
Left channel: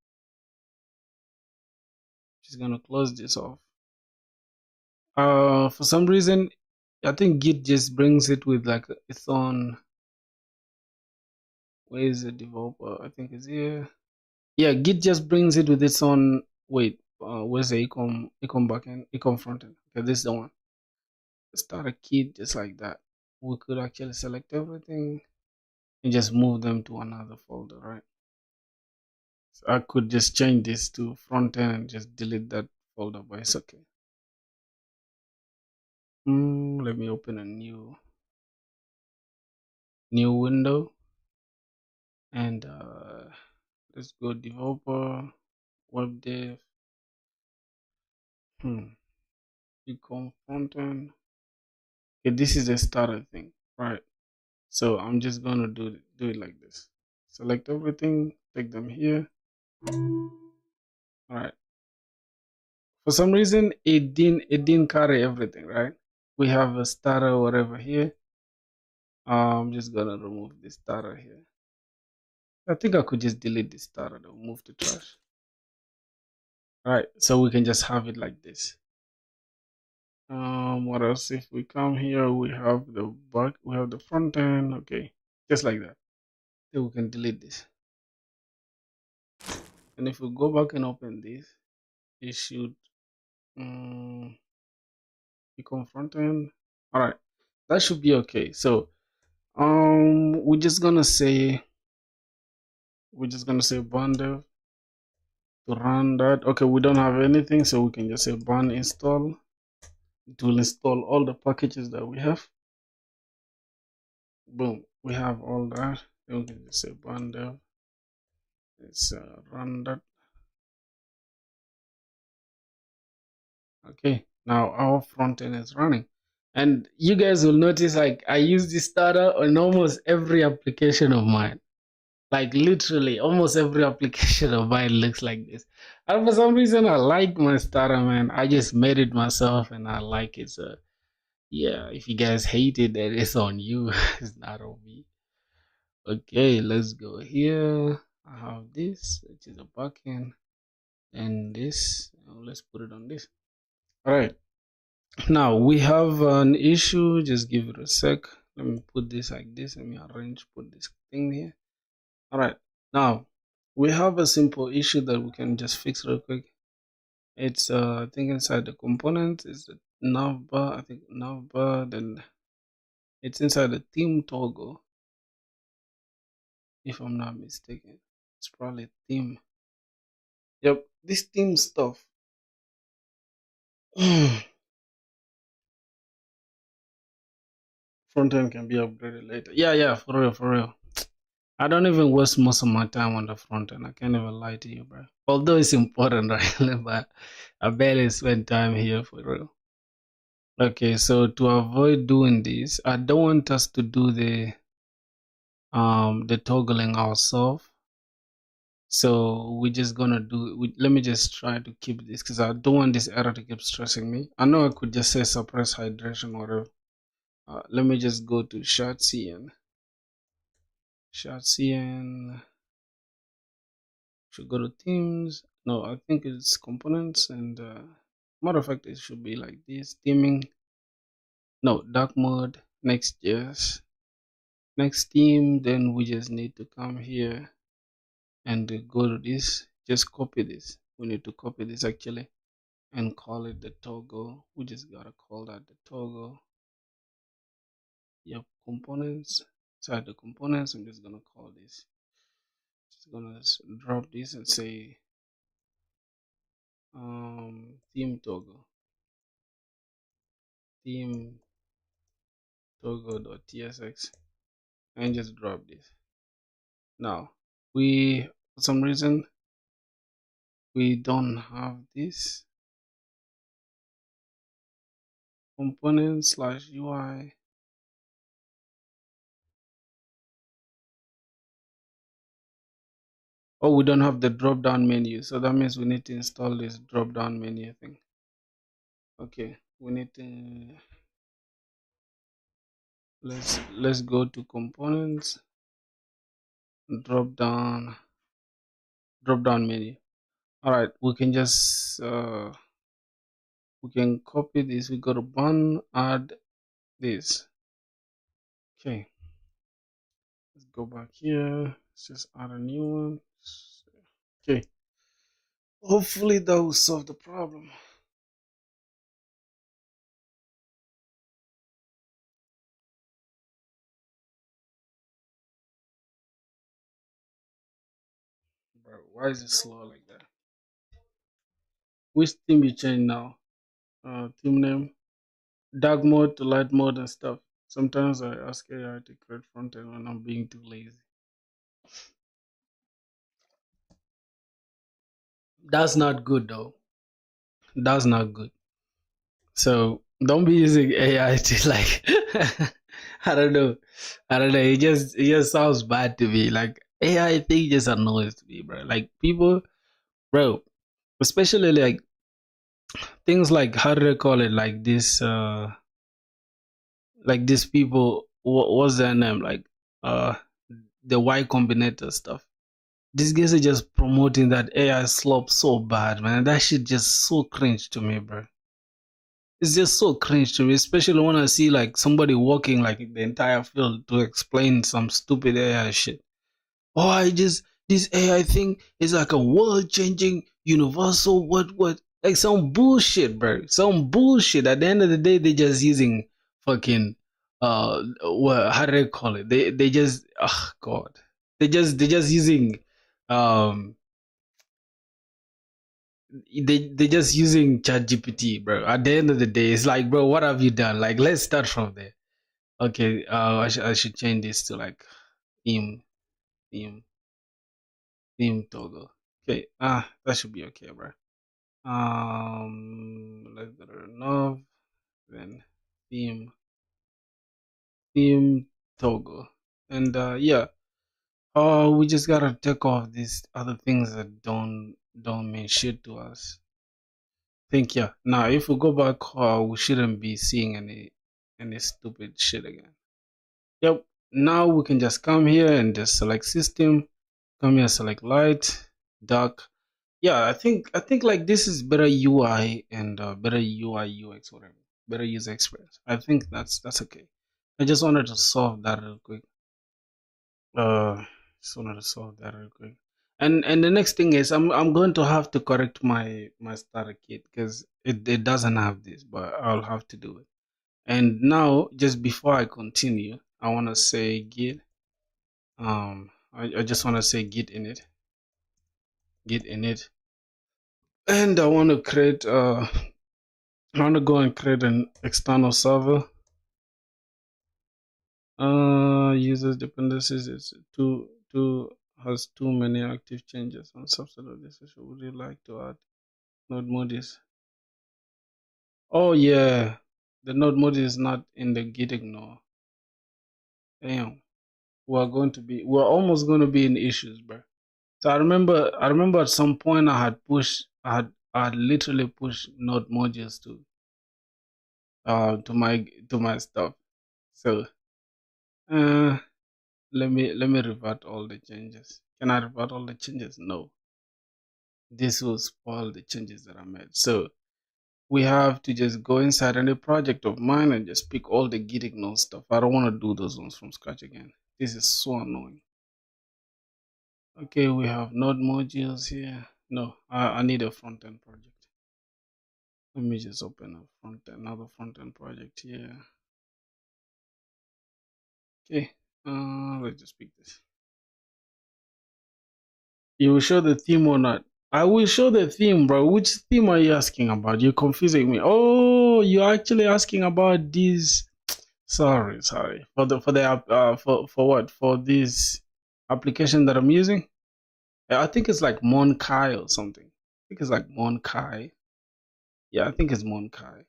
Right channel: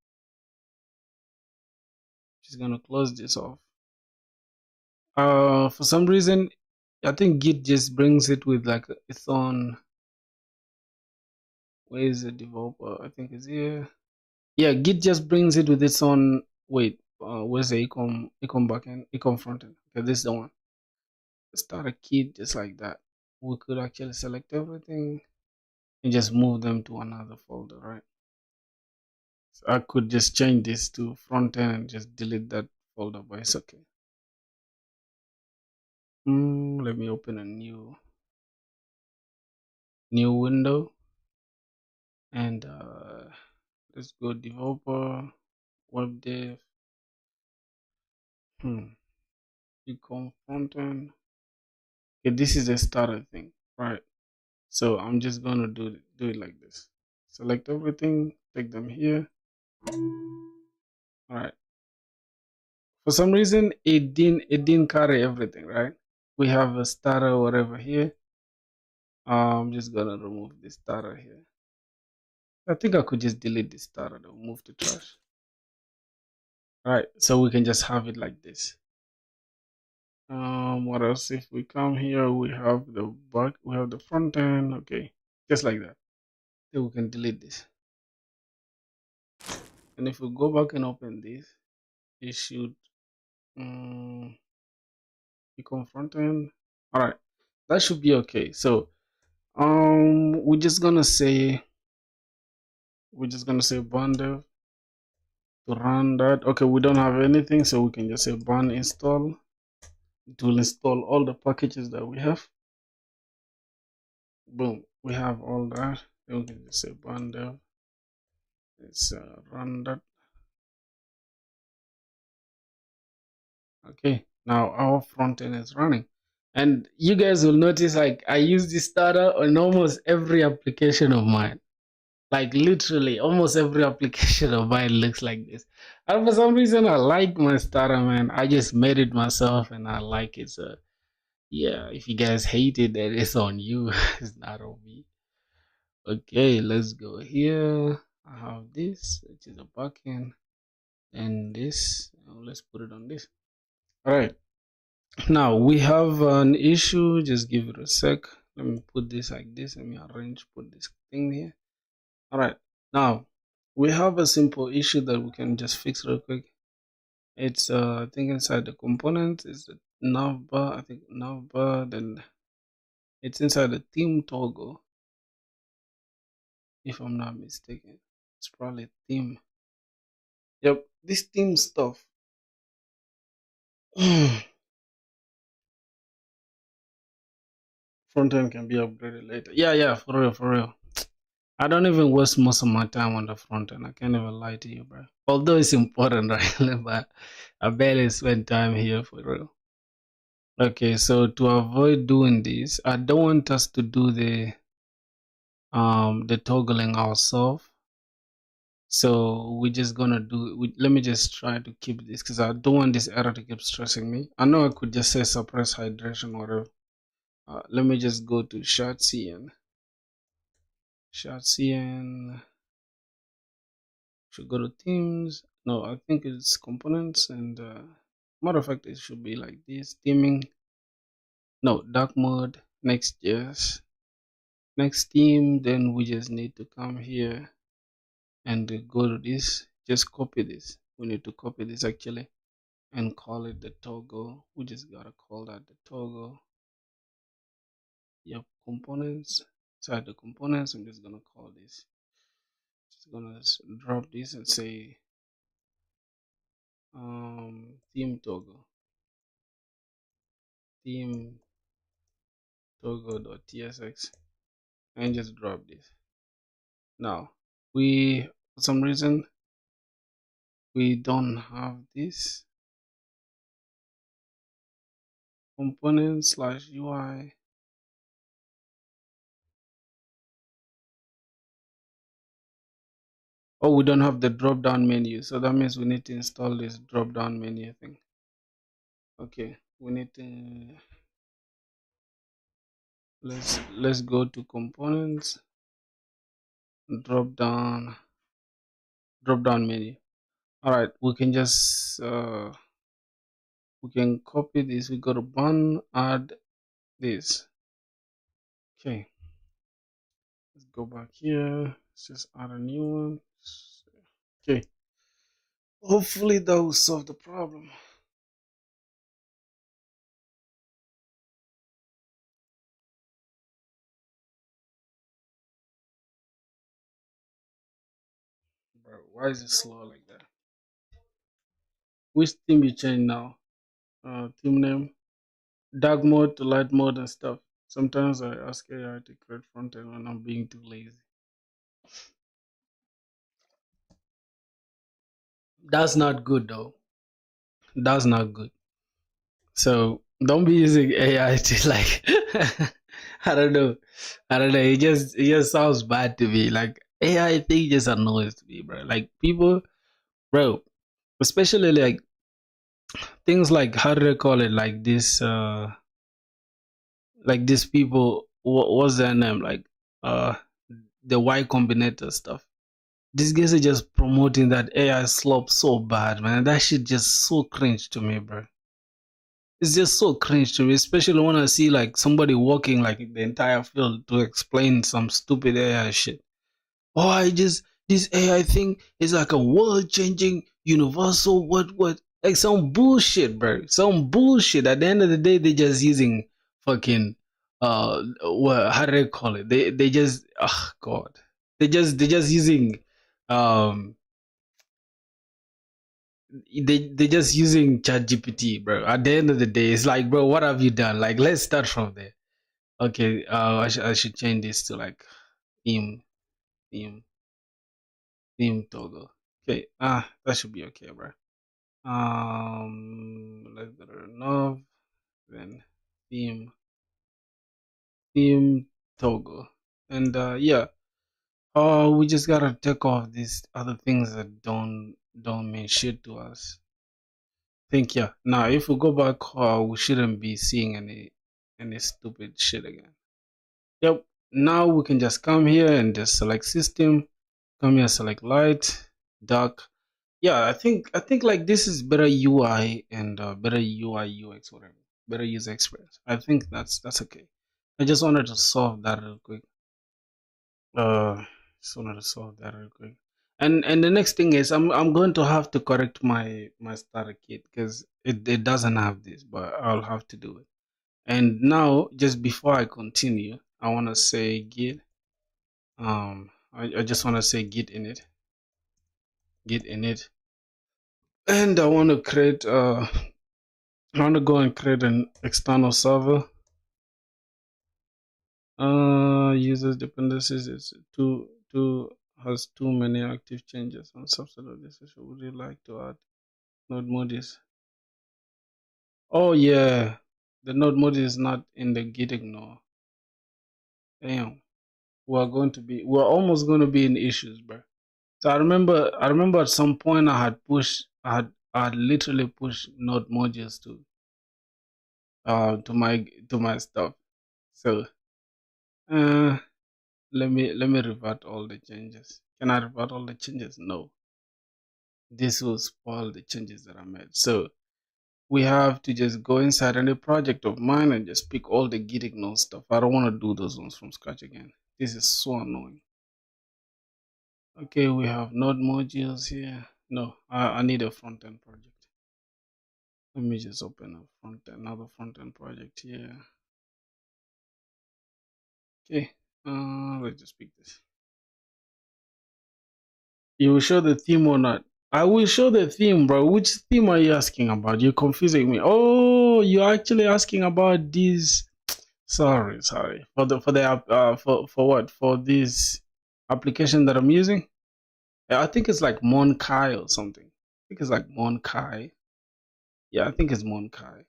just gonna close this off. For some reason, I think Git just brings it with like its own. Where is the developer? I think it's here. Yeah, Git just brings it with its own. Wait, where's the ecom backend, ecom frontend? Okay, this is the one. Start a kit just like that. We could actually select everything and just move them to another folder, right? So I could just change this to front end and just delete that folder, but it's okay. Let me open a new window and let's go developer, web dev, ecom front end. Okay, this is a starter thing, right? So I'm just gonna do it like this. Select everything, take them here. All right. For some reason, it didn't carry everything, right? We have a starter or whatever here. I'm just gonna remove this starter here. I think I could just delete this starter though, move to trash. Alright, so we can just have it like this. What else? If we come here, we have the back, we have the front end, okay, just like that. Then we can delete this. And if we go back and open this, it should become front end. Alright, that should be okay. So we're just gonna say bundle to run that. Okay, we don't have anything, so we can just say bun install. It will install all the packages that we have. Boom, we have all that. Then we can just say bundle. Let's run that. Okay, now our front end is running. And you guys will notice like I use this starter on almost every application of mine. Like literally almost every application of mine looks like this. And for some reason I like my starter, man. I just made it myself and I like it. So yeah, if you guys hate it, then it's on you. It's not on me. Okay, let's go here. I have this, which is a backend, and this. Let's put it on this. All right. Now we have an issue. Just give it a sec. Let me put this like this. Let me arrange, put this thing here. All right. Now we have a simple issue that we can just fix real quick. It's I think inside the component is the navbar. I think navbar. Then it's inside the theme toggle, if I'm not mistaken. It's probably theme. Yep, this theme stuff. Front end can be upgraded later. Yeah, for real, for real. I don't even waste most of my time on the front end. I can't even lie to you, bro. Although it's important, right? But I barely spend time here for real. Okay, so to avoid doing this, I don't want us to do the toggling ourselves. So we're just gonna do. Let me just try to keep this because I don't want this error to keep stressing me. I know I could just say suppress hydration or whatever. Let me just go to shotcn. Shotcn. Should go to themes. No, I think it's components and matter of fact, it should be like this. Theming. No, dark mode. Next.js. Next theme. Then we just need to come here and go to this. Just copy this. We need to copy this actually and call it the toggle. We just gotta call that the toggle. Yep, components. Inside the components, I'm just gonna call this. Just gonna drop this and say theme toggle. Theme toggle.tsx and just drop this. Now we, for some reason, we don't have this component slash UI. Oh, we don't have the drop down menu, so that means we need to install this drop down menu thing. Okay, we need to let's go to components, drop down menu. All right, we can just we can copy this. We go to bun, add this. Okay, let's go back here. Let's just add a new one. Okay, hopefully that will solve the problem. Bro, why is it slow like that? Which theme you change now? Theme name, dark mode to light mode and stuff. Sometimes I ask AI to create front end when I'm being too lazy. That's not good though. That's not good. So don't be using AI to like I don't know. I don't know. It just sounds bad to me. Like AI thing just annoys me, bro. Like people, bro, especially like things like how do they call it? Like these people. What's their name? Like uh, the Y Combinator stuff. These guys are just promoting that AI slop so bad, man. That shit just so cringe to me, bro. It's just so cringe to me, especially when I see like somebody walking like the entire field to explain some stupid AI shit. Oh, I just this AI thing is like a world changing universal what like some bullshit, bro. Some bullshit. At the end of the day, they just using fucking what how do they call it? They just oh god. They just using um they just using ChatGPT, bro. At the end of the day, it's like, bro, what have you done? Like, let's start from there. Okay, I should change this to like theme, theme, theme toggle. Okay, that should be okay, bro. Let's go to nav, then theme, theme toggle, and yeah. We just gotta take off these other things that don't mean shit to us. Think yeah. Now if we go back, we shouldn't be seeing any stupid shit again. Yep. Now we can just come here and just select system. Come here, select light, dark. Yeah, I think like this is better UI and better UI UX whatever. better user experience. I think that's okay. I just wanted to solve that real quick. Uh, just wanted to solve that real quick. And the next thing is I'm going to have to correct my starter kit because it doesn't have this, but I'll have to do it. And now, just before I continue, I want to say git. I just want to say git init, and I want to create. I want to go and create an external server. Users dependencies is too has too many active changes on subset of this issue. Would you like to add node modules? Oh yeah, the node module is not in the git ignore. Damn, we're almost going to be in issues, bro. So I remember at some point I had literally pushed node modules to my stuff. So uh let me revert all the changes. Can I revert all the changes? No. This will spoil the changes that I made. So we have to just go inside any project of mine and just pick all the git ignore stuff. I don't want to do those ones from scratch again. This is so annoying. Okay, we have node modules here. No, I need a front end project. Let me just open another front end project here. Okay, let's just pick this. You will show the theme or not? I will show the theme, bro. Which theme are you asking about? You're confusing me. Oh, you're actually asking about this. Sorry. For what? For this application that I'm using? I think it's like Monkai or something. I think it's like Monkai. Yeah, I think it's Monkai.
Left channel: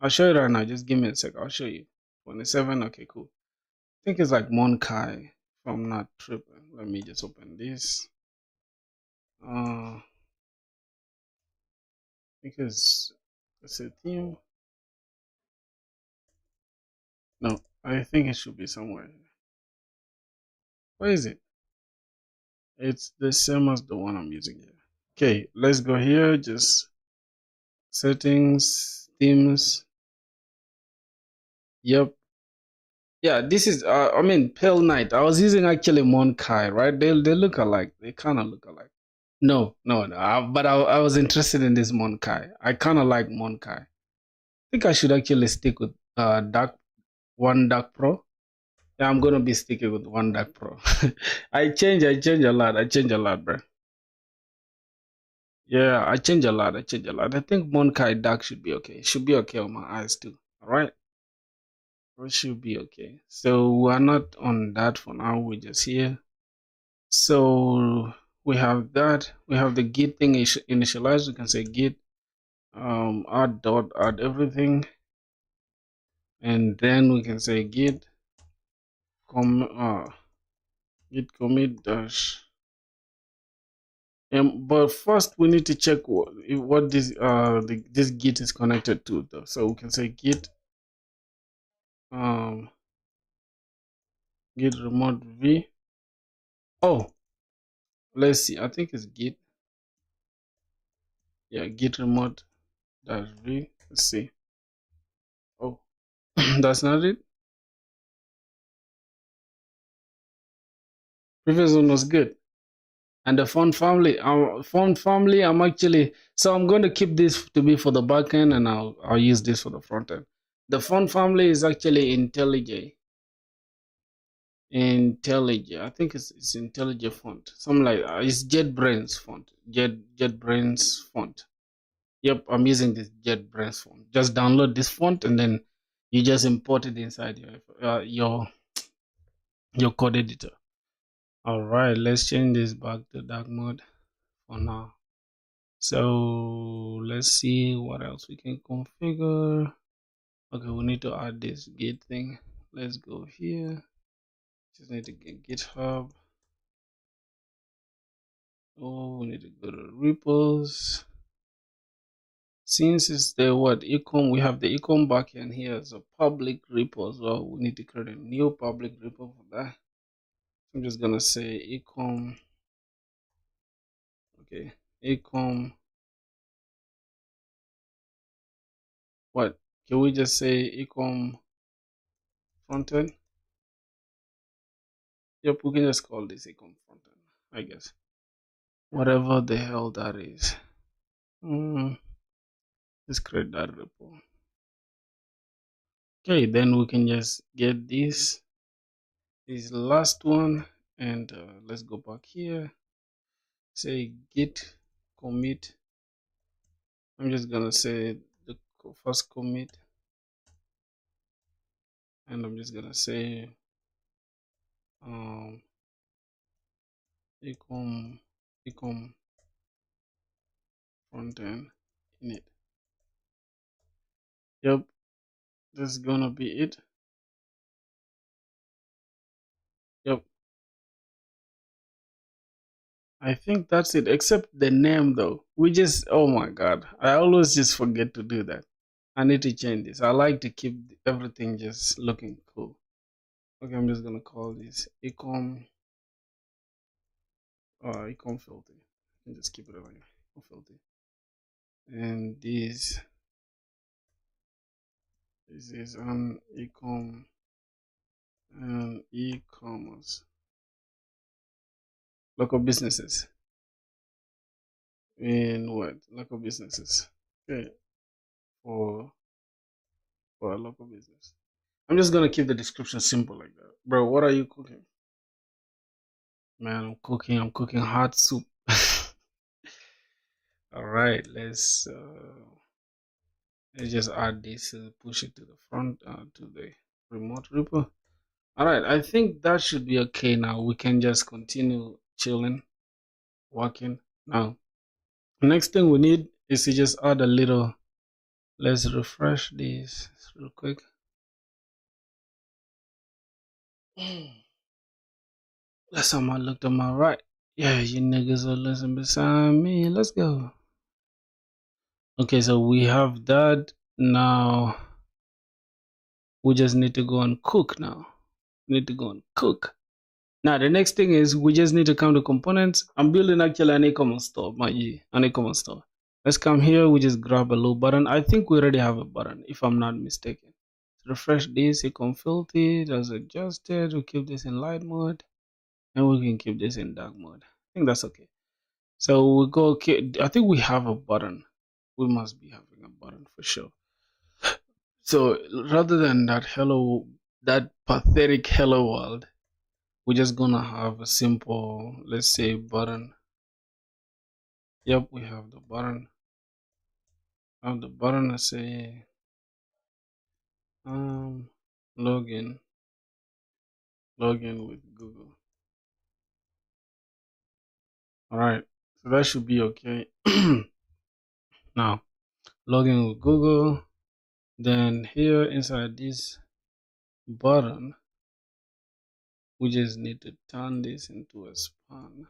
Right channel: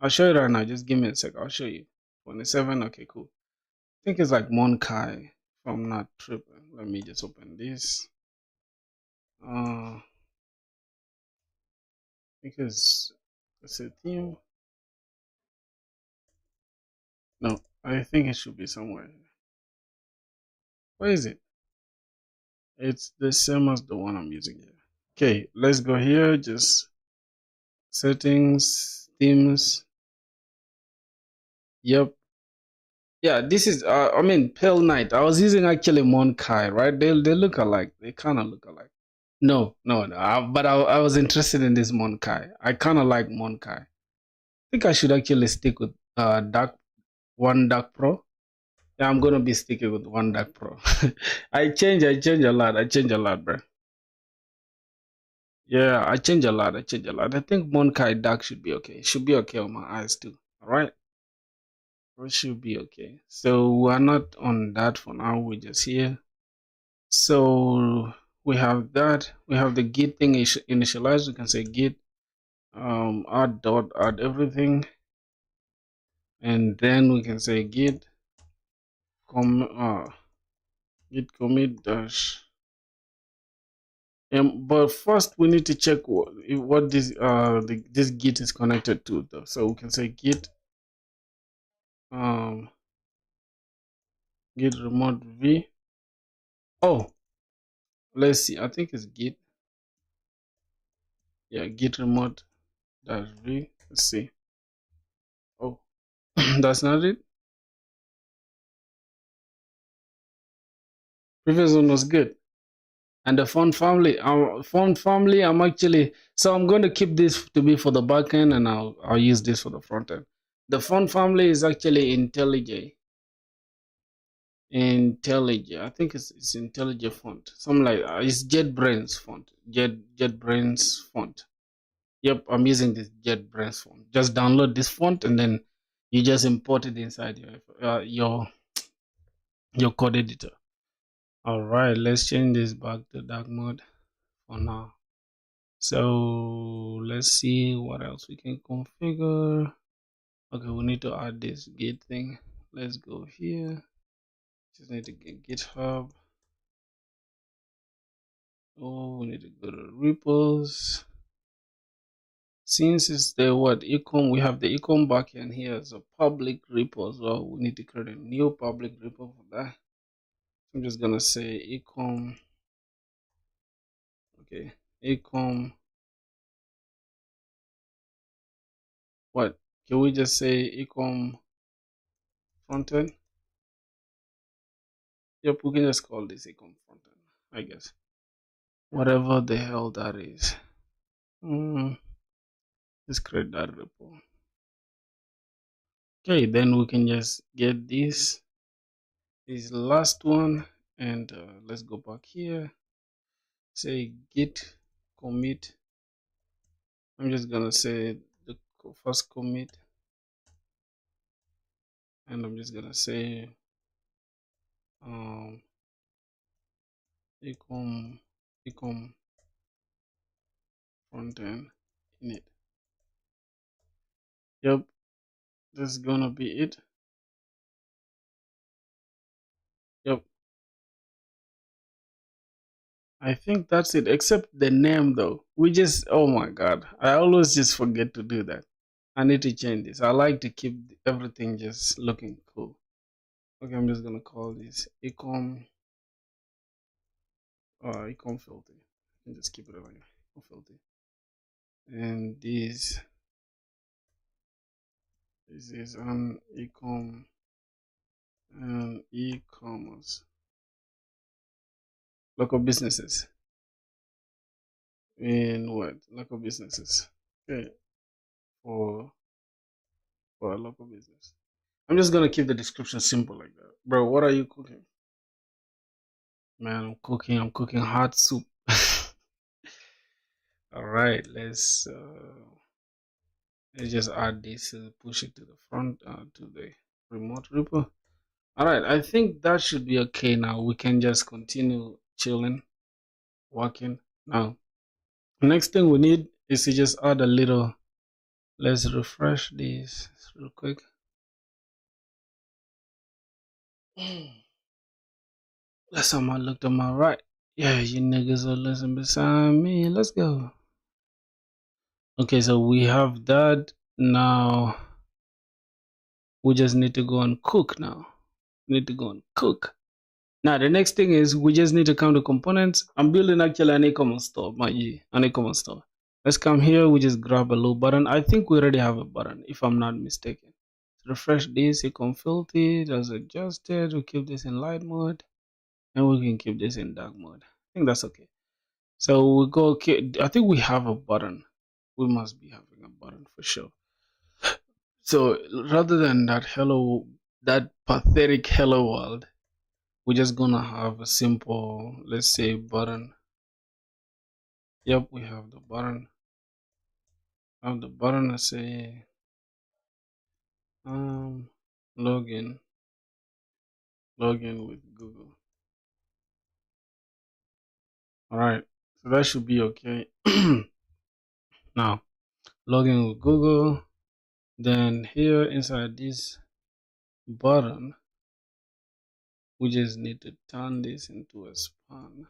I'll show you right now. Just give me a sec. I'll show you. 27. Okay, cool. I think it's like Monkai. If I'm not tripping. Let me just open this. Because it's a theme. No, I think it should be somewhere. Where is it? It's the same as the one I'm using here. Okay, let's go here. Just settings, themes. Yep. Yeah, this is I mean Pale Knight. I was using actually Monkai, right? They look alike. They kind of look alike. No. But I was interested in this Monkai. I kind of like Monkai. I think I should actually stick with Dark Pro. Yeah, I'm gonna be sticking with One Dark Pro. I change a lot. I change a lot, bro. Yeah, I change a lot. I think Monkai Dark should be okay. It should be okay on my eyes too. All right, it should be okay. So we're not on that for now. We're just here. So we have that. We have the git thing initialized. We can say git add everything, and then we can say git git commit dash. But first we need to check what this git is connected to though. So we can say git um git remote v. Oh, let's see. I think it's git. Yeah, git remote dash v. Let's see. Oh, that's not it. Previous one was good. And the font family, I'm actually so I'm going to keep this to be for the backend, and I'll use this for the front end. The font family is actually IntelliJ. IntelliJ. I think it's IntelliJ font. Something like it's JetBrains font. JetBrains font. Yep, I'm using this JetBrains font. Just download this font and then you just import it inside your code editor. All right, let's change this back to dark mode for now. So let's see what else we can configure. Okay, we need to add this git thing. Let's go here. Just need to get GitHub. Oh, we need to go to repos. Since it's the econ, we have the econ backend here as a public repo as well. We need to create a new public repo for that. I'm just gonna say econ. Okay, econ. What? Can we just say ecom frontend? Yep, we can just call this ecom frontend, I guess. Whatever the hell that is. Let's create that repo. Okay, then we can just get this last one, and let's go back here. Say git commit. I'm just gonna say the first commit, and I'm just gonna say ecom frontend init. Yep, that's gonna be it. Yep, I think that's it, except the name though. We just, oh my god, I always just forget to do that. I need to change this. I like to keep everything just looking cool. Okay, I'm just gonna call this ecom filter, and just keep it over here, ecom filter. And this is an ecom and e-commerce local businesses. In what? Local businesses. Okay, for a local business. I'm just gonna keep the description simple like that. Bro, what are you cooking? Man, I'm cooking hot soup. Alright, let's just add this, push it to the front, to the remote repo. Alright, I think that should be okay now. We can just continue chilling, working. Now, the next thing we need is to just add a little, let's refresh this real quick. Last time I looked on my right. Yeah, you niggas are listening beside me. Let's go. Okay, so we have that. Now we just need to go and cook now. We need to go and cook. Now the next thing is we just need to come to components. I'm building actually an e-commerce store, an e-commerce store. Let's come here, we just grab a little button. I think we already have a button, if I'm not mistaken. Refresh this, ecom filter, as adjusted. We keep this in light mode, and we can keep this in dark mode. I think that's okay. So we go, okay, I think we have a button. We must be having a button for sure. So rather than that pathetic hello world, we're just gonna have a simple, let's say, button. Yep, we have the button. I say login with Google. All right, so that should be okay. Now login with Google. Then here inside this button, we just need to turn this into a span.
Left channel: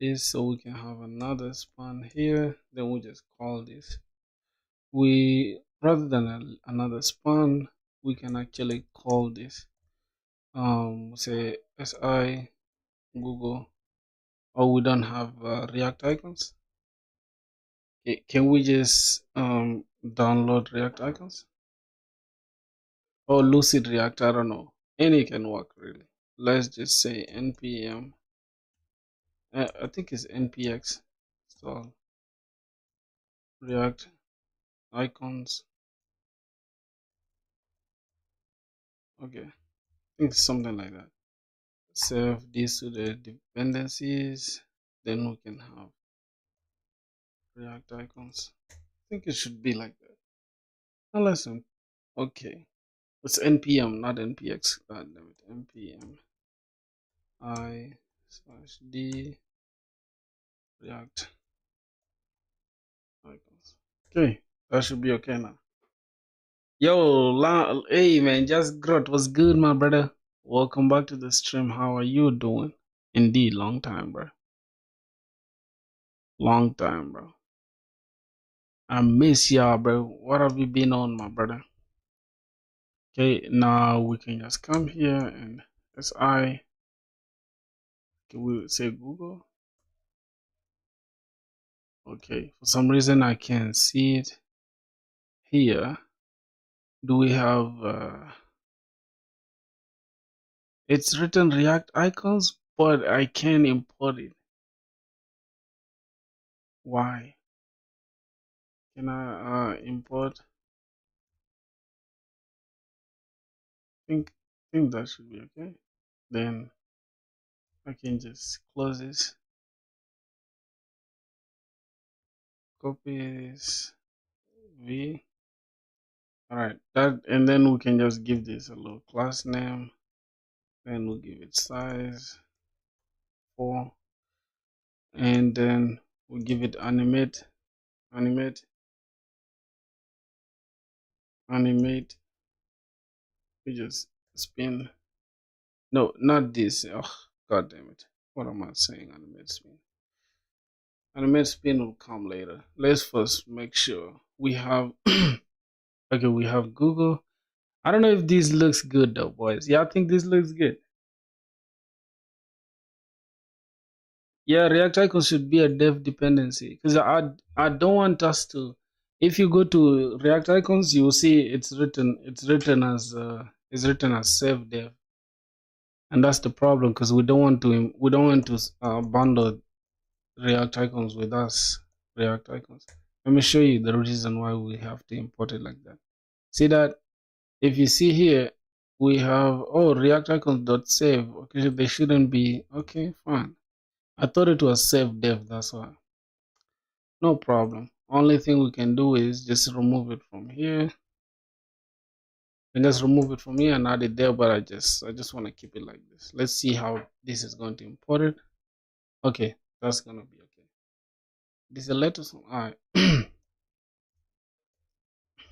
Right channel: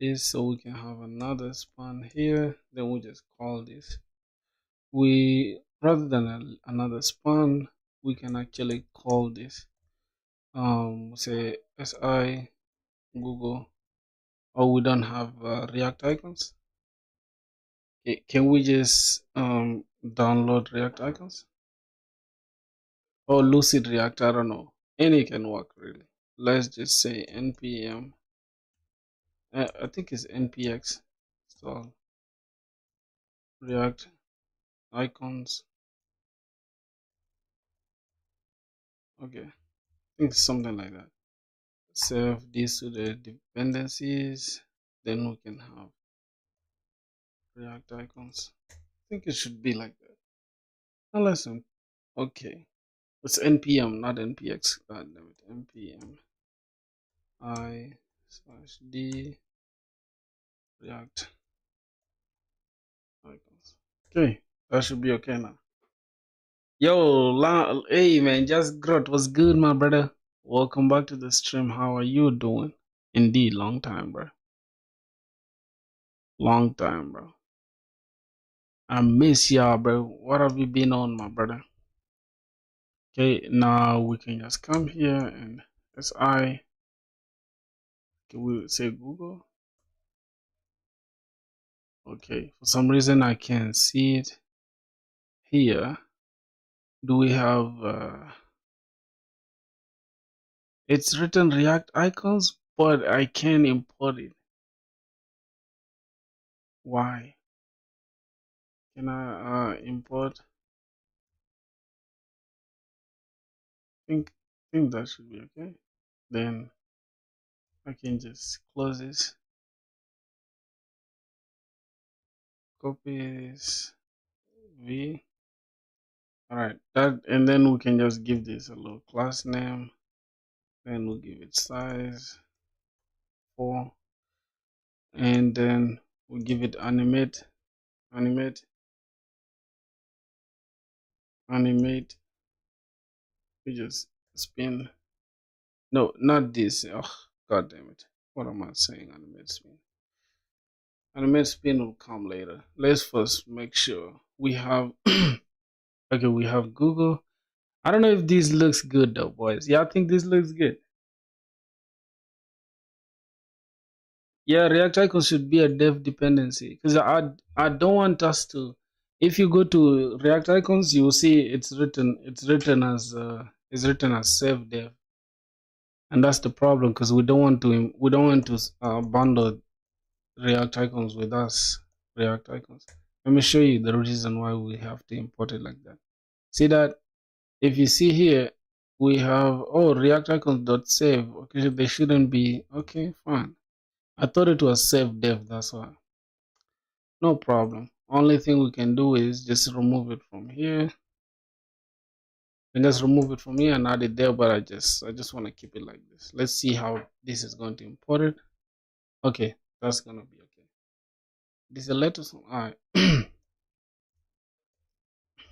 This so we can have another span here. Then we just call this. We rather than another span, we can actually call this say si Google. Or we don't have React icons. Okay, can we just download React icons? Or Lucid React, I don't know. Any can work really. Let's just say npm. I think it's npx install React icons. Okay, I think it's something like that. Save this to the dependencies, then we can have React icons. I think it should be like that. Unless okay, it's npm, not npx. Npm i/d React icons. Okay, that should be okay now. Yo, hey man, just Grot, what's good, my brother? Welcome back to the stream. How are you doing? Indeed, long time, bro. Long time, bro. I miss y'all, bro. What have you been on, my brother? Okay, now we can just come here and SI. Can we say Google? Okay, for some reason I can't see it here, do we have it's written React icons, but I can't import it. Why? Can I import? Think that should be okay. Then I can just close this, copy this V. Alright, that, and then we can just give this a little class name. Then we'll give it size 4, and then we'll give it animate. We just spin. No, not this. Oh, god damn it. What am I saying? Animate spin. Animate spin will come later. Let's first make sure we have okay, we have Google. I don't know if this looks good though, boys. Yeah, I think this looks good. Yeah, React icon should be a dev dependency because I don't want us to. If you go to React icons, you will see it's written as save dev, and that's the problem because we don't want to bundle React icons with us. React icons. Let me show you the reason why we have to import it like that. See that? If you see here, we have React icons dot save. Okay, they shouldn't be. Okay, fine. I thought it was save dev. That's why. No problem. Only thing we can do is just remove it from here. We just remove it from here and add it there. But I just want to keep it like this. Let's see how this is going to import it. Okay, that's gonna be okay. This is the latest one. All right.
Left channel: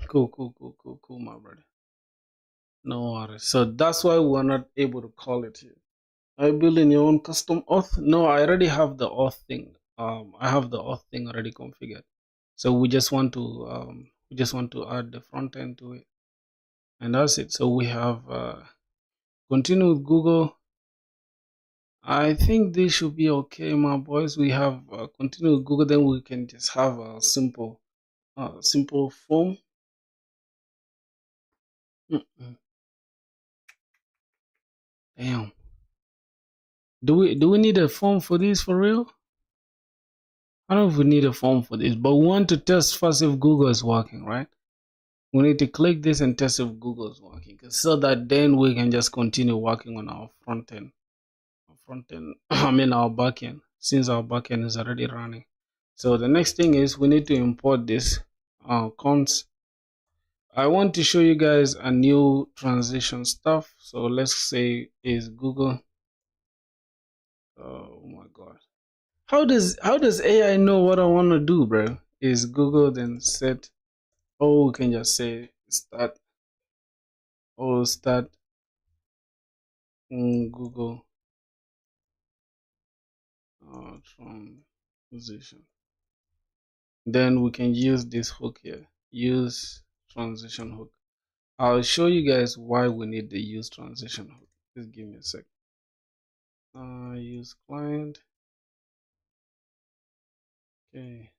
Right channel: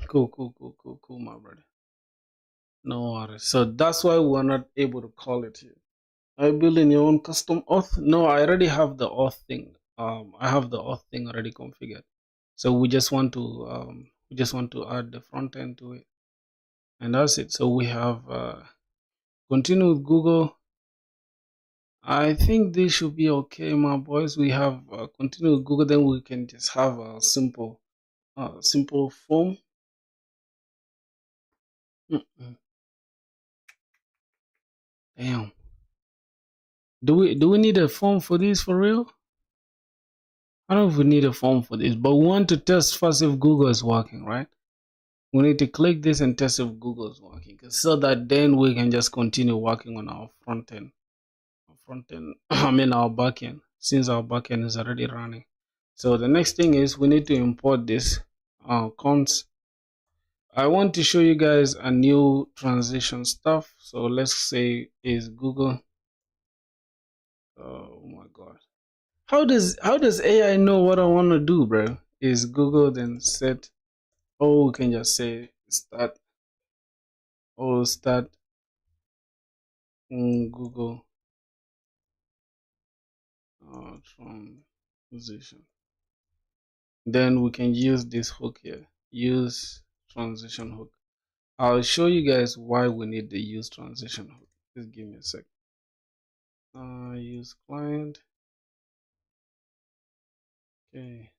Cool, my brother. No worries. So that's why we're not able to call it here. Are you building your own custom auth? No, I already have the auth thing. I have the auth thing already configured. So we just want to add the front end to it, and that's it. So we have continue with Google. I think this should be okay, my boys. We have continue with Google. Then we can just have a simple form. Damn. Do we need a form for this for real? I don't know if we need a form for this, but we want to test first if Google is working, right? We need to click this and test if Google is working, so that then we can just continue working on our front end. I mean our backend, since our backend is already running. So the next thing is we need to import this cons. I want to show you guys a new transition stuff. So let's say is Google. Oh my god. How does AI know what I want to do, bro? Is Google then set? Oh, we can just say start. Oh, start Google transition. Then we can use this hook here. Use transition hook. I'll show you guys why we need the use transition hook. Just give me a sec. Use client. Okay,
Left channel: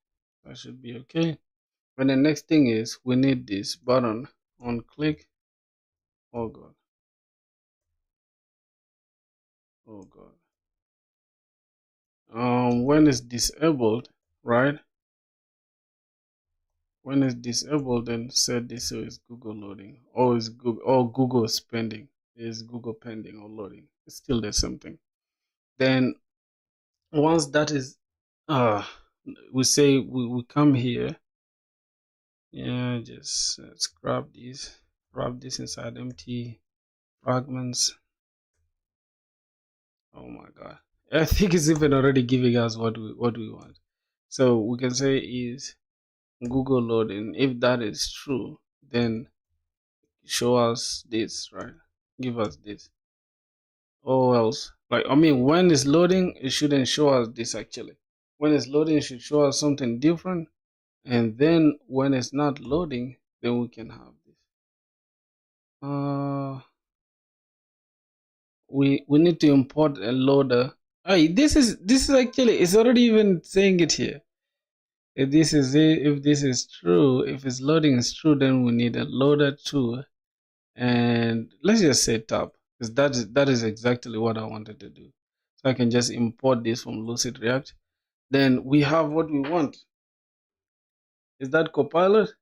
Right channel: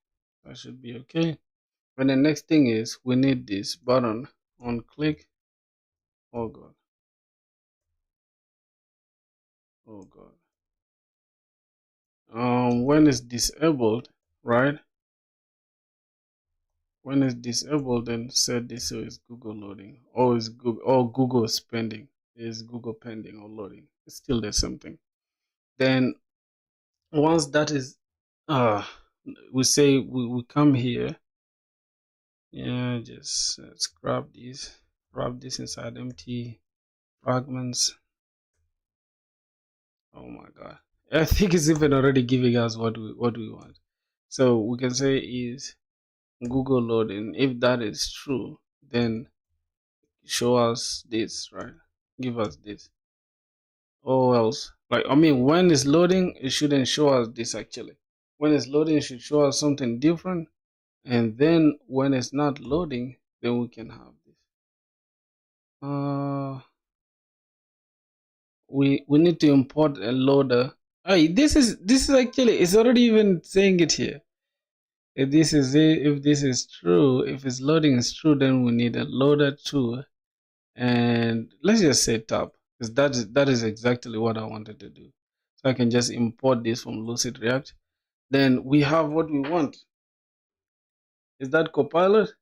that should be okay. And the next thing is we need this button on click. Oh god. Oh god. When it's disabled, right? When it's disabled, then set this so it's Google loading, or is Google is pending. Is Google pending or loading? It's still the same thing. Then once that is, we say we come here. Yeah, just let's grab this inside empty fragments. Oh my god, I think it's even already giving us what we want. So we can say is Google loading. If that is true, then show us this, right? Give us this. Or else, like, I mean, when it's loading, it shouldn't show us this actually. When it's loading, it should show us something different. And then when it's not loading, then we can have this. We need to import a loader. Hey, this is actually, it's already even saying it here. If this is it, if this is true, if it's loading is true, then we need a loader too. And let's just say tab, because that is exactly what I wanted to do. So I can just import this from Lucid React. Then we have what we want. Is that Copilot?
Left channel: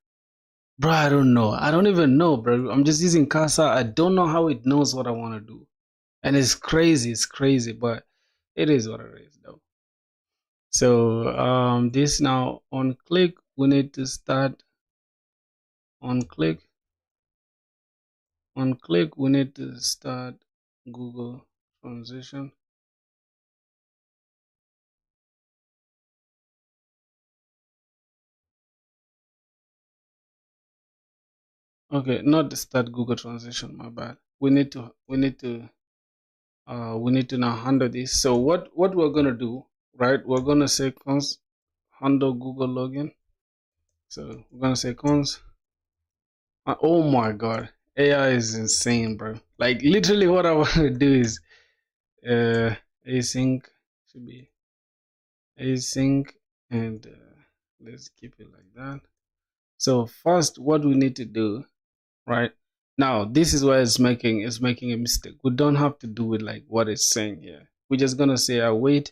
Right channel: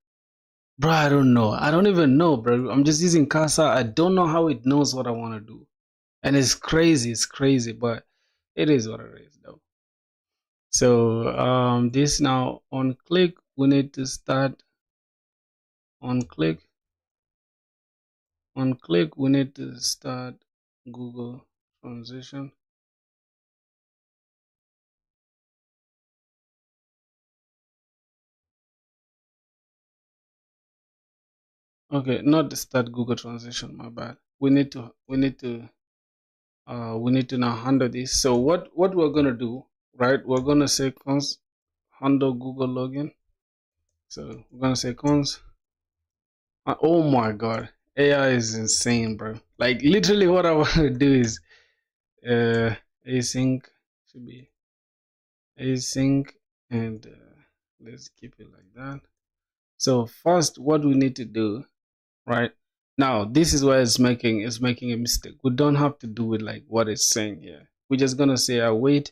Bro, I don't know. I don't even know, bro. I'm just using Casa. I don't know how it knows what I want to do. And it's crazy, but it is what it is though. So this now on click, we need to start on click. On click, we need to start Google transition. Okay, not start Google transition, my bad. We need to now handle this. So what we're gonna do, right? We're gonna say cons handle Google login. So we're gonna say cons. Oh my god, AI is insane, bro. Like literally, what I want to do is async should be async, and let's keep it like that. So first, what we need to do, right? Now, this is where it's making a mistake. We don't have to do it like what it's saying here. We're just gonna say await.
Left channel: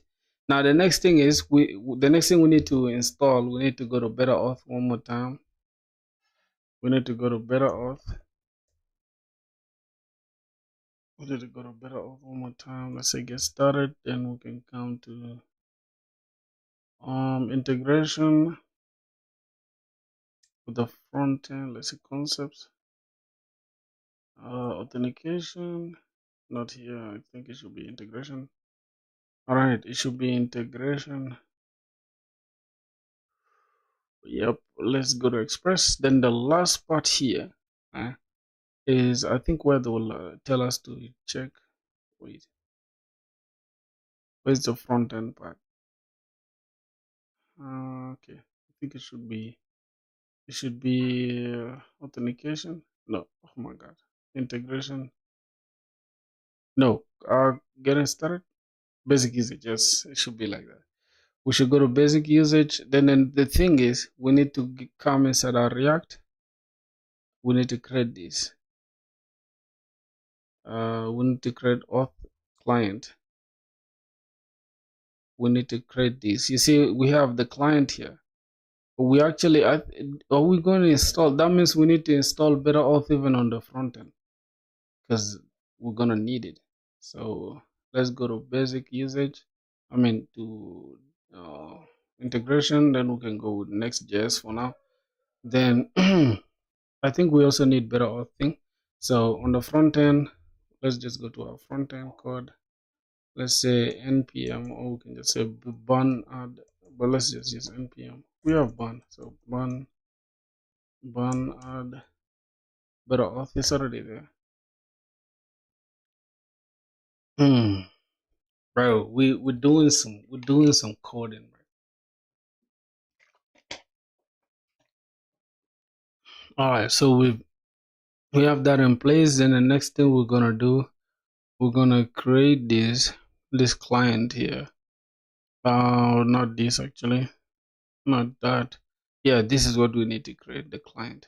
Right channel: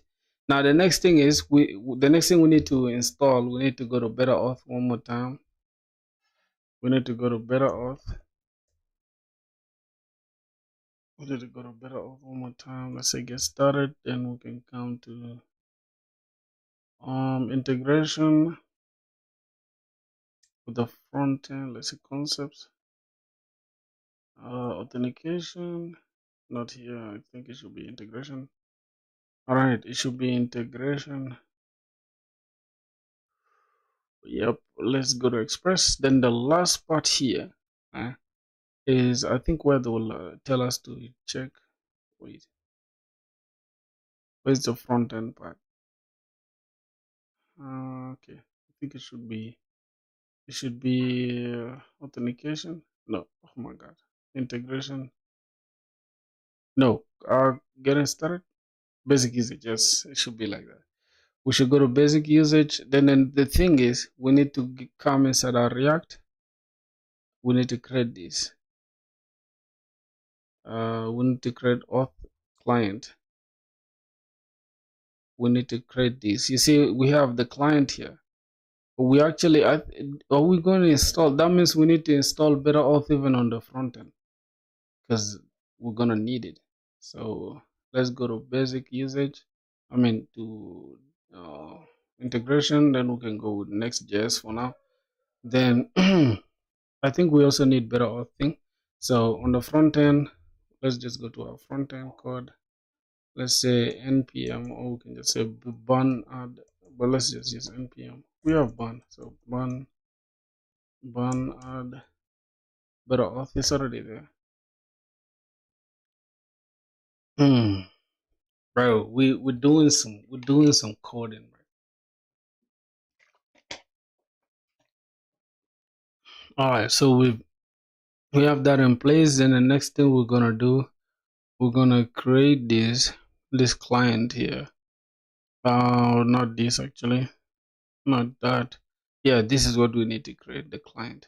Now, the next thing is we need to install. We need to go to Better Auth one more time. We need to go to Better Auth. We need to go to Better Auth one more time. Let's say get started. Then we can come to integration with the front end. Let's see concepts. Authentication. Not here. I think it should be integration. All right, it should be integration. Yep, let's go to Express. Then the last part here is, I think, where they will tell us to check. Wait, where's the front end part? Okay, I think it should be authentication. No, oh my god, integration. No, getting started. Basic usage. Yes, it should be like that. We should go to basic usage. Then the thing is, we need to come inside our React. We need to create this. We need to create auth client. We need to create this. You see, we have the client here. We actually are we going to install? That means we need to install Better Auth even on the front end, because we're gonna need it. So let's go to basic usage. I mean to integration. Then we can go with Next.js for now. Then I think we also need Better Auth thing. So on the front end, let's just go to our front end code. Let's say npm, or we can just say bun add, but let's just use npm. We have bun, so bun add Better Auth is already there. Bro, we're doing some coding, bro. All right, so we have that in place. And the next thing we're gonna do, we're gonna create this client here. Not this actually, not that. Yeah, this is what we need to create. The client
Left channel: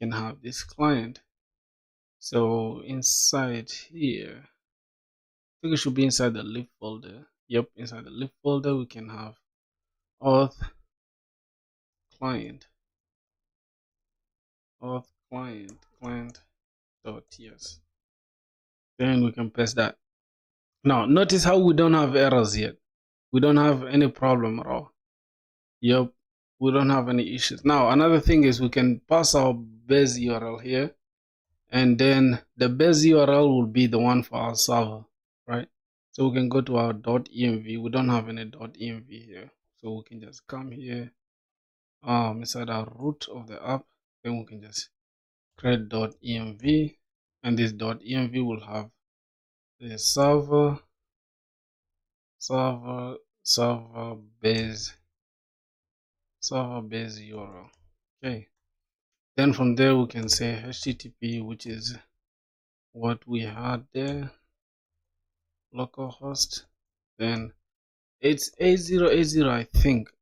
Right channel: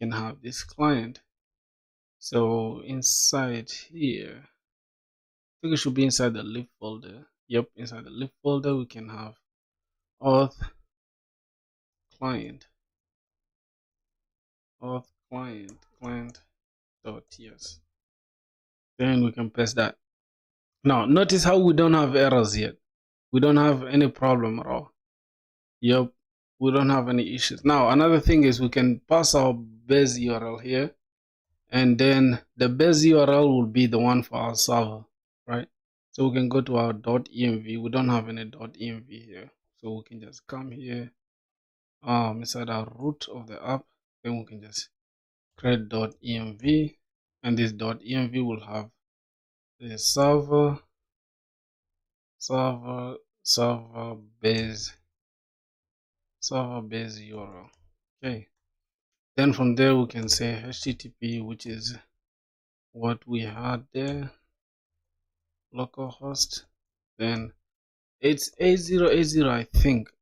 can have this client. So inside here, I think it should be inside the lib folder. Yep, inside the lib folder we can have auth client client.ts. Then we can press that. Now notice how we don't have errors yet. We don't have any problem at all. Yep, we don't have any issues. Now another thing is we can pass our base URL here, and then the base URL will be the one for our server, right? So we can go to our .env. We don't have any .env here, so we can just come here inside our root of the app. Then we can just create .env, and this .env will have the server base URL. Okay, then from there we can say HTTP, which is what we had there, localhost. Then it's 8080, I think.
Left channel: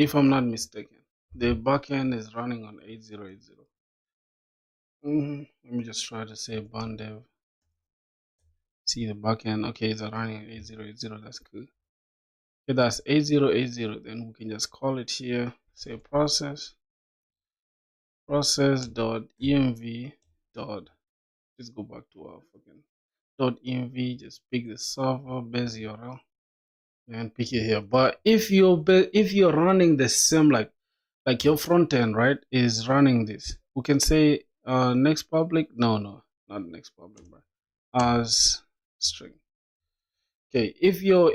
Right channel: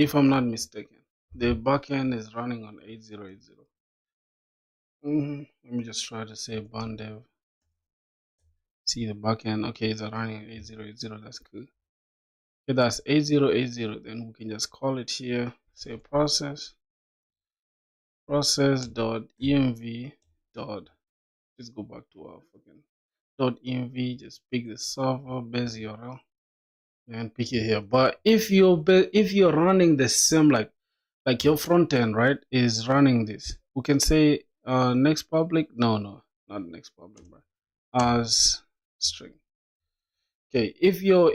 if I'm not mistaken. The backend is running on 8080. Let me just try to say dev. See the backend. Okay, it's running 8080. That's good. Okay, that's 8080. Then we can just call it here. Say process dot env dot. Let's go back to our fucking dot env. Just pick the server base URL and pick it here. But if you're running the same like your front end, right, is running this, we can say next public. No, not next public, but as string. Okay, if your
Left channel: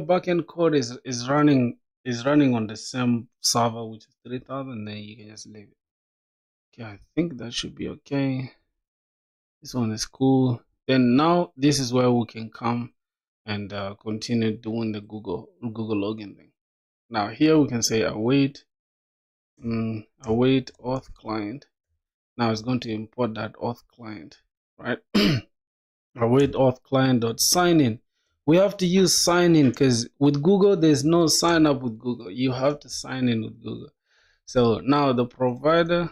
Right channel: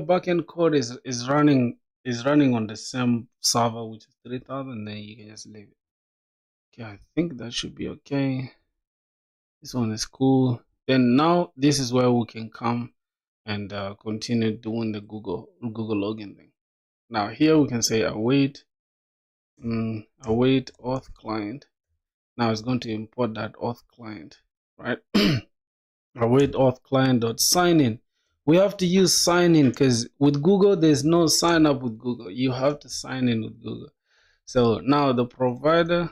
backend code is running on the same server, which is 3000, then you can just leave it. Okay, I think that should be okay. This one is cool. Then now this is where we can come and continue doing the Google login thing. Now here we can say await auth client. Now it's going to import that auth client, right? Await auth client dot sign in. We have to use sign in because with Google there's no sign up with Google. You have to sign in with Google. So now the provider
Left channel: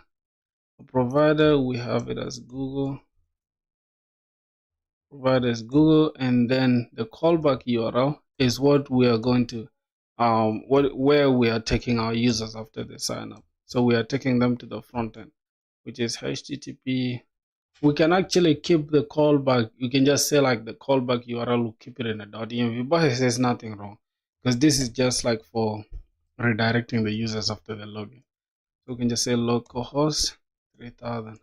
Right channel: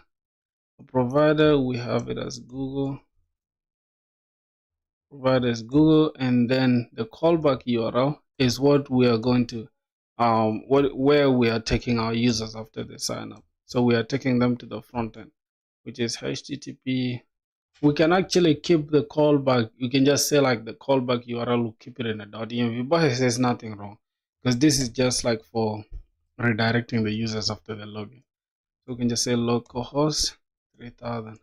we have it as Google. Provider is Google, and then the callback URL is what we are going to where we are taking our users after they sign up. So we are taking them to the front end, which is HTTP. We can actually keep the callback. You can just say like the callback URL, will keep it in a .env, but there's nothing wrong because this is just like for redirecting the users after the login. So we can just say localhost 3000.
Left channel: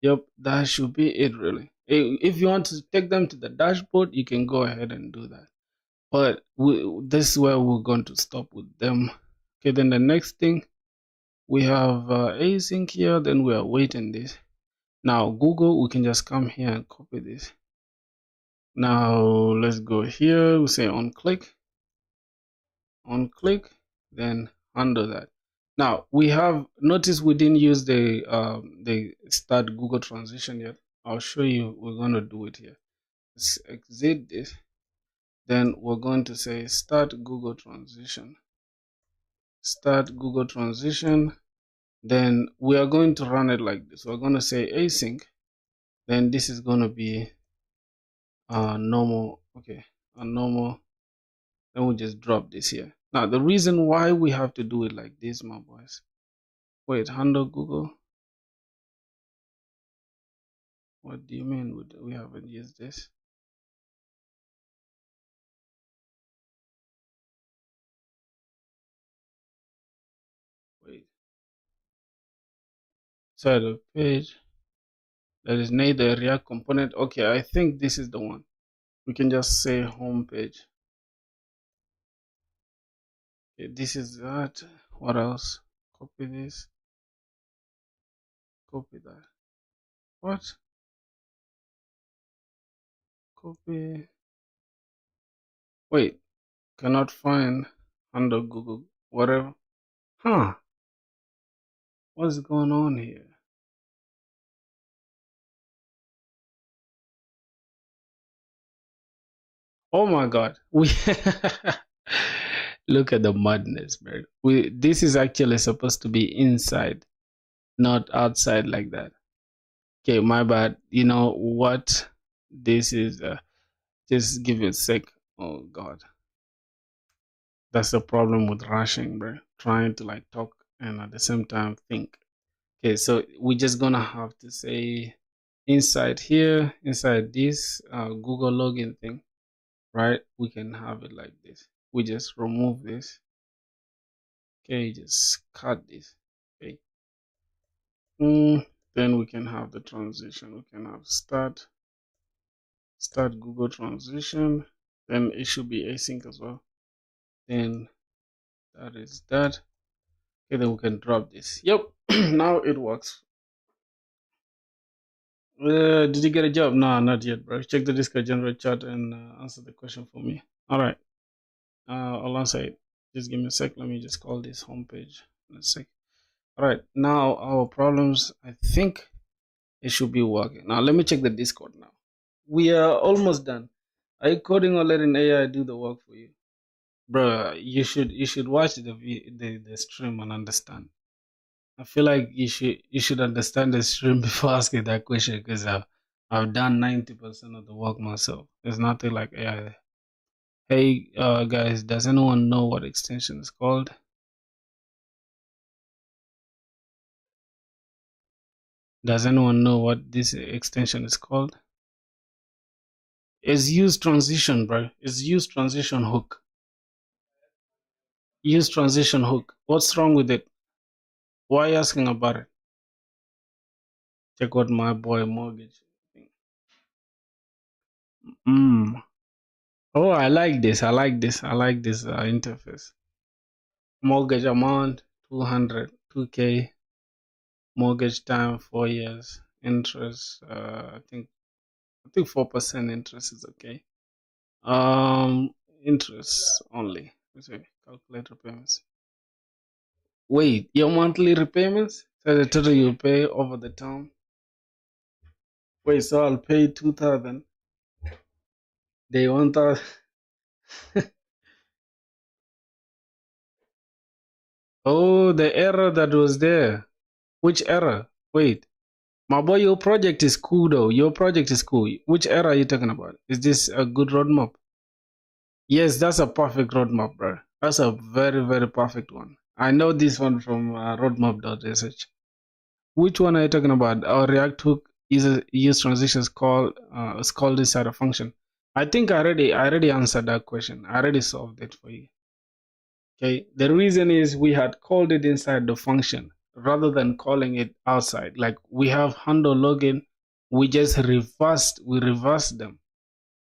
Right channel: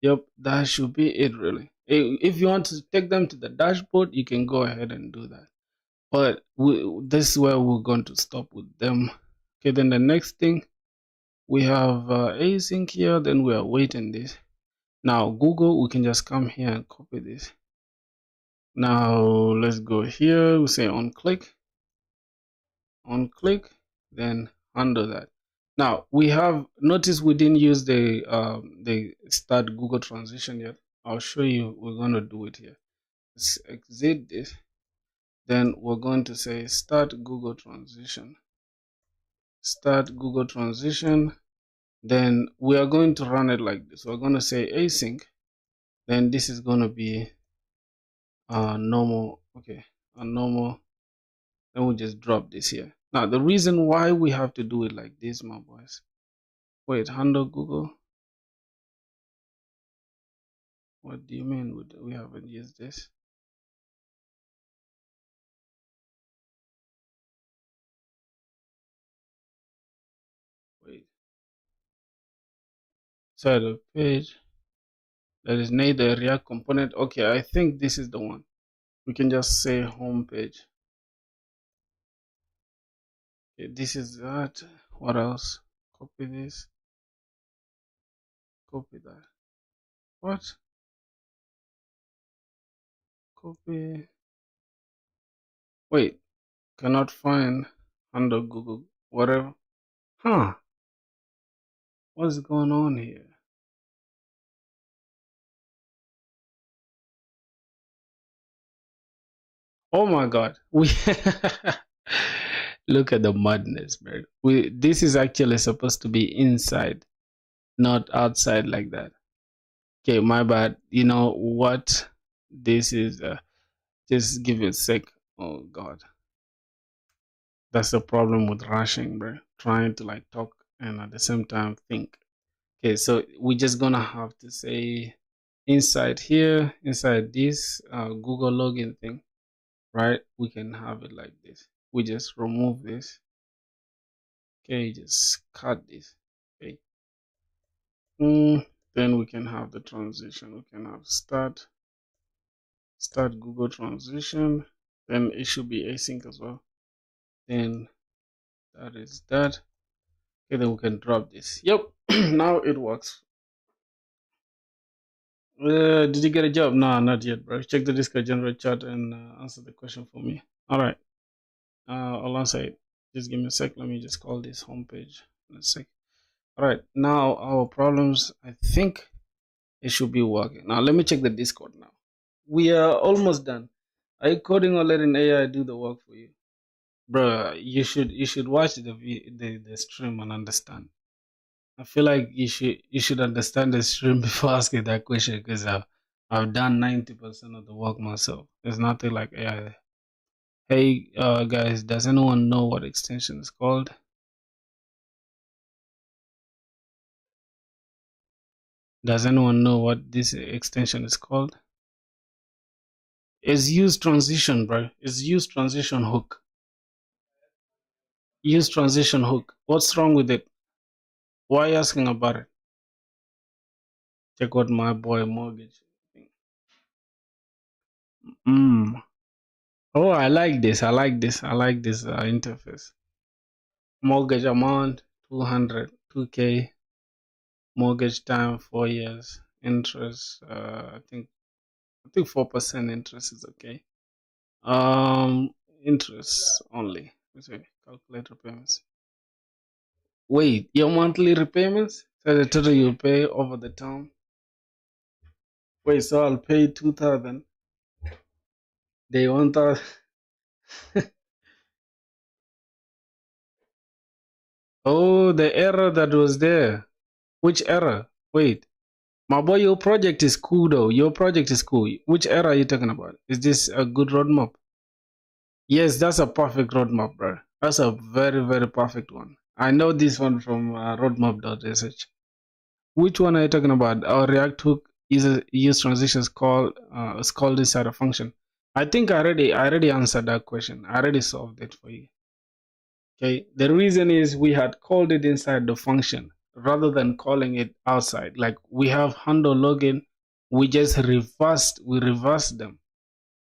Yep, that should be it really. If you want to take them to the dashboard, you can go ahead and do that. But this is where we're going to stop with them. Okay, then the next thing, we have async here, then we are waiting this. Now Google, we can just come here and copy this. Now let's go here, we say on click, then handle that. Now we have notice we didn't use the start Google transition yet. I'll show you. We're going to do it here. Let's exit this. Then we're going to say start Google transition. Start Google transition. Then we are going to run it like this. We're going to say async. Then this is going to be normal. Okay, a normal. Then we just drop this here. Now the reason why we have to do it like this, my boys. Wait, handle Google. What do you mean we haven't used this? Wait. Side of page. That is neither React component. Okay, I think this is the one. We can just say home page. Okay, this is that. What else? Copy this. Copy that. What? Copy. Wait. Cannot find under Google. Whatever. Huh. What's going on here? Oh my god. We look at the madness, man. This is actually supposed to be inside, not outside like that. Okay, my bad. You know what? This is just give it a sec. Oh god. That's the problem with rushing, bro. Trying to like talk and at the same time think. Okay, so we're just gonna have to say inside here, inside this Google login thing, right? We can have it like this. We just remove this. Okay, just cut this. Okay. Then we can have the transition. We can have start Google transition. Then it should be async as well. Then that is that. Okay, then we can drop this. Yep, now it works. Did you get a job? No, not yet, bro. Check the Discord general chat and answer the question for me. All right. I'll answer it. Just give me a sec. Let me just call this homepage in a sec. All right. Now our problems. I think it should be working. Now let me check the Discord now. We are almost done. Are you coding or letting AI do the work for you? Bro, you should watch the stream and understand. I feel like you should understand the stream before asking that question because I've done 90% of the work myself. There's nothing like AI. Hey, guys, does anyone know what extension is called? Does anyone know what this extension is called? It's use transition, bro. It's use transition hook. Use transition hook. What's wrong with it? Why are you asking about it? Check out my boy mortgage. Mm. Oh, I like this. I like this. I like this interface. Mortgage amount 200, 2K. Mortgage time 4 years. Interest. I think 4% interest is okay. Interest only. Sorry, calculate repayments. Wait, your monthly repayments? So the total you pay over the term. Wait, so I'll pay 2,000. They want that. Oh, the error that was there. Which error? Wait, my boy, your project is cool though. Your project is cool. Which error are you talking about? Is this a good roadmap? Yes, that's a perfect roadmap, bro. That's a very, very perfect one. I know this one from roadmap.sh. Which one are you talking about? Our React hook use transitions called is called inside a function. I think I already answered that question. I already solved it for you. Okay. The reason is we had called it inside the function rather than calling it outside. Like we have handle login, we reversed them,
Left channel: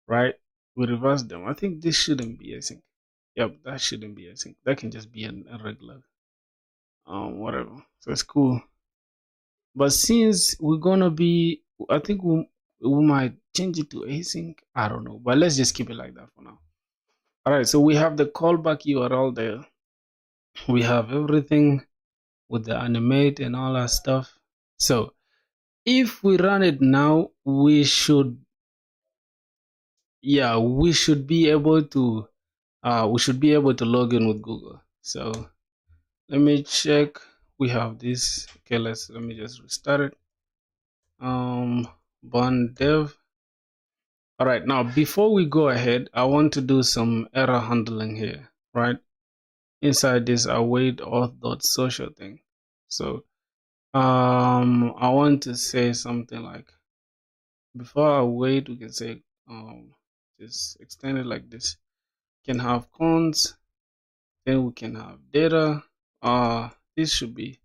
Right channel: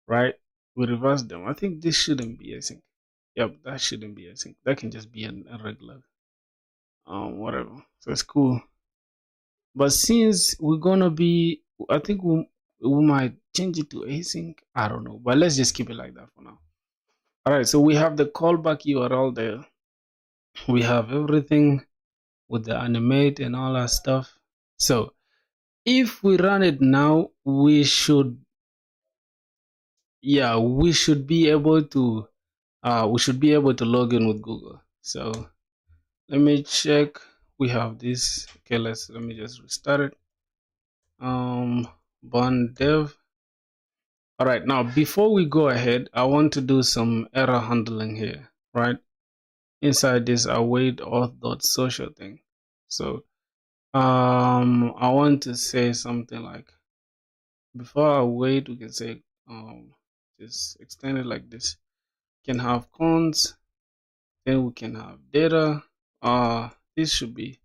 right? We reversed them. I think this shouldn't be async. Yep, that shouldn't be async. That can just be a regular whatever. So it's cool. But since we're gonna be, I think we might change it to async. I don't know, but let's just keep it like that for now. All right, so we have the callback URL there. We have everything with the animate and all that stuff. So if we run it now, we should be able to log in with Google. So let me check. We have this. Okay, let me just restart it. Bond dev. All right, now before we go ahead, I want to do some error handling here, right? Inside this await auth.social thing. So I want to say something like, before I wait, we can say just extend it like this. We can have cons, then we can have data. This should be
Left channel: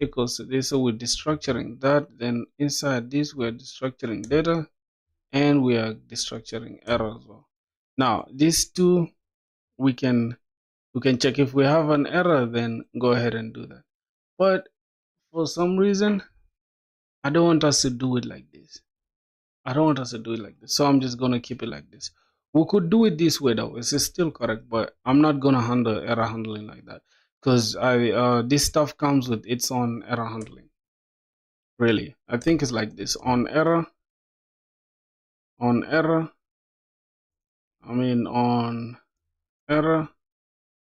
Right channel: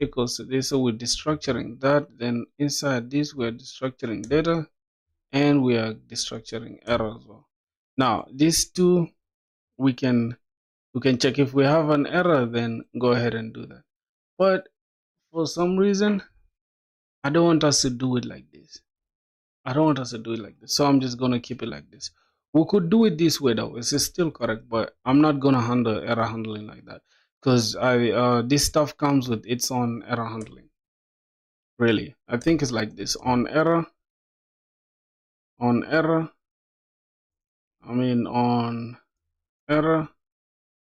equals to this. So we're destructuring that. Then inside this, we're destructuring data, and we are destructuring error as well. Now these two, we can check. If we have an error, then go ahead and do that. But for some reason, I don't want us to do it like this. So I'm just gonna keep it like this. We could do it this way though. This is still correct, but I'm not gonna handle error handling like that because this stuff comes with its own error handling. Really, I think it's like this: on error. On error.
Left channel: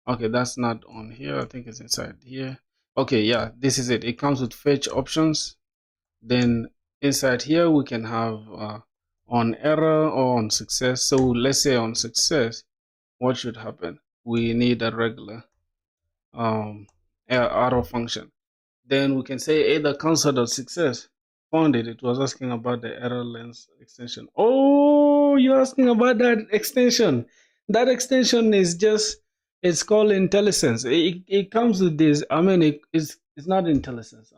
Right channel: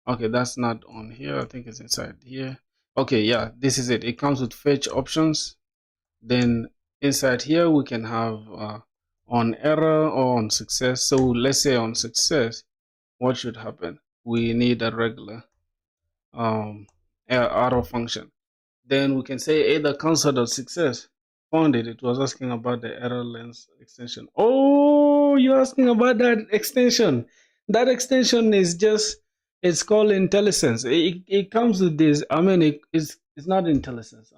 Okay, that's not on here. I think it's inside here. Okay, yeah, this is it. It comes with fetch options. Then inside here we can have on error or on success. So let's say on success, what should happen? We need a regular arrow function. Then we can say either console.success. Found it. It was asking about the error length extension. Oh, you're asking about that extension. That extension is just, it's called IntelliSense. It comes with this. I mean, it's not IntelliSense.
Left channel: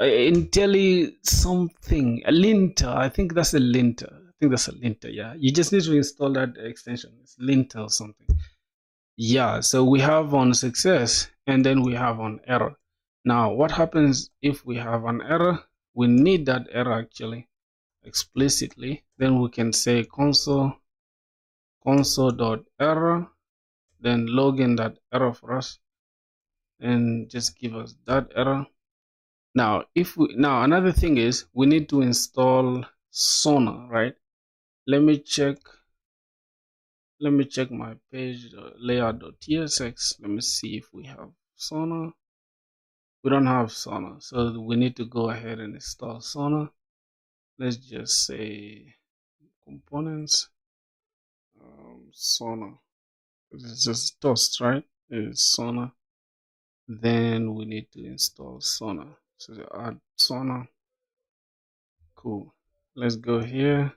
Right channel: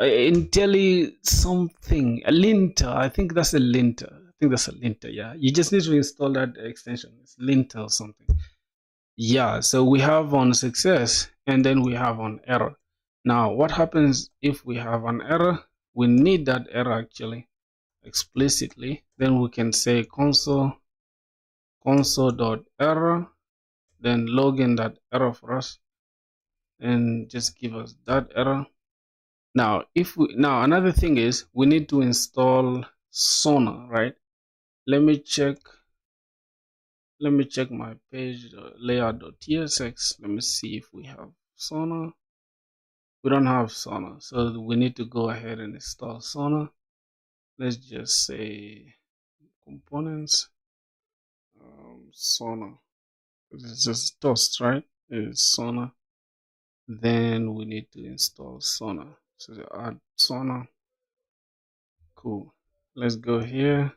Intelli something, a linter. I think that's a linter. Yeah, you just need to install that extension. It's linter or something. Yeah, so we have on success and then we have on error. Now what happens if we have an error? We need that error actually explicitly. Then we can say console.error, then log in that error for us and just give us that error. Now another thing is we need to install Sonar, right? Let me check let me check my page layout.tsx. Let me see if we have Sona. We don't have Sona, so we need to go ahead and install Sona. Let's just say components, Sona. This is Toast, right? It's Sona. Then we need to install Sona. So add Sona. Cool. Let's go here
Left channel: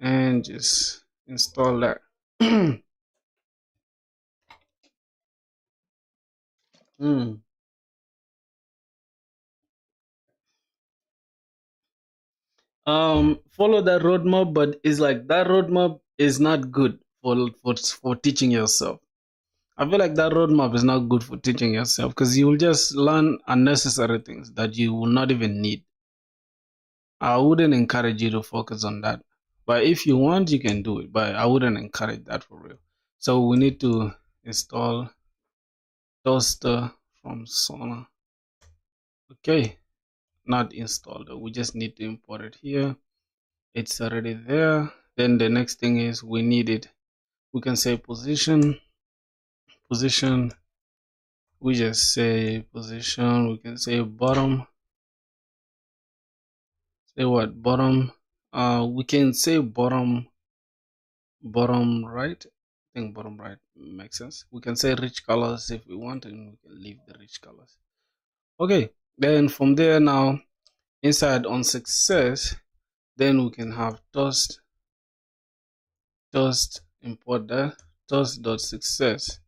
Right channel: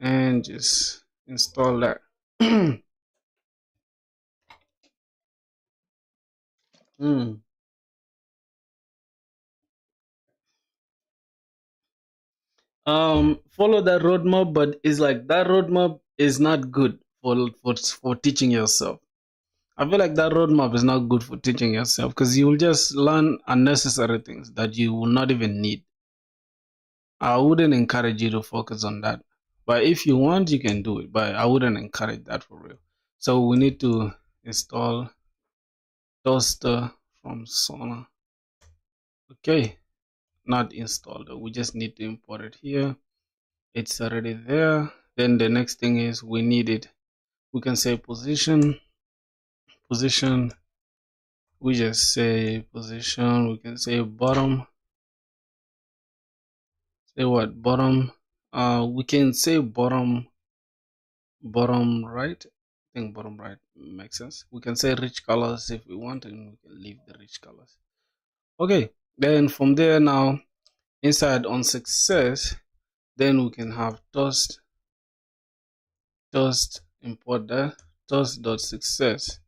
and just install that. Follow that roadmap, but it's like that roadmap is not good for teaching yourself. I feel like that roadmap is not good for teaching yourself because you will just learn unnecessary things that you will not even need. I wouldn't encourage you to focus on that. But if you want, you can do it. But I wouldn't encourage that for real. So we need to install Toaster from Sona. Okay, not installed. We just need to import it here. It's already there. Then the next thing is we need it. We can say position. We just say position. We can say bottom. Say what? Bottom. We can say bottom right. I think bottom right makes sense. We can say rich colors if we want, and we can leave the rich colors. Okay, then from there now inside on success, then we can have toast import that toast.success,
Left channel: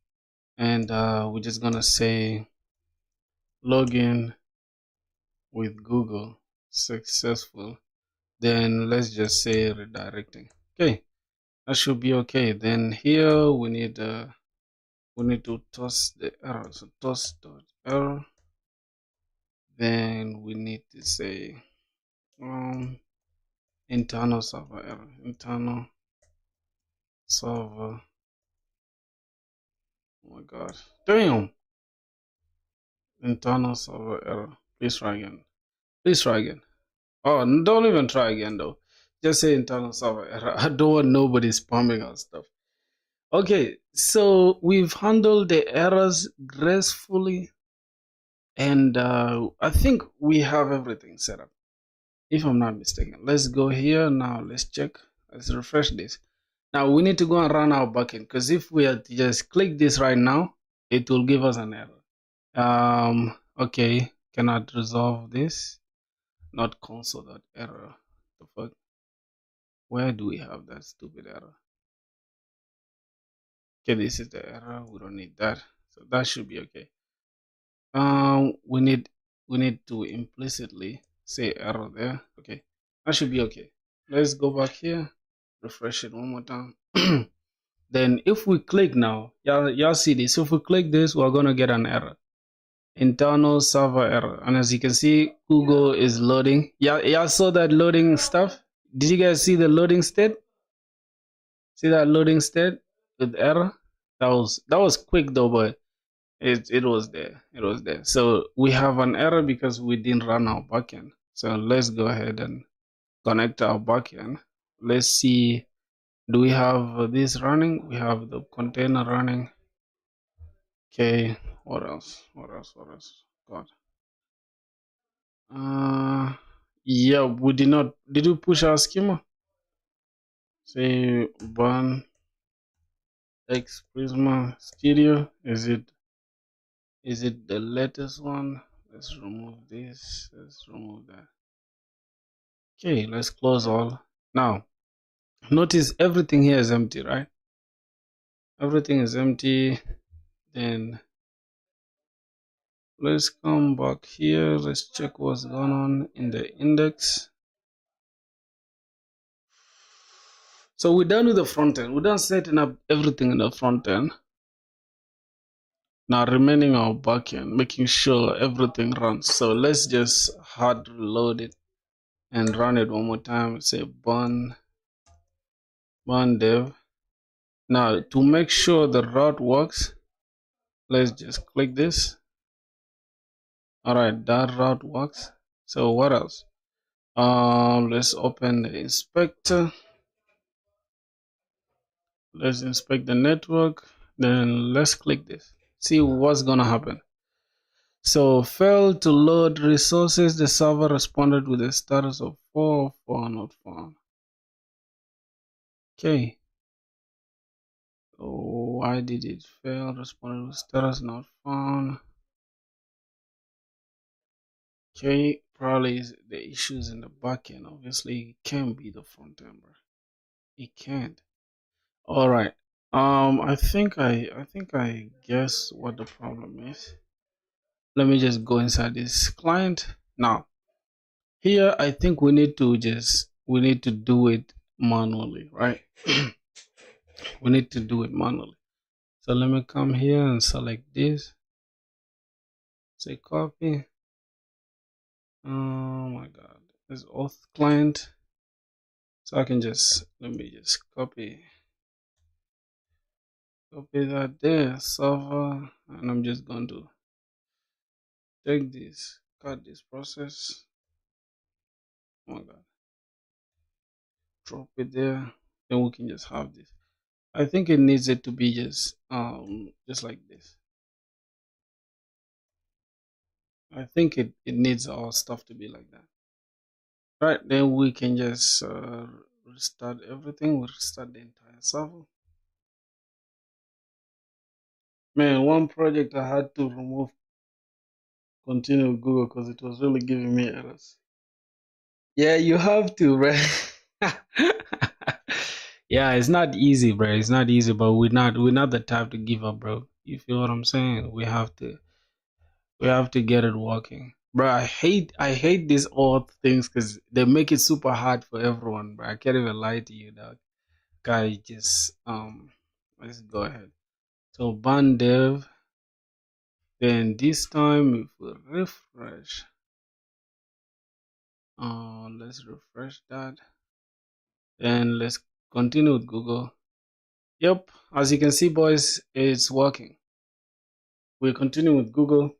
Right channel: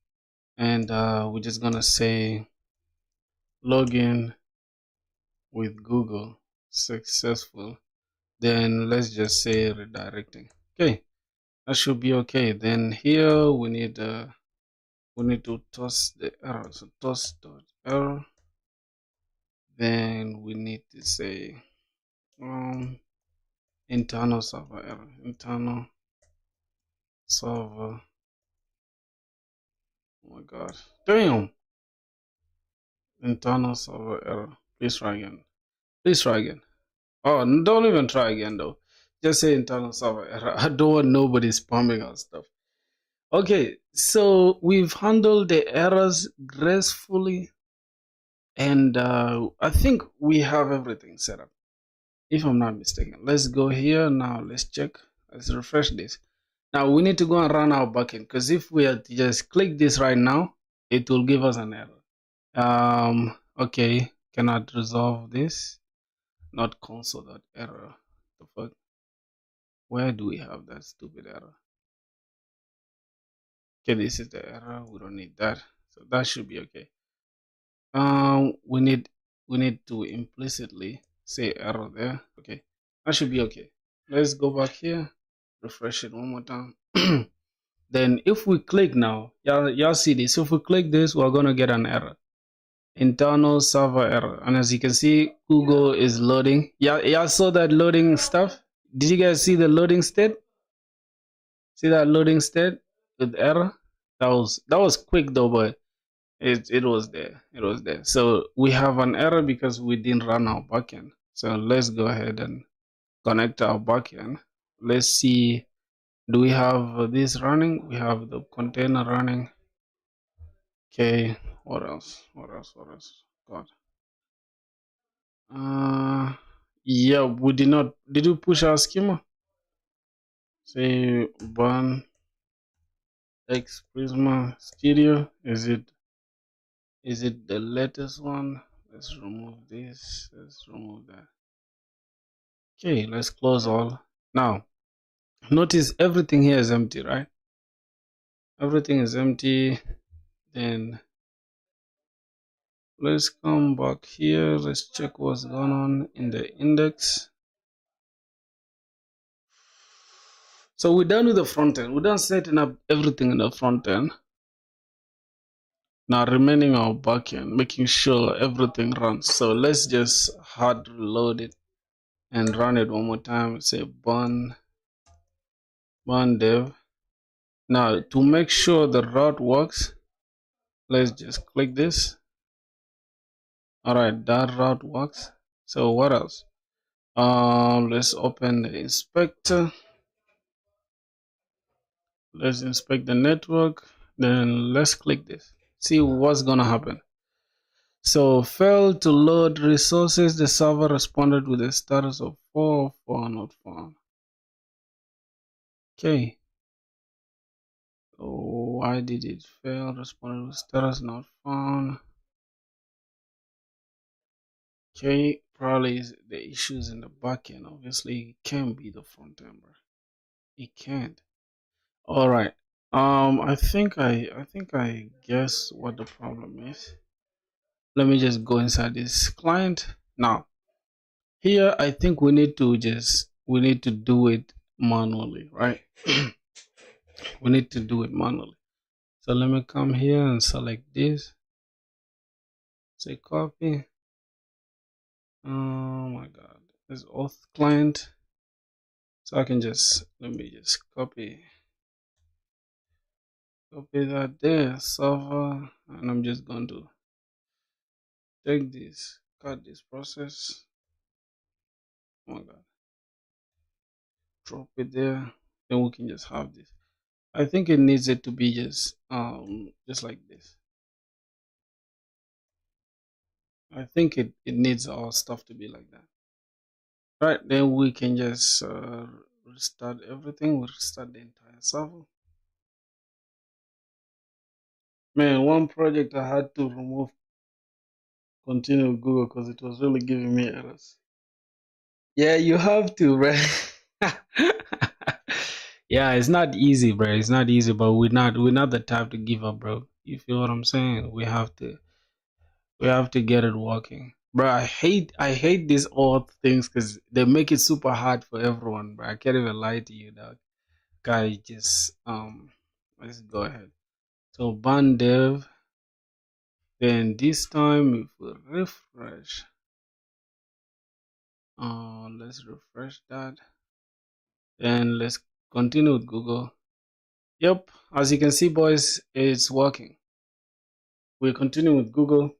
and we're just gonna say login with Google successful. Then let's just say redirecting. Okay, that should be okay. Then here we need to toss the error. So toss.error. Then we need to say internal server error. Internal server. Oh my god. Damn. Internal server error. Please try again. Please try again. Oh, don't even try again though. Just say internal server error. I don't want nobody spamming our stuff. Okay, so we've handled the errors gracefully, and I think we have everything set up, if I'm not mistaken. Let's go here now. Let's check. Let's refresh this. Now we need to go and run our backend, because if we had to just click this right now, it will give us an error. Okay, cannot resolve this. Not console.error. The fuck? Where do we have that stupid error? Okay, this is the error. We don't need that, so that should be okay. We need to implicitly say error there. Okay, that should be okay. Let's go back here, refresh it one more time. Then if we click now, y'all see this. If we click this, we're gonna get an error, internal server error. And as you can see, Google is loading. Y'all saw that loading stuff? Did you guys see the loading state? See that loading state with error? That was quick though, but it was there. It was there. So we have an error because we didn't run our backend. So let's go ahead and connect our backend. Let's see, do we have this running? We have the container running. Okay, what else? God. Yeah, we did not. Did we push our schema? Say burn X Prisma Studio. Is it the latest one? Let's remove this. Let's remove that. Okay, let's close all. Now, notice everything here is empty, right? Everything is empty. Then let's come back here. Let's check what's going on in the index. So we're done with the front end. We're done setting up everything in the front end. Now remaining our back end, making sure everything runs. So let's just hard reload it and run it one more time. Say burn dev. Now to make sure the route works, let's just click this. Alright, that route works. So what else? Let's open the inspector. Let's inspect the network. Then let's click this. See what's gonna happen. So failed to load resources. The server responded with a status of 4 not found. Okay. Oh, why did it fail? Responded with status not found. Okay, probably the issues in the backend. Obviously, it can't be the front end, bro. It can't. All right. I think I guess what the problem is. Let me just go inside this client now. Here, I think we need to do it manually, right? We need to do it manually. So let me come here and select this. Say copy. Oh my God, this auth client. So I can let me just copy that there, server, and I'm just going to take this, cut this process. Oh my God, drop it there. Then we can just have this. I think it needs it to be just like this. I think it needs all stuff to be like that. Right, then we can just restart everything. We'll restart the entire server. Man, one project I had to remove continue with Google because it was really giving me errors. Yeah, you have to, right? Yeah, it's not easy, bro. It's not easy, but we're not the type to give up, bro. You feel what I'm saying? We have to get it working. Bro, I hate these odd things because they make it super hard for everyone, bro. I can't even lie to you, dog. Guy, just let's go ahead. So ban dev. Then this time if we refresh, let's refresh that. Then let's continue with Google. Yep, as you can see, boys, it's working. We continue with Google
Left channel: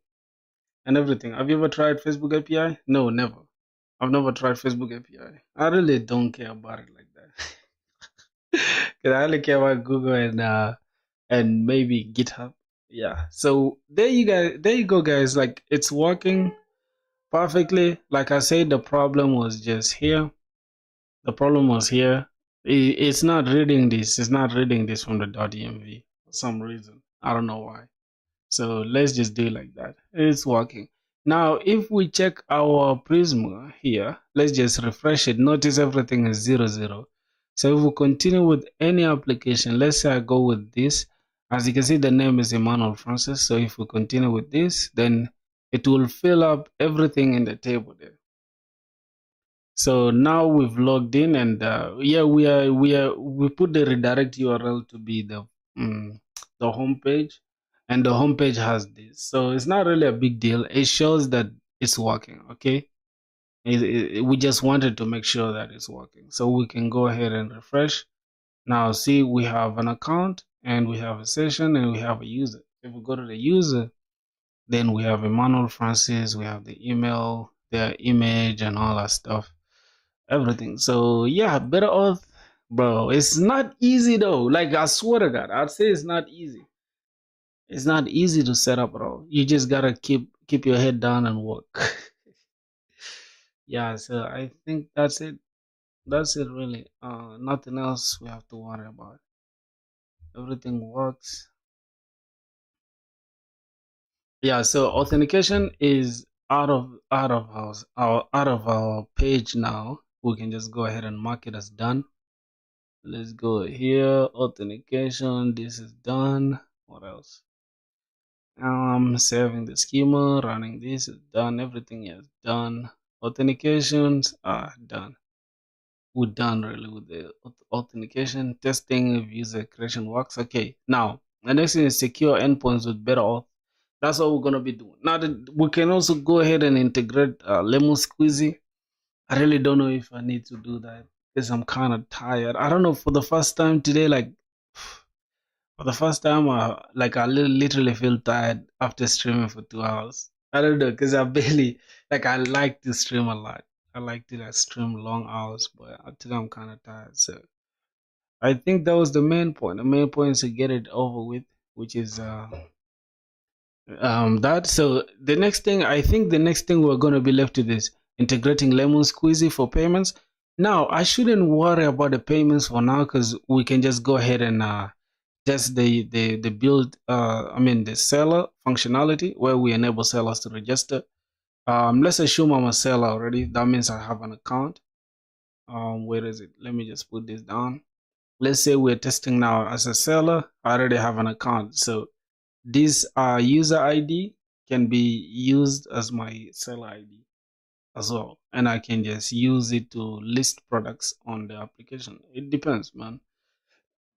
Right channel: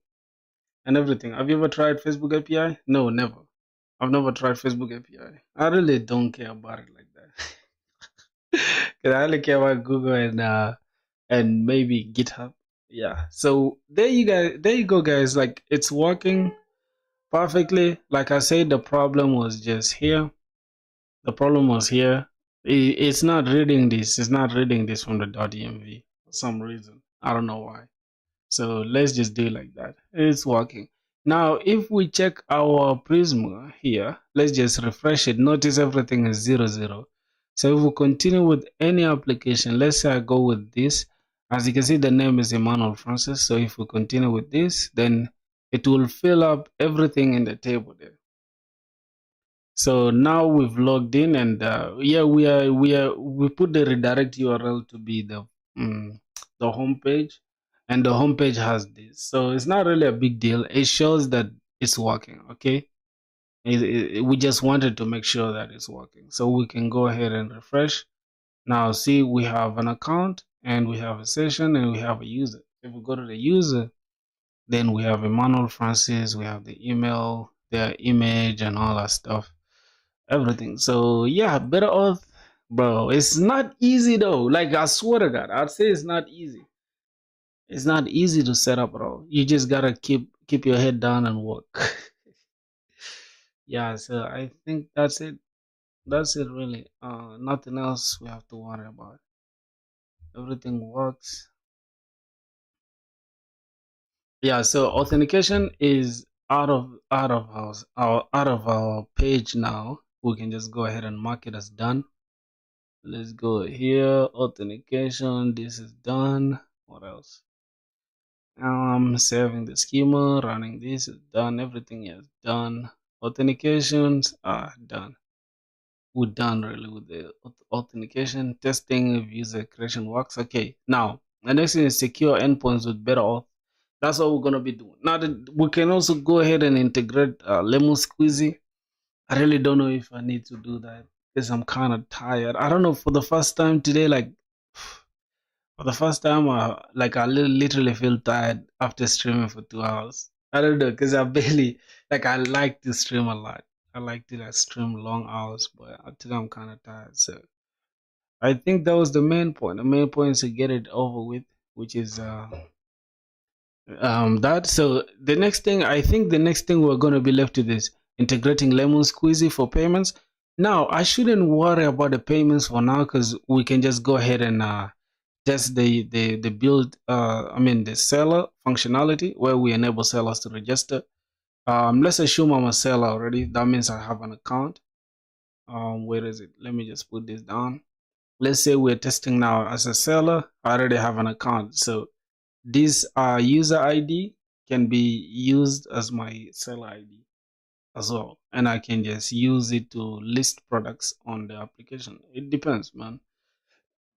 and everything. Have you ever tried Facebook API? No, never. I've never tried Facebook API. I really don't care about it like that. Cause I only care about Google and maybe GitHub. Yeah. So there you go, guys. Like it's working perfectly. Like I said, the problem was just here. The problem was here. It's not reading this. It's not reading this from the .env for some reason. I don't know why. So let's just do it like that. It's working. Now, if we check our Prisma here, let's just refresh it. Notice everything is 00. So if we continue with any application, let's say I go with this. As you can see, the name is Emmanuel Francis. So if we continue with this, then it will fill up everything in the table there. So now we've logged in, and yeah, we put the redirect URL to be the home page, and the home page has this. So it's not really a big deal. It shows that it's working. Okay, we just wanted to make sure that it's working. So we can go ahead and refresh. Now see, we have an account and we have a session and we have a user. If we go to the user, then we have Emmanuel Francis. We have the email, the image, and all that stuff, everything. So yeah, better off, bro. It's not easy though. Like I swear to God, I'd say it's not easy. It's not easy to set up, bro. You just gotta keep your head down and work. Yeah, so I think that's it. That's it really. Nothing else we have to worry about. Everything works. Yeah, so authentication is out of our page now. We can just go ahead and mark it as done. Let's go here, authentication, this is done. What else? Saving the schema, running this is done, everything is done. Authentications are done. We're done really with the authentication. Testing if user creation works. Okay, now the next thing is secure endpoints with better auth. That's what we're gonna be doing. Now we can also go ahead and integrate Lemon Squeezy. I really don't know if I need to do that because I'm kind of tired. I don't know, for the first time today, like for the first time, I literally feel tired after streaming for 2 hours. I don't know because I barely I like to stream a lot. I like to stream long hours, but I think I'm kind of tired. So I think that was the main point. The main point is to get it over with, which is that. So the next thing, I think the next thing we're gonna be left with is integrating Lemon Squeezy for payments. Now I shouldn't worry about the payments for now because we can just go ahead and test the build. I mean the seller functionality where we enable sellers to register. Let's assume I'm a seller already. That means I have an account. Where is it? Let me just put this down. Let's say we're testing now as a seller. I already have an account, so this user ID can be used as my seller ID as well, and I can just use it to list products on the application. It depends, man.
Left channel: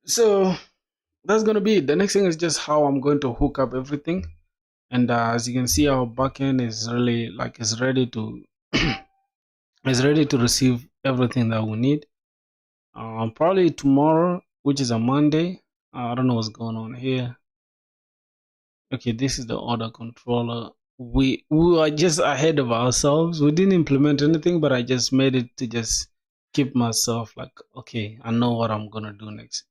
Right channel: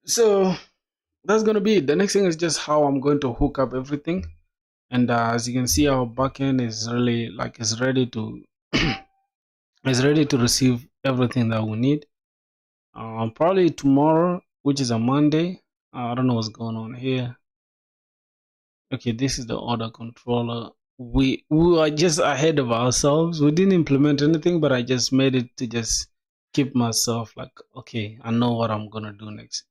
So that's gonna be it. The next thing is just how I'm going to hook up everything, and as you can see, our backend is really like is ready to is ready to receive everything that we need. Probably tomorrow, which is a Monday. I don't know what's going on here. Okay, this is the order controller. We are just ahead of ourselves. We didn't implement anything, but I just made it to just keep myself like, okay, I know what I'm gonna do next.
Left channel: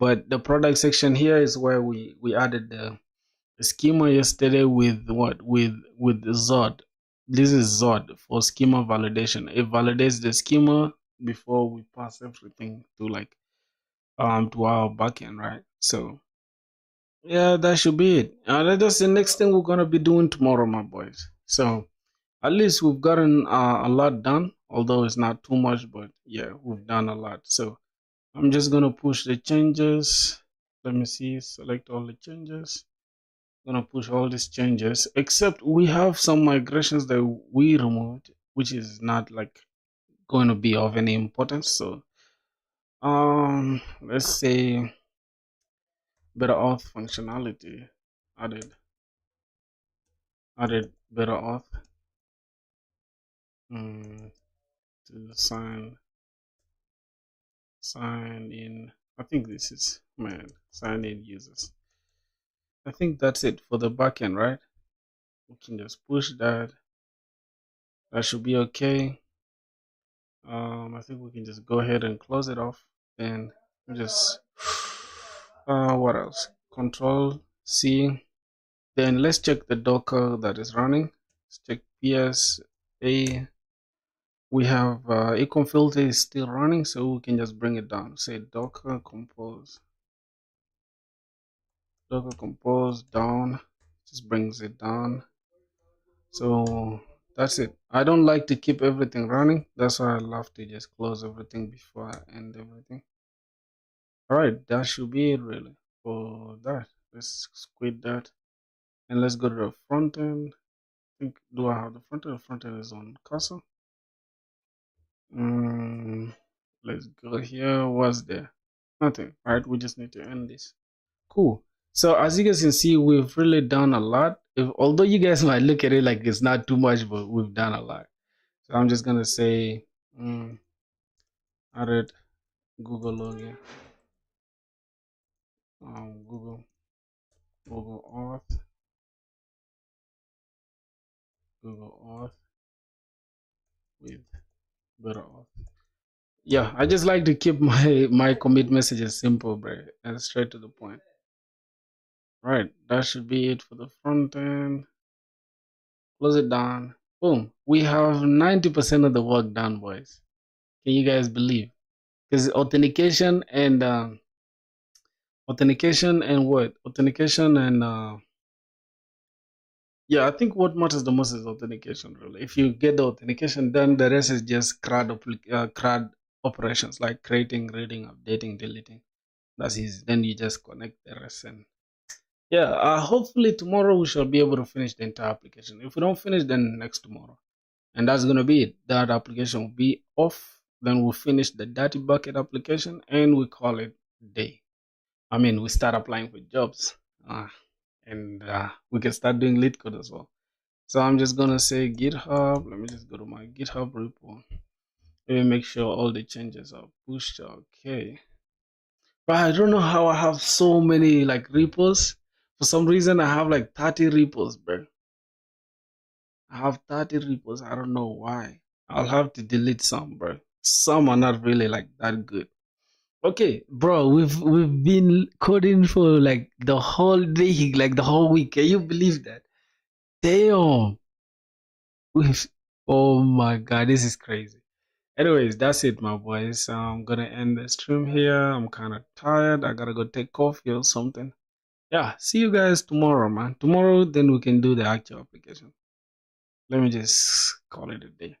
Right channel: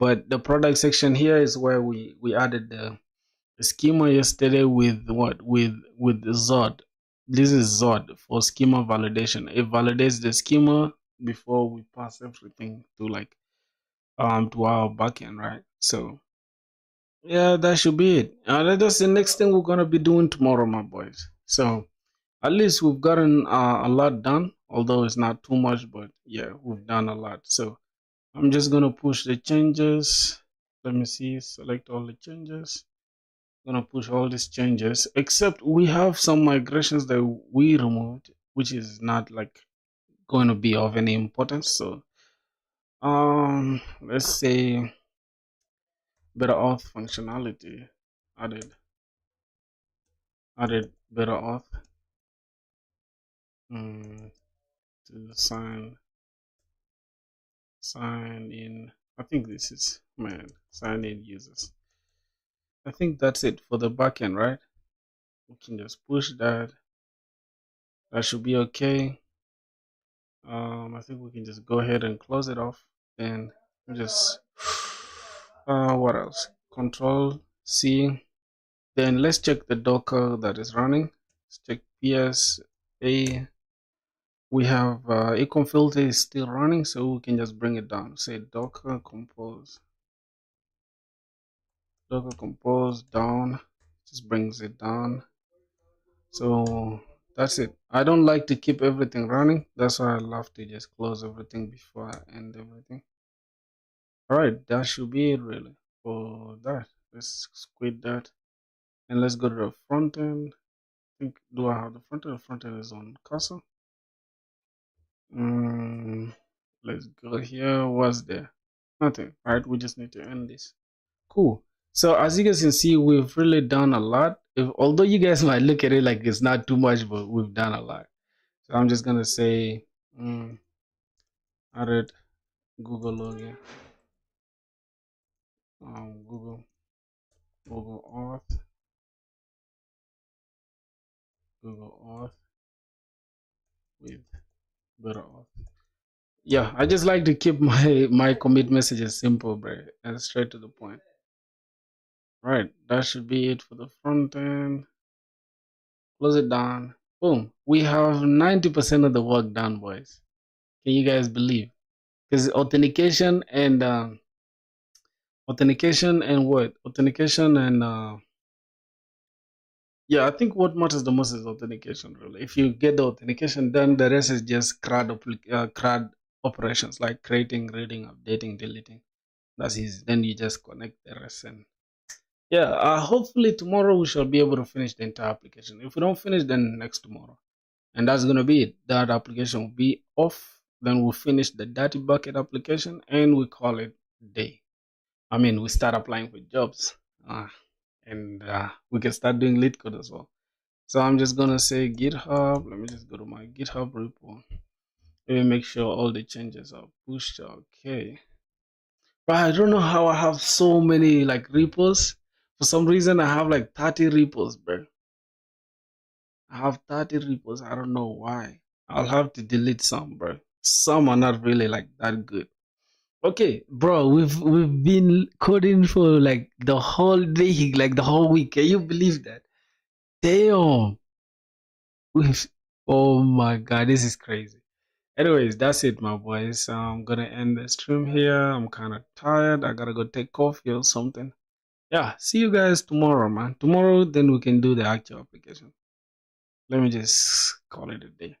But the product section here is where we added the schema yesterday with what with Zod. This is Zod for schema validation. It validates the schema before we pass everything to like to our backend, right? So yeah, that should be it. That's the next thing we're gonna be doing tomorrow, my boys. So at least we've gotten a lot done, although it's not too much, but yeah, we've done a lot. So I'm just gonna push the changes. Let me see, select all the changes. Gonna push all these changes, except we have some migrations that we removed, which is not like going to be of any importance. So let's say better auth functionality added better auth to sign in. I think this is sign in users. I think that's it for the backend, right? We can just push that. That should be okay. I think we can just go ahead and close it off. Then just what else? Control C. Then let's check the Docker that is running. Let's check PS A. We have econ filter is still running, so we can just bring it down. Say Docker compose down, just brings it down. So that's it. I don't like to keep everything running. That's why I love to just close everything before I end everything. All right, that should be it really for that. Let's quit that and let's go to the front end. I think, do I have the front end? The front end is on cursor. Let's go here. What's there? Nothing, right? We just need to end this. Cool. So as you guys can see, we've really done a lot. Although you guys might look at it like it's not too much, but we've done a lot. So I'm just gonna say added Google login, Google Auth, Google Auth with better auth. Yeah, I just like to keep my commit messages simple, bro, and straight to the point. Right, that should be it for the front end. Close it down. Boom. We have 90% of the work done, boys. Can you guys believe? Because authentication and what? Authentication and yeah, I think what matters the most is authentication. Really, if you get the authentication done, the rest is just CRUD operations like creating, reading, updating, deleting. That's easy. Then you just connect the rest, and yeah, hopefully tomorrow we shall be able to finish the entire application. If we don't finish, then next tomorrow, and that's gonna be it. That application will be off. Then we'll finish the dirty bucket application, and we call it day. I mean, we start applying for jobs. And we can start doing lead code as well. So I'm just gonna say GitHub. Let me just go to my GitHub repo. Let me make sure all the changes are pushed. Okay. But I don't know how I have so many like repos. For some reason, I have like 30 repos, bro. I have 30 repos. I don't know why. I'll have to delete some, bro. Some are not really like that good. Okay, bro, we've been coding for like the whole day, like the whole week. Can you believe that? Damn. We've, oh my god, this is crazy. Anyways, that's it, my boys. I'm gonna end the stream here. I'm kind of tired. I gotta go take coffee or something. Yeah, see you guys tomorrow, man. Tomorrow, then we can do the actual application. Let me just call it a day.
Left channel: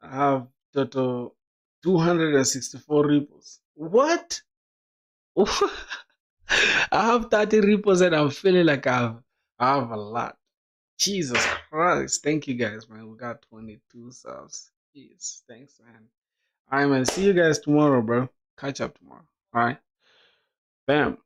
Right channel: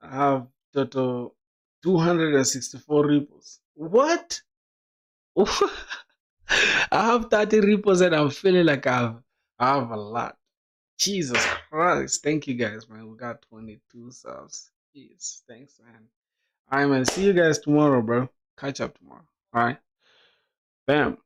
I have total 264 repos. What? I have 30 repos and I'm feeling like I have a lot. Jesus Christ. Thank you guys, man. We got 22 subs. Jeez, thanks, man. Alright, man. See you guys tomorrow, bro. Catch up tomorrow. Alright. Bam.